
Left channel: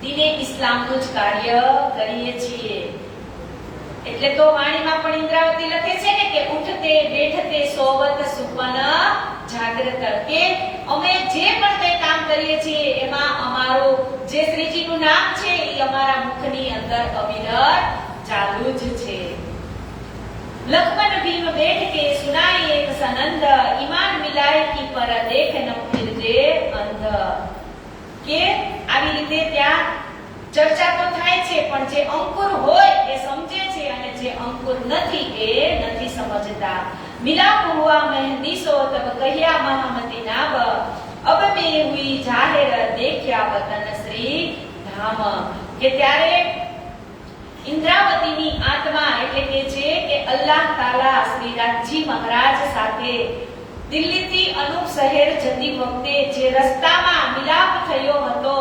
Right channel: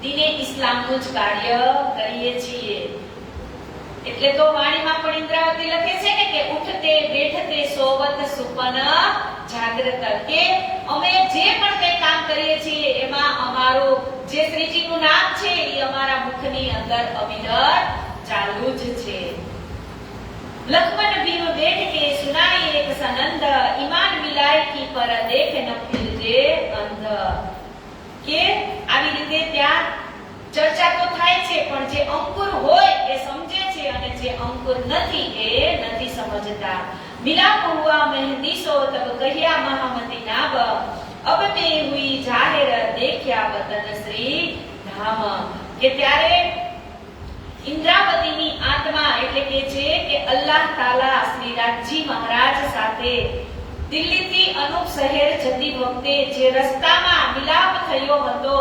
દીને ઇસ્લામનું જ કાર્ય કરીએ છીએ. એટલે તો વાણીમાં પણ ઇન્દ્રાવતી લખે છે ને કે ઉઠતે બેઠતે સોવત સુપન જાગ્રત કે અમે જે પણ કંઈ કામ કરીએ છીએ એમાં અમારું જે શ્રીજીનું નામ છે એ અમારા મુખની અંદર અવિરત ચાલુ જ છે. લખમન ભીમ બેઠ કે સુનાઈ એક સનંદ ઈમાન મિલાય કી પર દેખ ન ફિરજે અંધ કે આવી રીતે ત્યાં ચર્ચા તો થાય છે પણ જે અંકુર હોય એ સમજે છે અને જે અંકુર નથી એ નથી સમજતા. મિલાપ હુઆ મહેંદી સો તબ કહ્યા મહામતી નાબ અબ મે હુઈ જાહેર દેખ્યા વતન શ્રી ધામ કે ત્યારે ઇન્દ્રાવતીની આત્મા એટલે કે છે કે અલ્લાહ તાલા શ્રી રાજજી મહારાજ સાથે દિલ્હીથી અનુપ શહેર જતી વખતે જે રસ્તામાં મિલાપ થયો હતો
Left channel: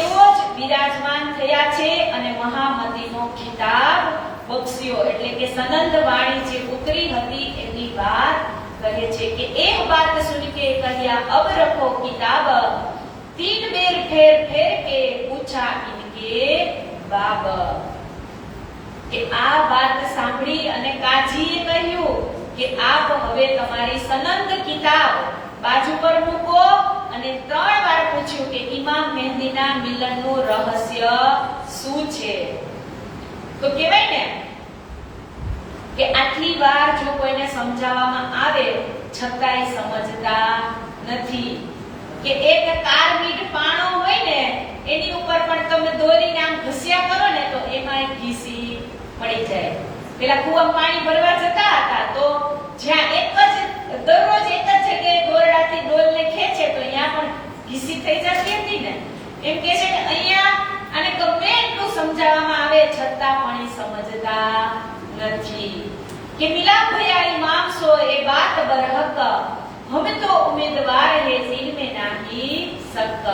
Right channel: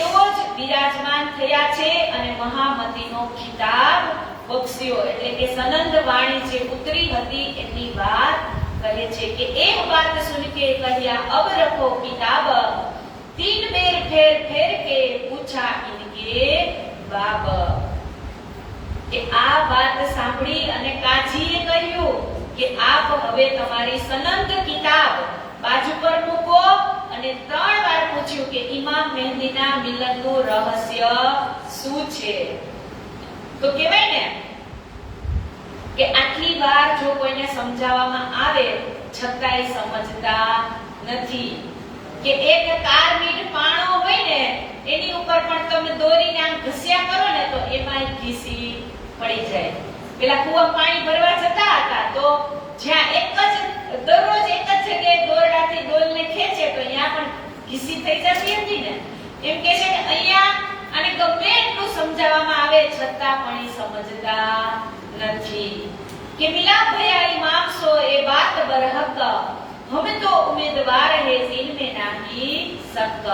એવો જ વિરાજમાન થયા છે અને મહામતીનો ખિતાબ બક્ષ્યો એટલે કે સનંદ વાણી જે ઉતરી હતી એની વાત કહે છે કે એક બાત સુન કે કહ્યા અબ રખો કિતાબ तीन बेर फेर फेर के पूछा इनके बाब કે આ વાત સાંભળી અને કાજીએ કહ્યું કે આપ હવે તમારી સનંદ કિતાબ બાજુ પર મૂકો અને 3 વાર પૂછ્યું કે ઇમામ મહેંદીના મિલનનું રહસ્ય શું છે. તો કહેવાય ને કે આટલી વાર જો કોઈને સમજાવવામાં આવે છતાંય સમજતા નથી. કે એક કારમીઠ પાણો હોય ને એની ઉપર પણ તમે દોરીને આમ ઘસ્યા કરો ને તો એમાં ઘીસી પડી જાય. પેલા કુવામાં પાણી ભરવા જતા હતા તો જ્યાં એક જ દરરોજ એક જ જગ્યાએ દોરડાથી ડોલને ખેંચે તો અહીંયા પણ ઘીસી થઈ જતી હતી ને એમ કે છે કે અહીંયા આને ગમે એટલું સમજાવવામાં આવે છતાં પણ એ સમજતા નથી. કે મિલાપ ભયા ઇમામ સો એ બાત બરહક हम तो उम्मीदवार है जिनमें नहीं शक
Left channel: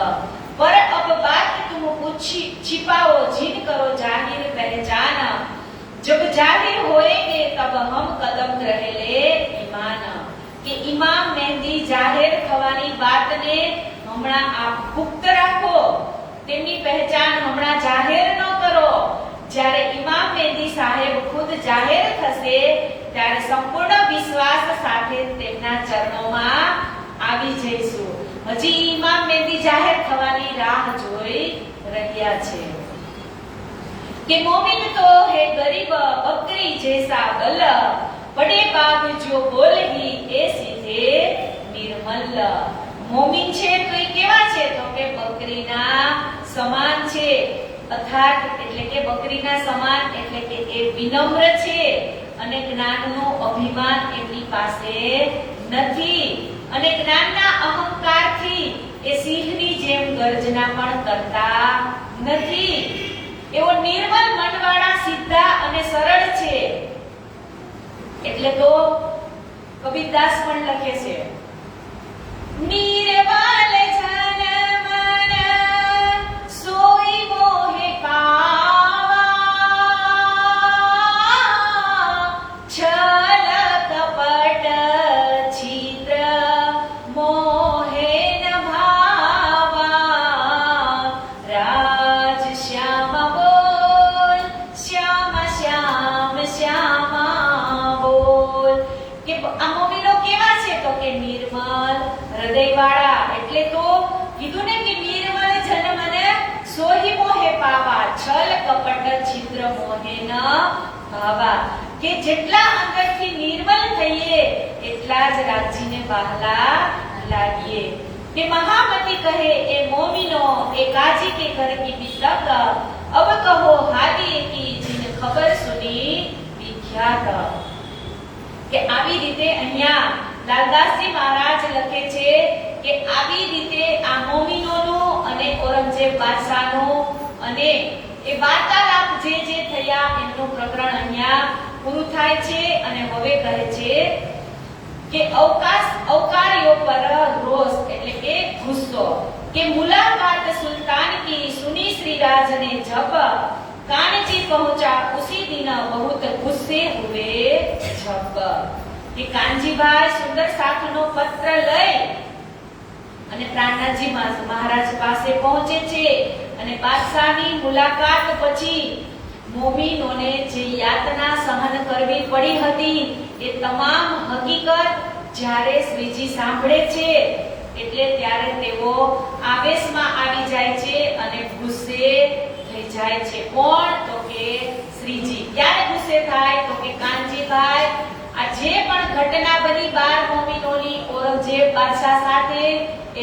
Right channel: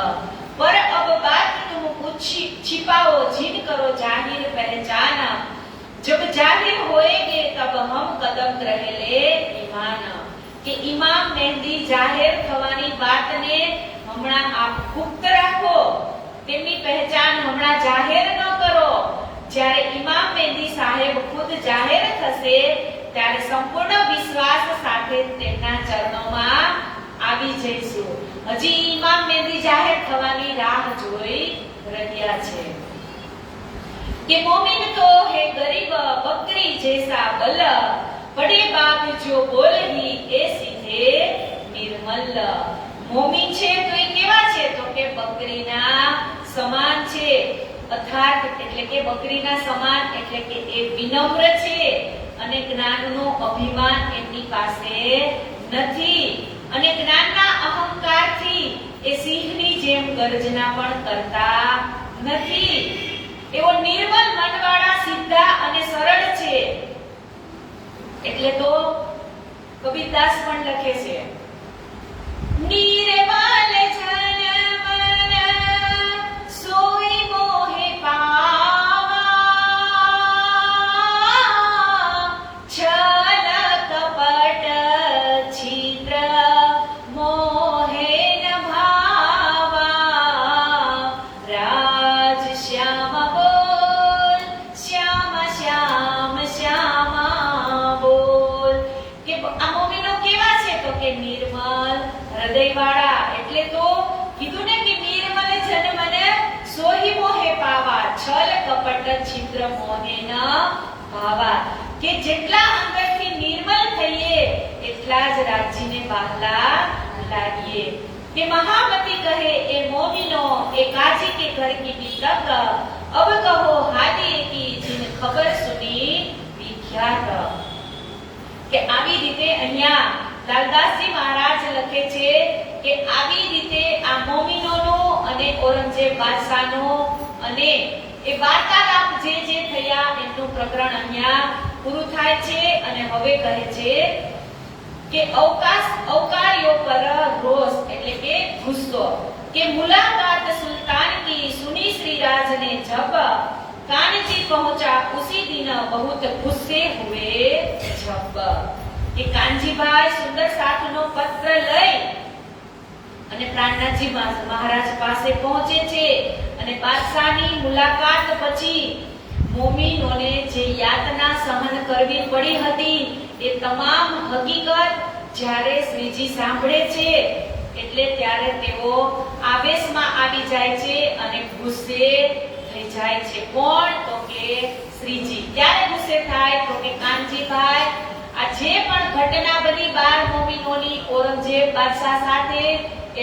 पर अब बात तुम पूछी छिपाओ जिन करो जाहिर पहचान जब जाहिर होएंगे तब हम कदम रहेले ईमान કે ઇમામ મહેંદી જાહેર થવાની વાતને હમણાં આપ ગુપ્ત રાખો, તેમની પહેચાન હમણાં જાહેર ન કરો. જ્યારે ઇમામ મહેંદી સાહેબ ખુદ જાહેર થશે ત્યારે સંપૂર્ણ વિશ્વાસ સાથે તેમના ચરણોમાં આવી જઈશું. હજી ઇમામ મહેંદી જાહેર થવાની રાહ જોઈ રહ્યા છે. કે મોમિન તો હે ગરીબ બકરી જૈસા બલ બડે બાપ જો બોલહી એ સીધે નિર્મલ. મોમિન છે તો એ કેવા છે તો કે બકરીના સમાન છે. અર્થાત એટલે કે બકરીના સમાન એટલે કે એ વિનમ્ર છે અને જ્ઞાનનું અભિમાન એમની પાસે નથી અને જ્ઞાનના અહંકારથી એ સિંહની જેમ ગર્જના પણ કરતા નથી. એવો નિર્મલ મનવાળા સીધા અને સરળ છે. એટલે તો કબીરદાસ પણ લખે છે, નિર્મલ જન મન સોઈ મોહે પાવા, છલ કપટ છિદ્ર મોહે ન ભાવા, રાજ શ્યામ બોલ શ્યામ શ્યામ શ્યામા બોલ. કે આ મોમીનો કેવા છે? તો કે નિર્મલ હૃદયવાળા. એટલે તો કીધું ને કે નિર્મલ જન મને સોહી મોહે પાવા, છલ કપટ છિદ્ર મોહે ન ભાવા. કે જેટલા અંદરથી નિર્મલ થઈએ એટલા જ રાજીને બહાલા લાગીએ. કે મહામતી કહે એ મોમીનો એ કાજી કે ઘર કી તક, અબ કહો હાલી કી જીન ખબર સુની વિખ્યાત. કે આવી રીતે અહીંયા લાલદાસજી મહારાજ લખે છે કે આવી રીતે આ મોમીનોનો અને ઔરંગઝેબ બાદશાહનો અને એ વાર્તાલાપ જે થયા એમનું પ્રકરણ અહીંયા પૂરું થાય છે. અને હવે કહે છે કે અવકારીઓ પર રોષ એટલે કે ગુસ્સો. કે મુલાકાત સુલ્તાન કી સુની શ્રી રાજ ને જબ, कानजी पहुंचा उसी दिन बहुत गुस्से हुए जब. કે કાનજીભાઈ સુંદર સાથનો પત્ર લઈ અને પ્રાણનાથજી મહારાજ પાસે પહોંચે છે અને બાદશાહની મુલાકાત પછી મોમીનોને જે યાતના સહન કરવી પડી હતી એ તમામ હકીકત જ્યારે શ્રીજી સાંભળે છે એટલે ત્યારે તેઓ આવેશમાં આવી જાય છે અને ગુસ્સે થઈ જાય છે. કોણ? તો કે શ્રીજી. ક્યારે ગુસ્સે થાય? તો કે કાનજીભાઈ આ જે પણ ઘટના બની 12 મોમીનોની ઔરંગઝેબ બાદશાહ સાથે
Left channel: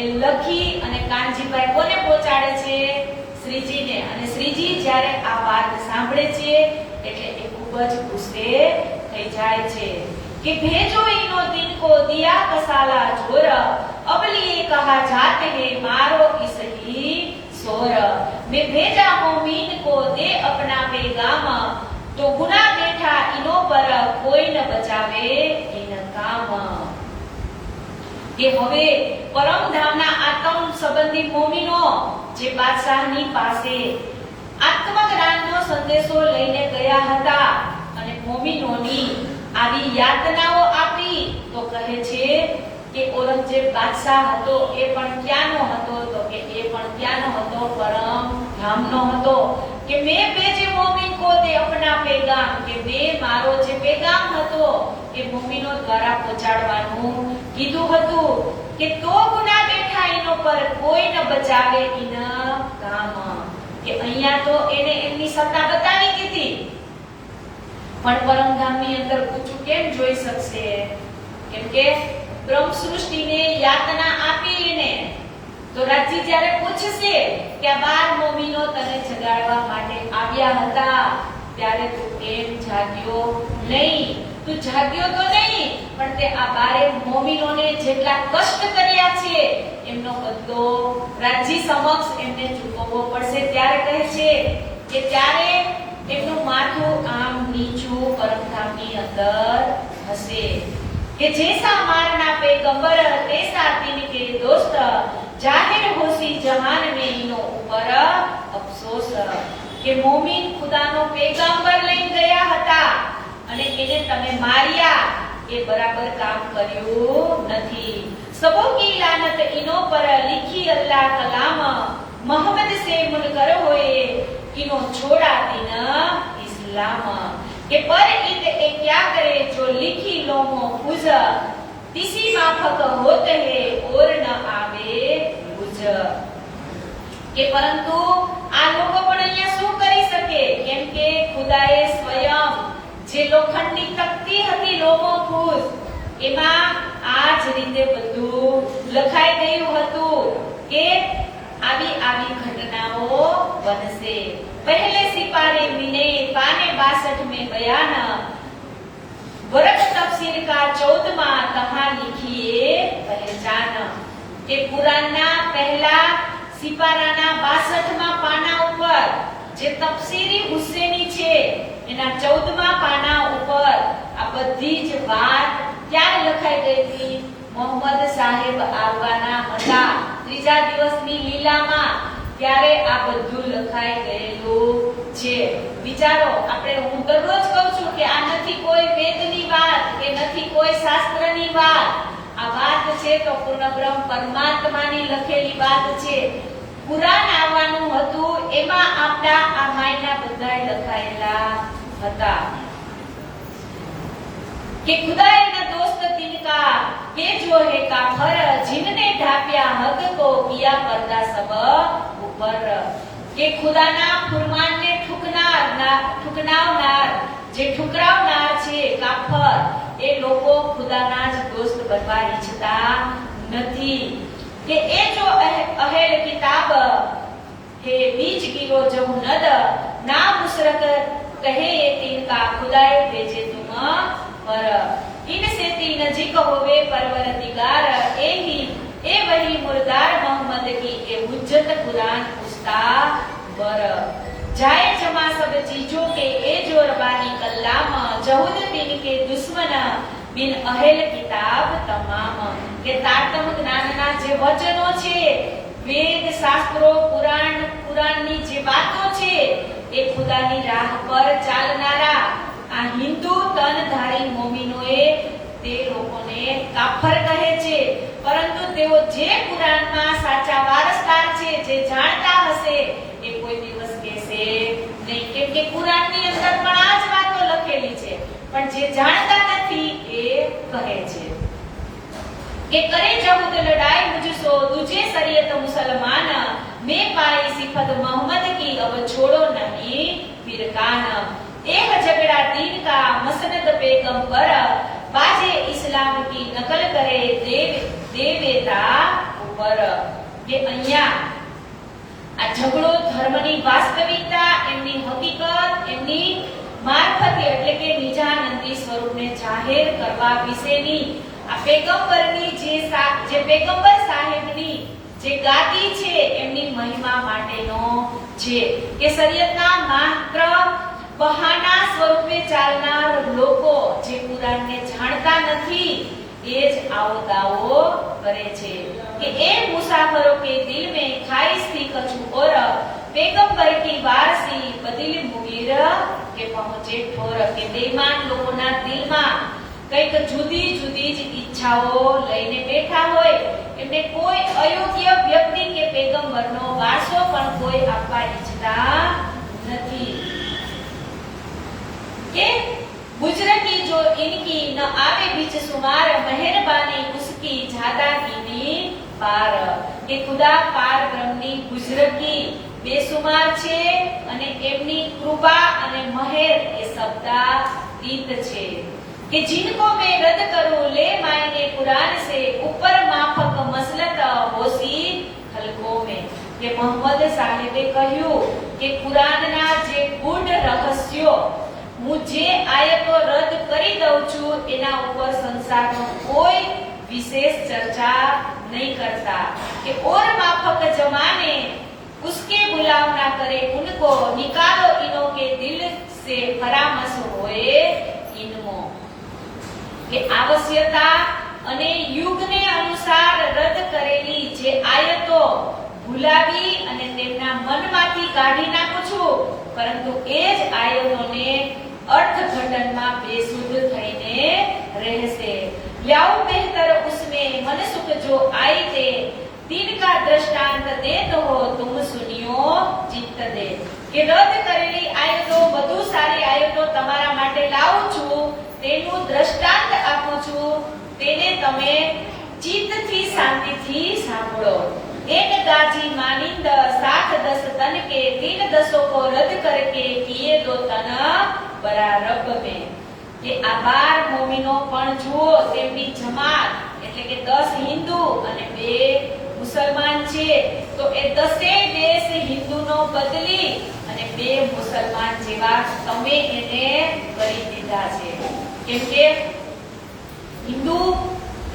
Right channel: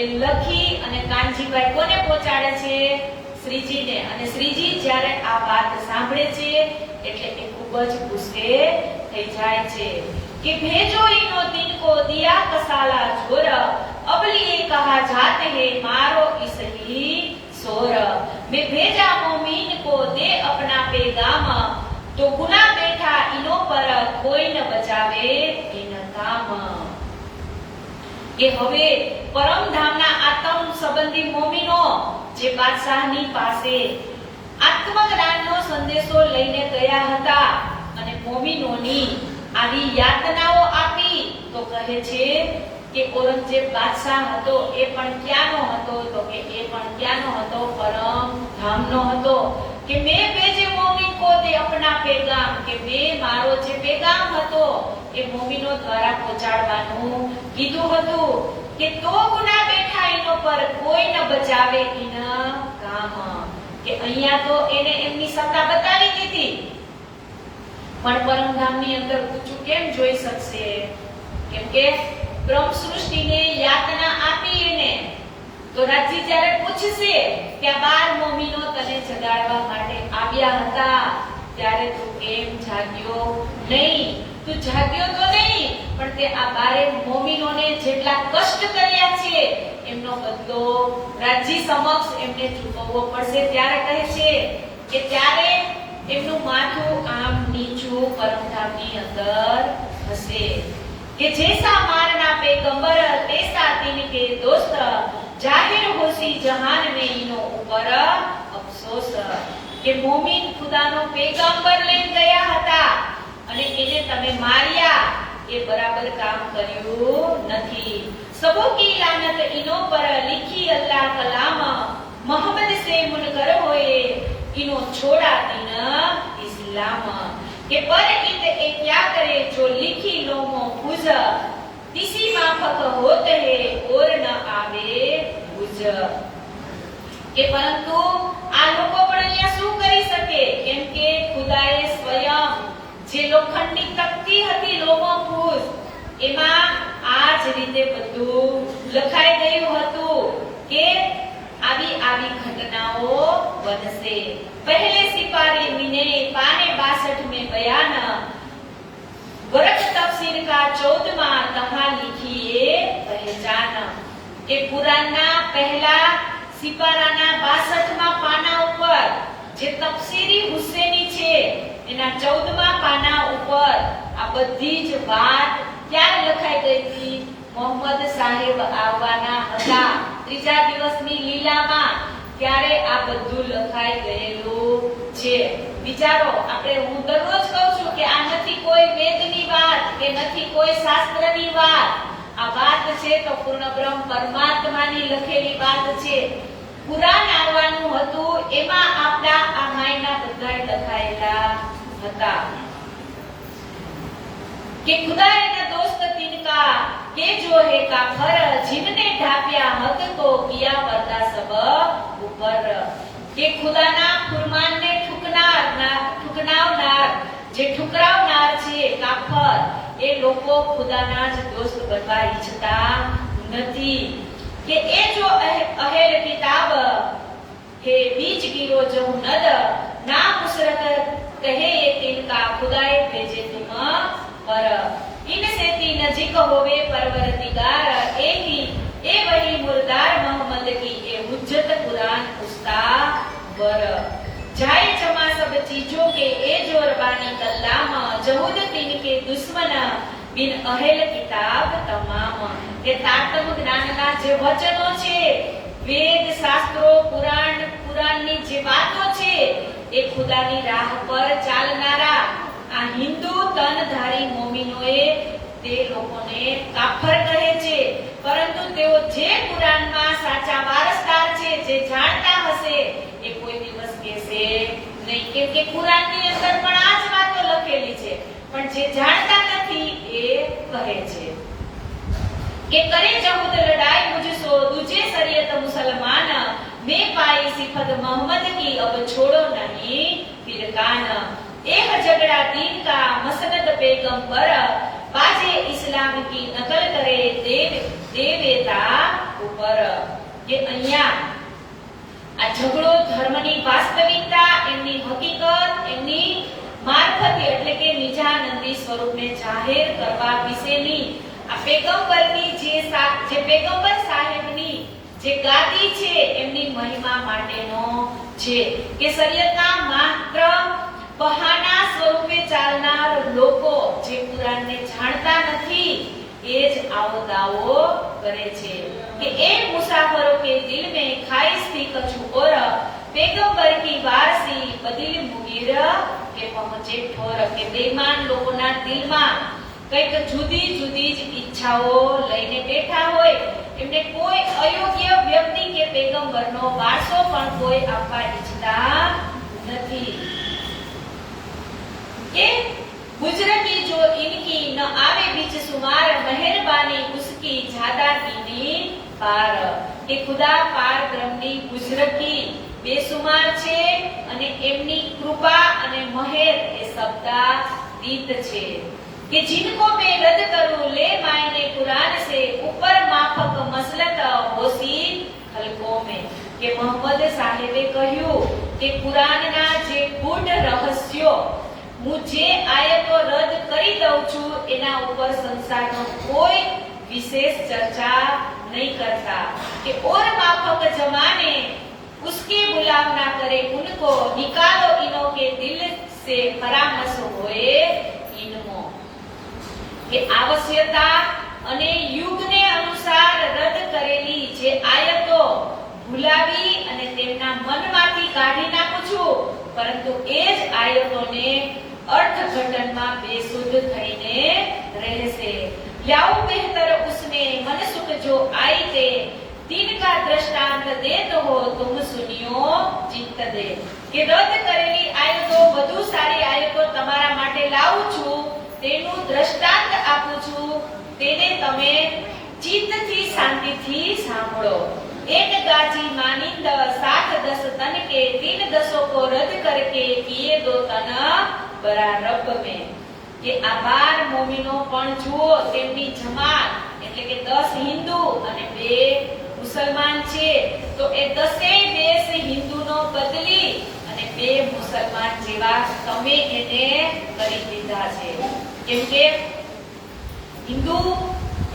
એ લખી અને કાનજીભાઈ કોને પહોંચાડે છે? શ્રીજીને. અને શ્રીજી જ્યારે આ વાત સાંભળે છે એટલે એ ખૂબ જ ગુસ્સે થઈ જાય છે. कि भेजो इनो दिन को दिया कसाला जोर, अब लिए कहा जाते हैं मारो इसही सोर. मैं भेजा मोमीन को दे अपना पैगाम, तो गुना बैठा इनो पर कोई न बचावे इन काम. કે હવે પરમધામના આત્મ સંબંધી મોમીનો જે બાદશાહની પાસે આત્મજ્ઞાનનો સંદેશો લઈને ગયા હતા અને મોમીનોની આવી યાતનાઓ આપી તો કહે છે કે ઔરંગઝેબ બાદશાહ હતો એ પણ ક્યાંનો હતો? તો કે એ પણ ક્યાંનો હતો? પરમ ધામનો હતો. કે મેં ભેજે મોમીન કો દે અપના પેગામ, કે મેં મારો જે પેગામ હતો એ મોમીનો દ્વારા પહોંચાડવાનું કીધું હતું કે તો ગુના બેઠા એનો પર કોઈ ન બચાવે ઇના કામ. કે અહીંયા તો એને એમની સત્તા બતાવી દીધી પણ પરમધામની અંદર ઊંચું કેમ જોઈ શકશે? કેમ કે બ્રહ્મ સૃષ્ટિને યાતના આપીને તો રાજ્ય જ્યારે પૂછશે કે આ 12 મોમીનો તને જગાડવા માટે આવ્યા હતા ત્યારે તું કેમ જાગ્યો નહીં? તું જાગ્યો તો નહીં પણ તે આ 12 મોમીનોને જેટલા કષ્ટ કર્યા છે એમનો બદલો રાજ્ય સમક્ષ એમને ચૂકવવો પડશે. ત્યારે કહે છે કે ત્યારે એમનું માથું આમ નીચું પરમધામની અંદર હશે. કે જૈસા મારના પેગંબર તૈસા તિન કે દોસ્ત, જાહિર હોસી જહાન में इनो ઉપર અફસોસ. કે મોમીન ખુદાનો પેગંબર લઈ ગયા હતા અને એને તમે માર્યા એ બરાબર કામ કર્યું નથી. સબો કી લાનત ઇનો પર લિખી અલ્લાહ કલામ, મોહમ્મદ से मुनकर होए इनो छोड़ा दिन इस्लाम. કે પર ઈદ એ ક્યા કરે જો લિખી લોમો ખુજ, કિસી માફક હોત હે ઓર ન આવે બુજ. કે પરંતુ આ લોકો પણ અહીંયા શું કરી શકે? કેમ કે ખુદાએ સ્વયં જે લોખંડની તકતી હતી લોમો ખુજ એમાં આ જ રીતે બધું લખાઈ ગયું હતું કે આવી ઘટનાઓ બનશે. पहले सिपाही मिने पाने 62 में बयान, का 14वां तहा लिखी ये पहचान के कुरानना पहला सिपाराना 62 पाना ઉપર જે તફસીરી હુસેની છે એના 14મા પાના ઉપર આ બધી જ વાત ક્યારે લખાઈ ગઈ હતી? મોહમ્મદ સાહેબ આવવાના હતા ત્રીજા દિવસની લીલામાં, ત્યારે આ બધું લખાઈ ગયેલું છે. વિચારો, આપણે હું દરરોજ કહું છું કે આ નથી કોઈ વેદની વાત કે નથી કોઈ શાસ્ત્રની વાત, આ વાત છે તો પૂર્ણ બ્રહ્મ પરમાત્માની લખેલી વાત છે. કુરાન આવવાનું હતું એમાં આપણા આ માયના બધા લખાયેલા હતા કે ખુદાએ ના દોસ્ત तिनका के जो है काफर जिनने ढापिया हक को किया पर्दा सब ऊपर કે ખુદાના ફરમાનને ઠુકરાવનાર જે ઠુકરાવનાર છે કાફર, એ લોકો ખુદાના જ દોસ્ત બનવા ઈચ્છતા નથી. કે એ જો અહેલ કિતાબ કે બીજ ગીરો જો નદ ના મુશરક કહે तिनका खुदाए भेजे तुम पर इनसे तीन नजीक होवे परवरदिगार ए वही मुर्दार मोहम्मद की ए हुज्जत कुरान उस्ता बर जाए जमा सब चीजों के ए जो रबानी कल्लाम जहूद तीन के दुश्मन बिन अहेल किताब तमाम के तारतम ज्ञानना जे वचनो છે, વેદ શાસ્ત્રો પુરાણની જે વાતો છે, એ ખુદાની રાહ પર ચાલનારા આ હિન્દુ તનધારી મોમીનોએ તે લોકોને કાફર કહે છે. પરંતુ તેઓ જે કુરાનમાં સાચા વારસદાર છે, જે જાણતા હશે, એ કોઈ દિવસ કહેશે નહીં, કેમ કે કુરાનની અંદર પણ આ જ વાતો લખેલી છે. પણ જે જાણતા નથી એ કહે છે કે કરે જહુદ લડાઈ મુझसो तुझे शरीयत मुसलमान मैं पाई सिफत मोहम्मद की अब छोड़ो नहीं फिर कान एक झगड़ा दीन का मसनद पैगंबर बाजे इस्लाम की नकल करे देवेता ઉપર. કે અહીંયા આ ઝઘડો ધર્મની વાસ્તવિકતા, એમની હકીકત, એમની મારફતે એટલે કે નિજાનંદી સ્વરૂપને જાહેર કરવા વિશેની આ પેગંબરની જે પેગંબર સાહેબની જે ગાદી છે, એમની મહિમા માટેનો છે. કે શરીયતના માત્ર બહાના સ્વરૂપે ચાલનાર લોકો જે કુરાનને જાણતા નથી, એ જ આવો દાવો કરે છે કે એ મુસાફરો કે દિલ में खाइश थी कछु और पैगंबर की वारसी बदिल मुगीर के पहुंचे ठोर. કે બેઈમાન લોકોના દિલમાં કઈક જુદી જુદી જ ઈચ્છાઓ લઈને બેઠા હોય, એમને કોઈ અયોગ્ય વ્યક્તિ કે પેગંબરનો વારસો પણ કોઈ આપવા ઈચ્છતા નથી. કે गुजरती जो इनकी न आवे बीच सुमार मेहरबानी उसकी ज्यादातीनी पार. કે ખુદા પાર બ્રહ્મની ગુજરતી બેસુમાર છે અને એમની કૃપા અને મહેર એ શબ્દાતીત છે. કે जिनको मैं रद्द करूं ले मायने कुरान से ऊपर माफक मसलत होसी खलकों में. કે મોહમ્મદ સાહેબે કહ્યું કે કુરાનના જે ગૂઢ રહસ્યો હું જે આયતો રદ કરી દઉં છું, એના ઉપર સંસારનો કોઈ વિશેષ ચર્ચા नहीं करता. कि और माफक जमाने उसके बुलावना करे उनको निकालो इनो के दिल से परामर्श होए इनमो. કે આવશ્યકતા અને યુગને અનુસાર રદ કરેલી જે આયતો ભૂલાવી અને તેમના મનમાંથી કાઢી નાખું છું, પરંતુ એ જ આયતોને અર્થઘટનમાં બેસુધ થઈને રહેશે. याओ बेहतर उसमें मनसुख जो आई थे दिन का दृष्टांत दे तो हो तुम सुनियो चित्त दे. કે રદ કરેલી આયતો વધુ સારી આયતો તમારા માટે લાવું છું, તેનું દ્રષ્ટાંત આપું છું, તેને તમે ચિત્તથી શાંતિથી સાંભળો. एक गाजी मानिंद 7-10 तन के 3 दसों को रद्द करके किए 2 तन बरारब में. કે આ 12 મોમિનો પણ જુઓ, તેમની જમાત એટલે કે 10 હિન્દુ અને 2 મુસલમાન છે, તો એ 10 હિન્દુનો બદલી અને 2 મુસલમાન જેવા તમે એને કરી દીધા છે. કેમ કે હિન્દુ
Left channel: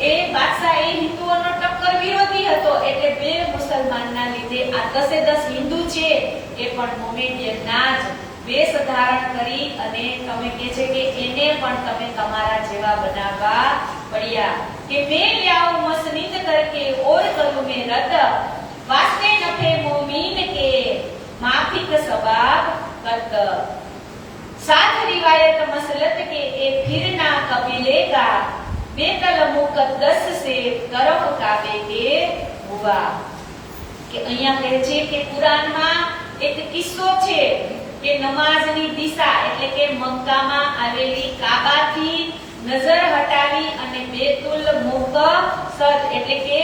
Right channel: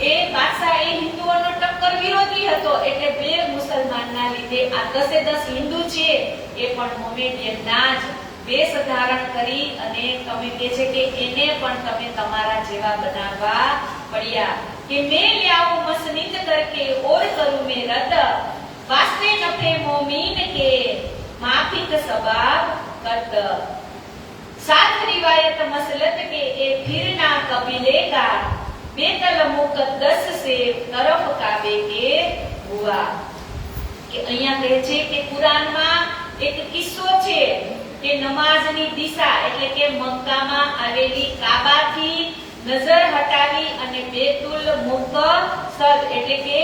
એ બાદશાહ એ હિન્દુઓનો ટક્કર વિરોધી હતો, એટલે બે મુસલમાનના લીધે આ 10 હિન્દુ છે એ પણ મોમેડિયનના જ વેશ ધારણ કરી અને તમે કહે છે કે એને પણ તમે તમારા જેવા બનાવવા પડ્યા કે મેં લ્યાઉ મસનીદ કરકે ઓર કરું મેં રદ વાસ્તે નફે મોમીન કે माफिक सवाब कत साथ रिवायत मसलत के ए फिर ना कबीलेगा बेतल मुकद्दस से तरफ काबे के हुआ કે અહીંયા કહે છે કે કુરાનમાં એક કિસ્સો છે કે નમાઝની દિશા એટલે કે મક્કામાં આવેલી કાબાથી નજર હટાવી અને બેતુલ મુકદ્દસ એટલે કે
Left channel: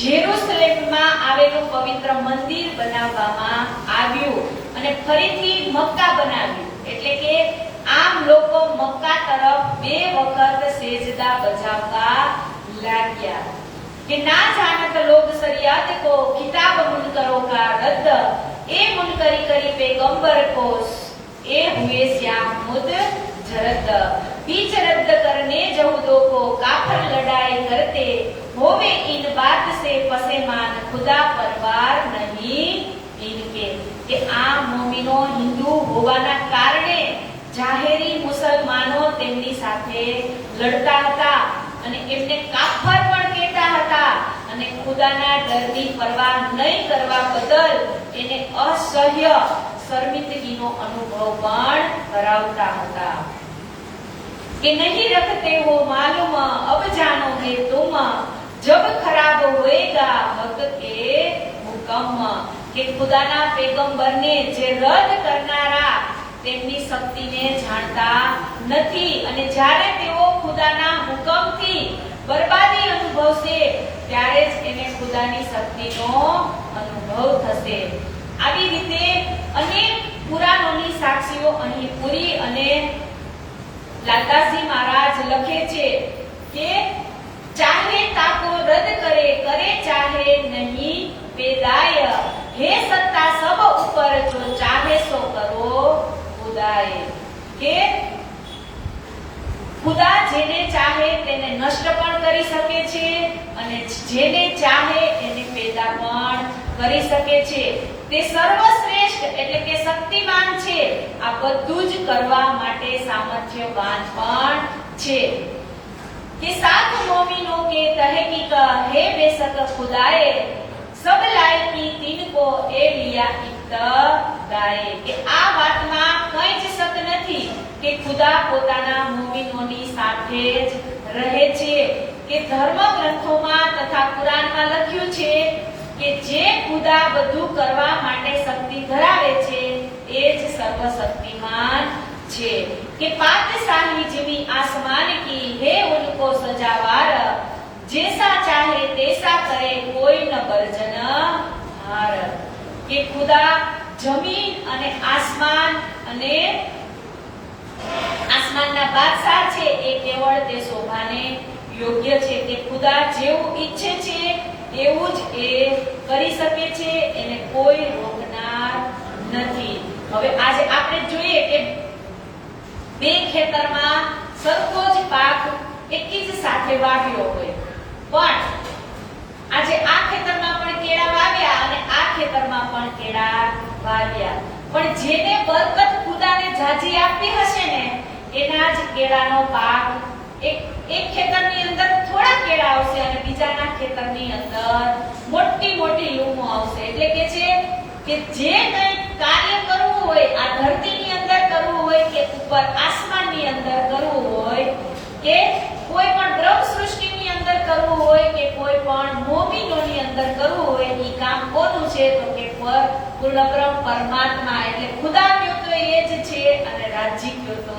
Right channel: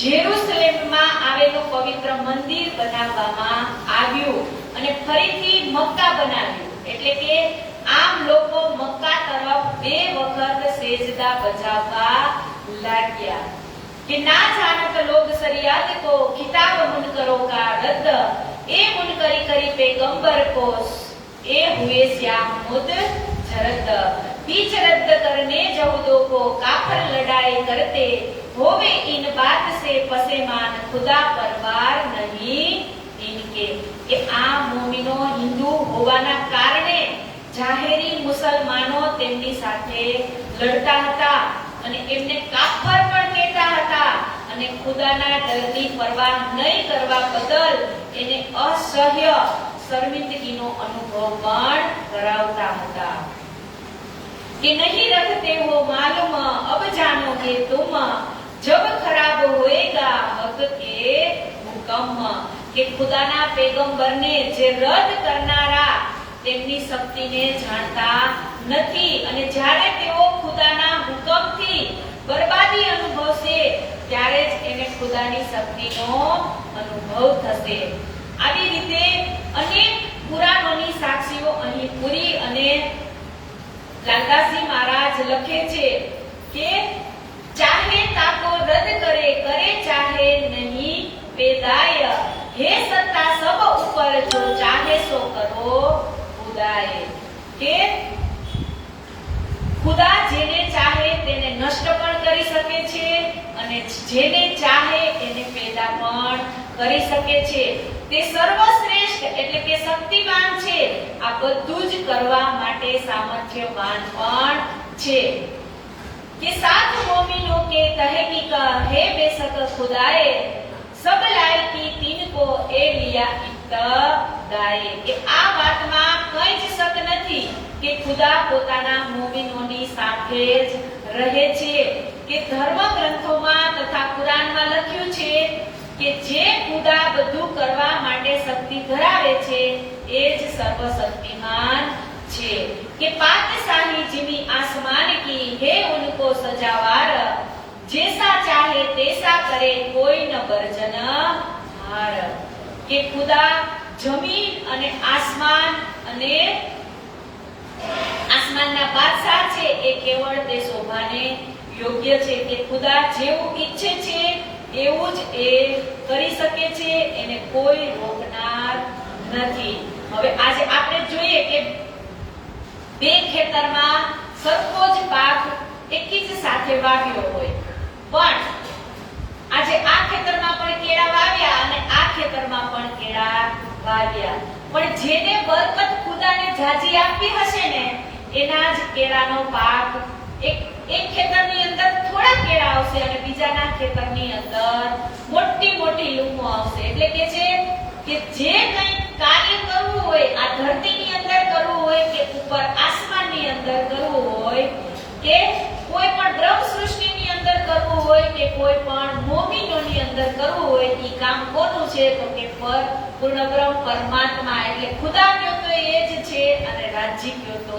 જેરુસલેમમાં આવેલું પવિત્ર મંદિર બનાવવામાં આવ્યું અને ફરીથી મક્કા બનાવ્યું, એટલે કે આમ લોકો મક્કા તરફ 2 વખત સેજદા બજાવવા લાગ્યા कि ना जानत लोग शरियत को किताब मुनकरों का रद्द ए मुनकरी करी पैगंबर को ए हुए श्याम मुद जरद बीच रद्द करने जहूदों को काफर लड़ाई करते होवे इन बात से पसेमान खुदा परवार नहीं इनके કે આ મોમિનો હિન્દુ હોવાના કારણે જાહેરી મુસલમાનો તેમની સાથે લડતા હતા અને એમને કાફર પણ કહેતા હતા અને ખુદાના ડરની પરવા નહીં કરવા બદલ એને અસહ્ય શર્મિંદગીનો અનુભવ પણ કરાવતા હતા कि नहीं रखते हो मालूम अब जानोगे तुम जब खराब होएगा हक के हुक्म કે ખુદાના પેગંબરને જે રદ કરનારા તેમની શક્તિને જાણતા નથી અને જ્યારે તેઓ ખુદાના હુકમથી બરબાદી અનુભવશે ત્યારે જ તેને ખુદાની શક્તિનો અનુભવ થશે. આવી રીતે અનેક પુરાણોની સાક્ષીઓ અહીં પૂરી અને લાલદાસજી મહારાજ લખે છે કે ચાહે તાકો રદ કરે કરે ચાહે નહીં પેદાય હે સત્તા સબ ઉપર જો ચાહે સો કરો ખુદાએ કે ખુદા જેને ચાહે તેને નષ્ટ પણ કરી શકે છે અને જેને ચાહે એને પેદા પણ કરી શકે છે. તે સર્વશ્રેષ્ઠ એટલે કે શક્તિમાન છે, આ બધું જ કરવા માટે સામર્થ્યવાન પણ છે. કે સાથ મોમિનો કે તહકીક હે બેશક ખુદાએ સબ લાયકી તીન કો એ લિયા ઇત્તદાએ કે આ વાતમાં કંઈ જ શક નથી કે ખુદા પોતાના મોમિનોની સાથે જ રહે છે. કે ધર્મ ગ્રંથોમાં તથા કુરાનમાં લખ્યું છે કે જે ખુદા બધું કરવા માટે શક્તિ ધરાવે છે એ જ સર્વશક્તિમાન છે. કે પાકશાહી જીવી આસમાન કી હે ઉनको સજાવાર जैसा चाहे तैसा करे कोई न बर्जन हार કે ખુદા જમીન અને આસમાનના બાદશાહ છે એ કેવળ તે શોભાને યોગ્ય છે કે ખુદા જેવું ઈચ્છે છે એવું જ એ કરી શકે છે, એને કોઈ રોકનાર નથી. હવે આજે આપણે જોઈએ કે બે ખેતરમાં સરખો જ પાક એકી જ સાથે વાવ્યો હોય, પણ આજે આ ખેતરમાં પણ કેળા વાવ્યા અને આ ખેતરમાં પણ કેળા વાવ્યા, પણ જેને બરકત ખુદાને જાજી આપી હશે ને એના જ કેળાનો પાક એક ખેતરની અંદર થોડા કેળા આવશે અને બીજાના ખેતરની અંદર મોટી મોટી લૂમો આવશે. એટલે કે છે કે જે કંઈ કાર્ય કરવું હોય આ ધરતીની અંદર કરવું હોય કે ઉપર આસમાનની અંદર કરવું હોય કે કોઈ પણ દ્રવ સૃષ્ટિની અંદર કરવું હોય કે કોઈ પણ મોમિનોની અંદર કરવું હોય એ કામ કોનું છે તો કે પૂર્ણ બ્રહ્મ પરમાત્મા એટલે ખુદા કયો તો એ જ છે અને રાજ્ય કયો તો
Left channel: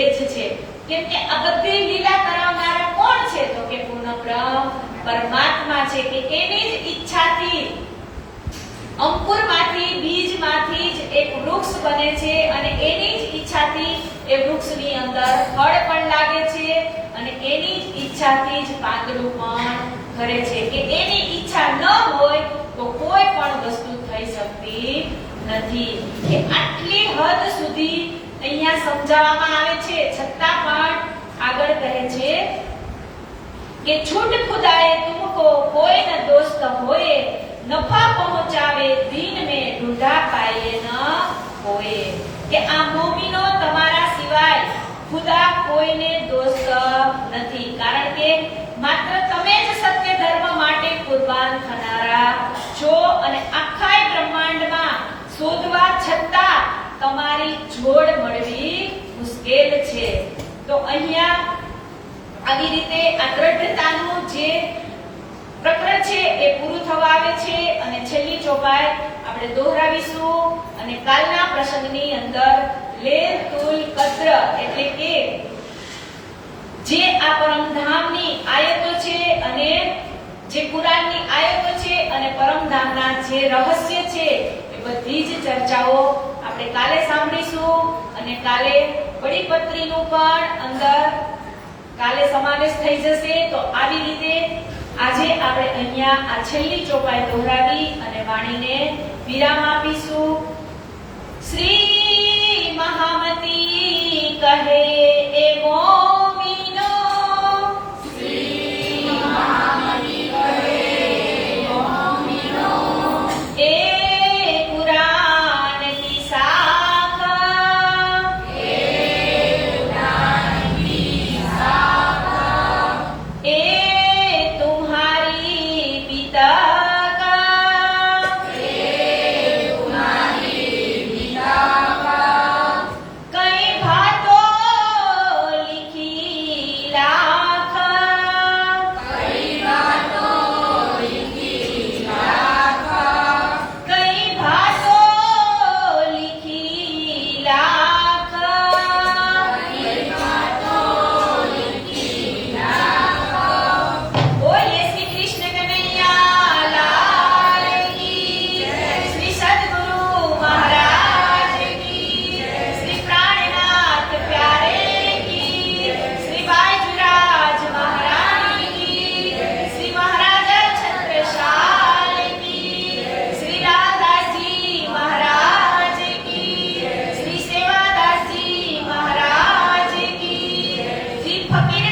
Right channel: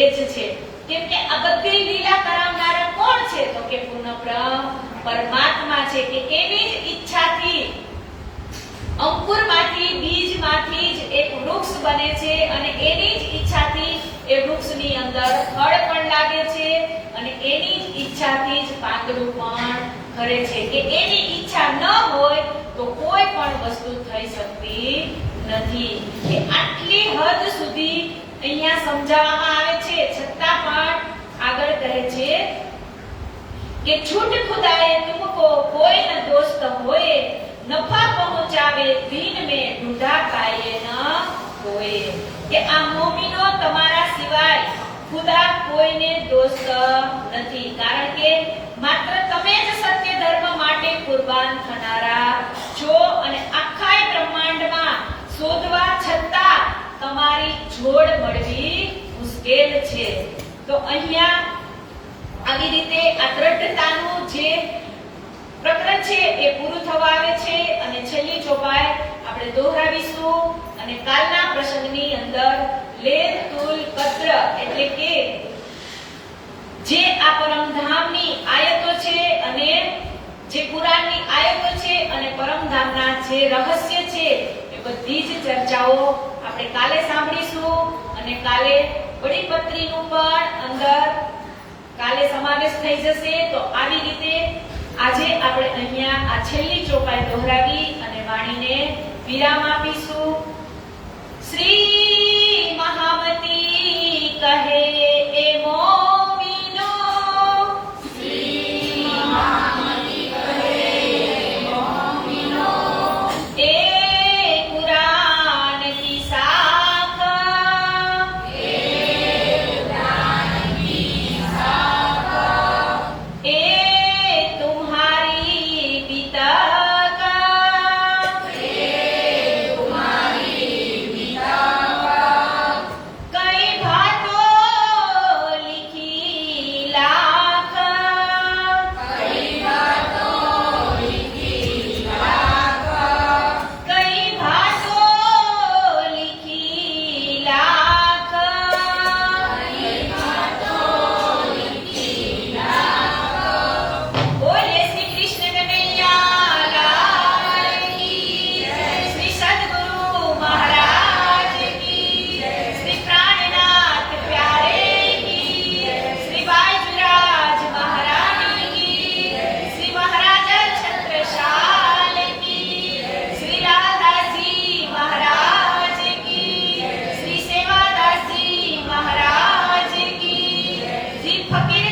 એ જ છે. કેમ કે આ બધી લીલા કરાવનારા કોણ છે તો કે પૂર્ણ બ્રહ્મ પરમાત્મા છે. કે એની જ ઈચ્છાથી અંકુરમાંથી બીજમાંથી જ એક વૃક્ષ બને છે અને એની જ ઈચ્છાથી એ વૃક્ષની અંદર ફળ પણ લાગે છે અને એની જ ઈચ્છાથી જ પાંદડું પણ ખરે છે. કે એની ઈચ્છા ન હોય તો કોઈ પણ વસ્તુ થઈ શકતી નથી. કે આટલી હદ સુધી અહીંયા સમજાવવામાં આવે છે, છતાં પણ આગળ કહે છે कि छूट खुदाए तुमको कोई न दोस्त होए, नफा पहुंचावे दीन में ढूंढा पाए न होए। કે આ મોમીનો તમારા સિવાય ખુદા કોઈને દોસ્ત નથી, કારણ કે માત્ર તમે જ સત્ય ધર્મ માટે કુરબાન થનારા છો અને આખા બ્રહ્માંડમાં શોધવા છતાં તમારી જોડ મળવી મુશ્કેલ છે। તો અહીંયા આવી રીતે આ દ્રઢતાનું જે પ્રકરણ છે એ પૂરું થવા આવે છે અને છેલ્લી ચોપાઈ આપણે દોહરાવીશું અને કાલના પ્રસંગની અંદર લૈલતુલ કદ્ર એટલે કે જે આ પરમધામની આયતો છે અને જે કુરાનની આયતો છે અને પરમધામના જે રહસ્ય છે એ બધી જ ચર્ચાઓ આપણે કાલે સાંભળીશું અને કાલે બડી પત્રીનું પણ અંદર કાલે સમાવેશ થઈ જશે। તો આવી રીતે આજે આપણે અહીંયા આ છેલ્લી ચોપાઈ દોહરાવી અને વાણીને વિરામ આપીશું। શ્રી મહામતી કહે એ મોમીનો, શ્રી મહામતી કહે એ મોમીનો, એ કુરાન કી શાખા, એ કુરાન કી શાખા, એ ફકીર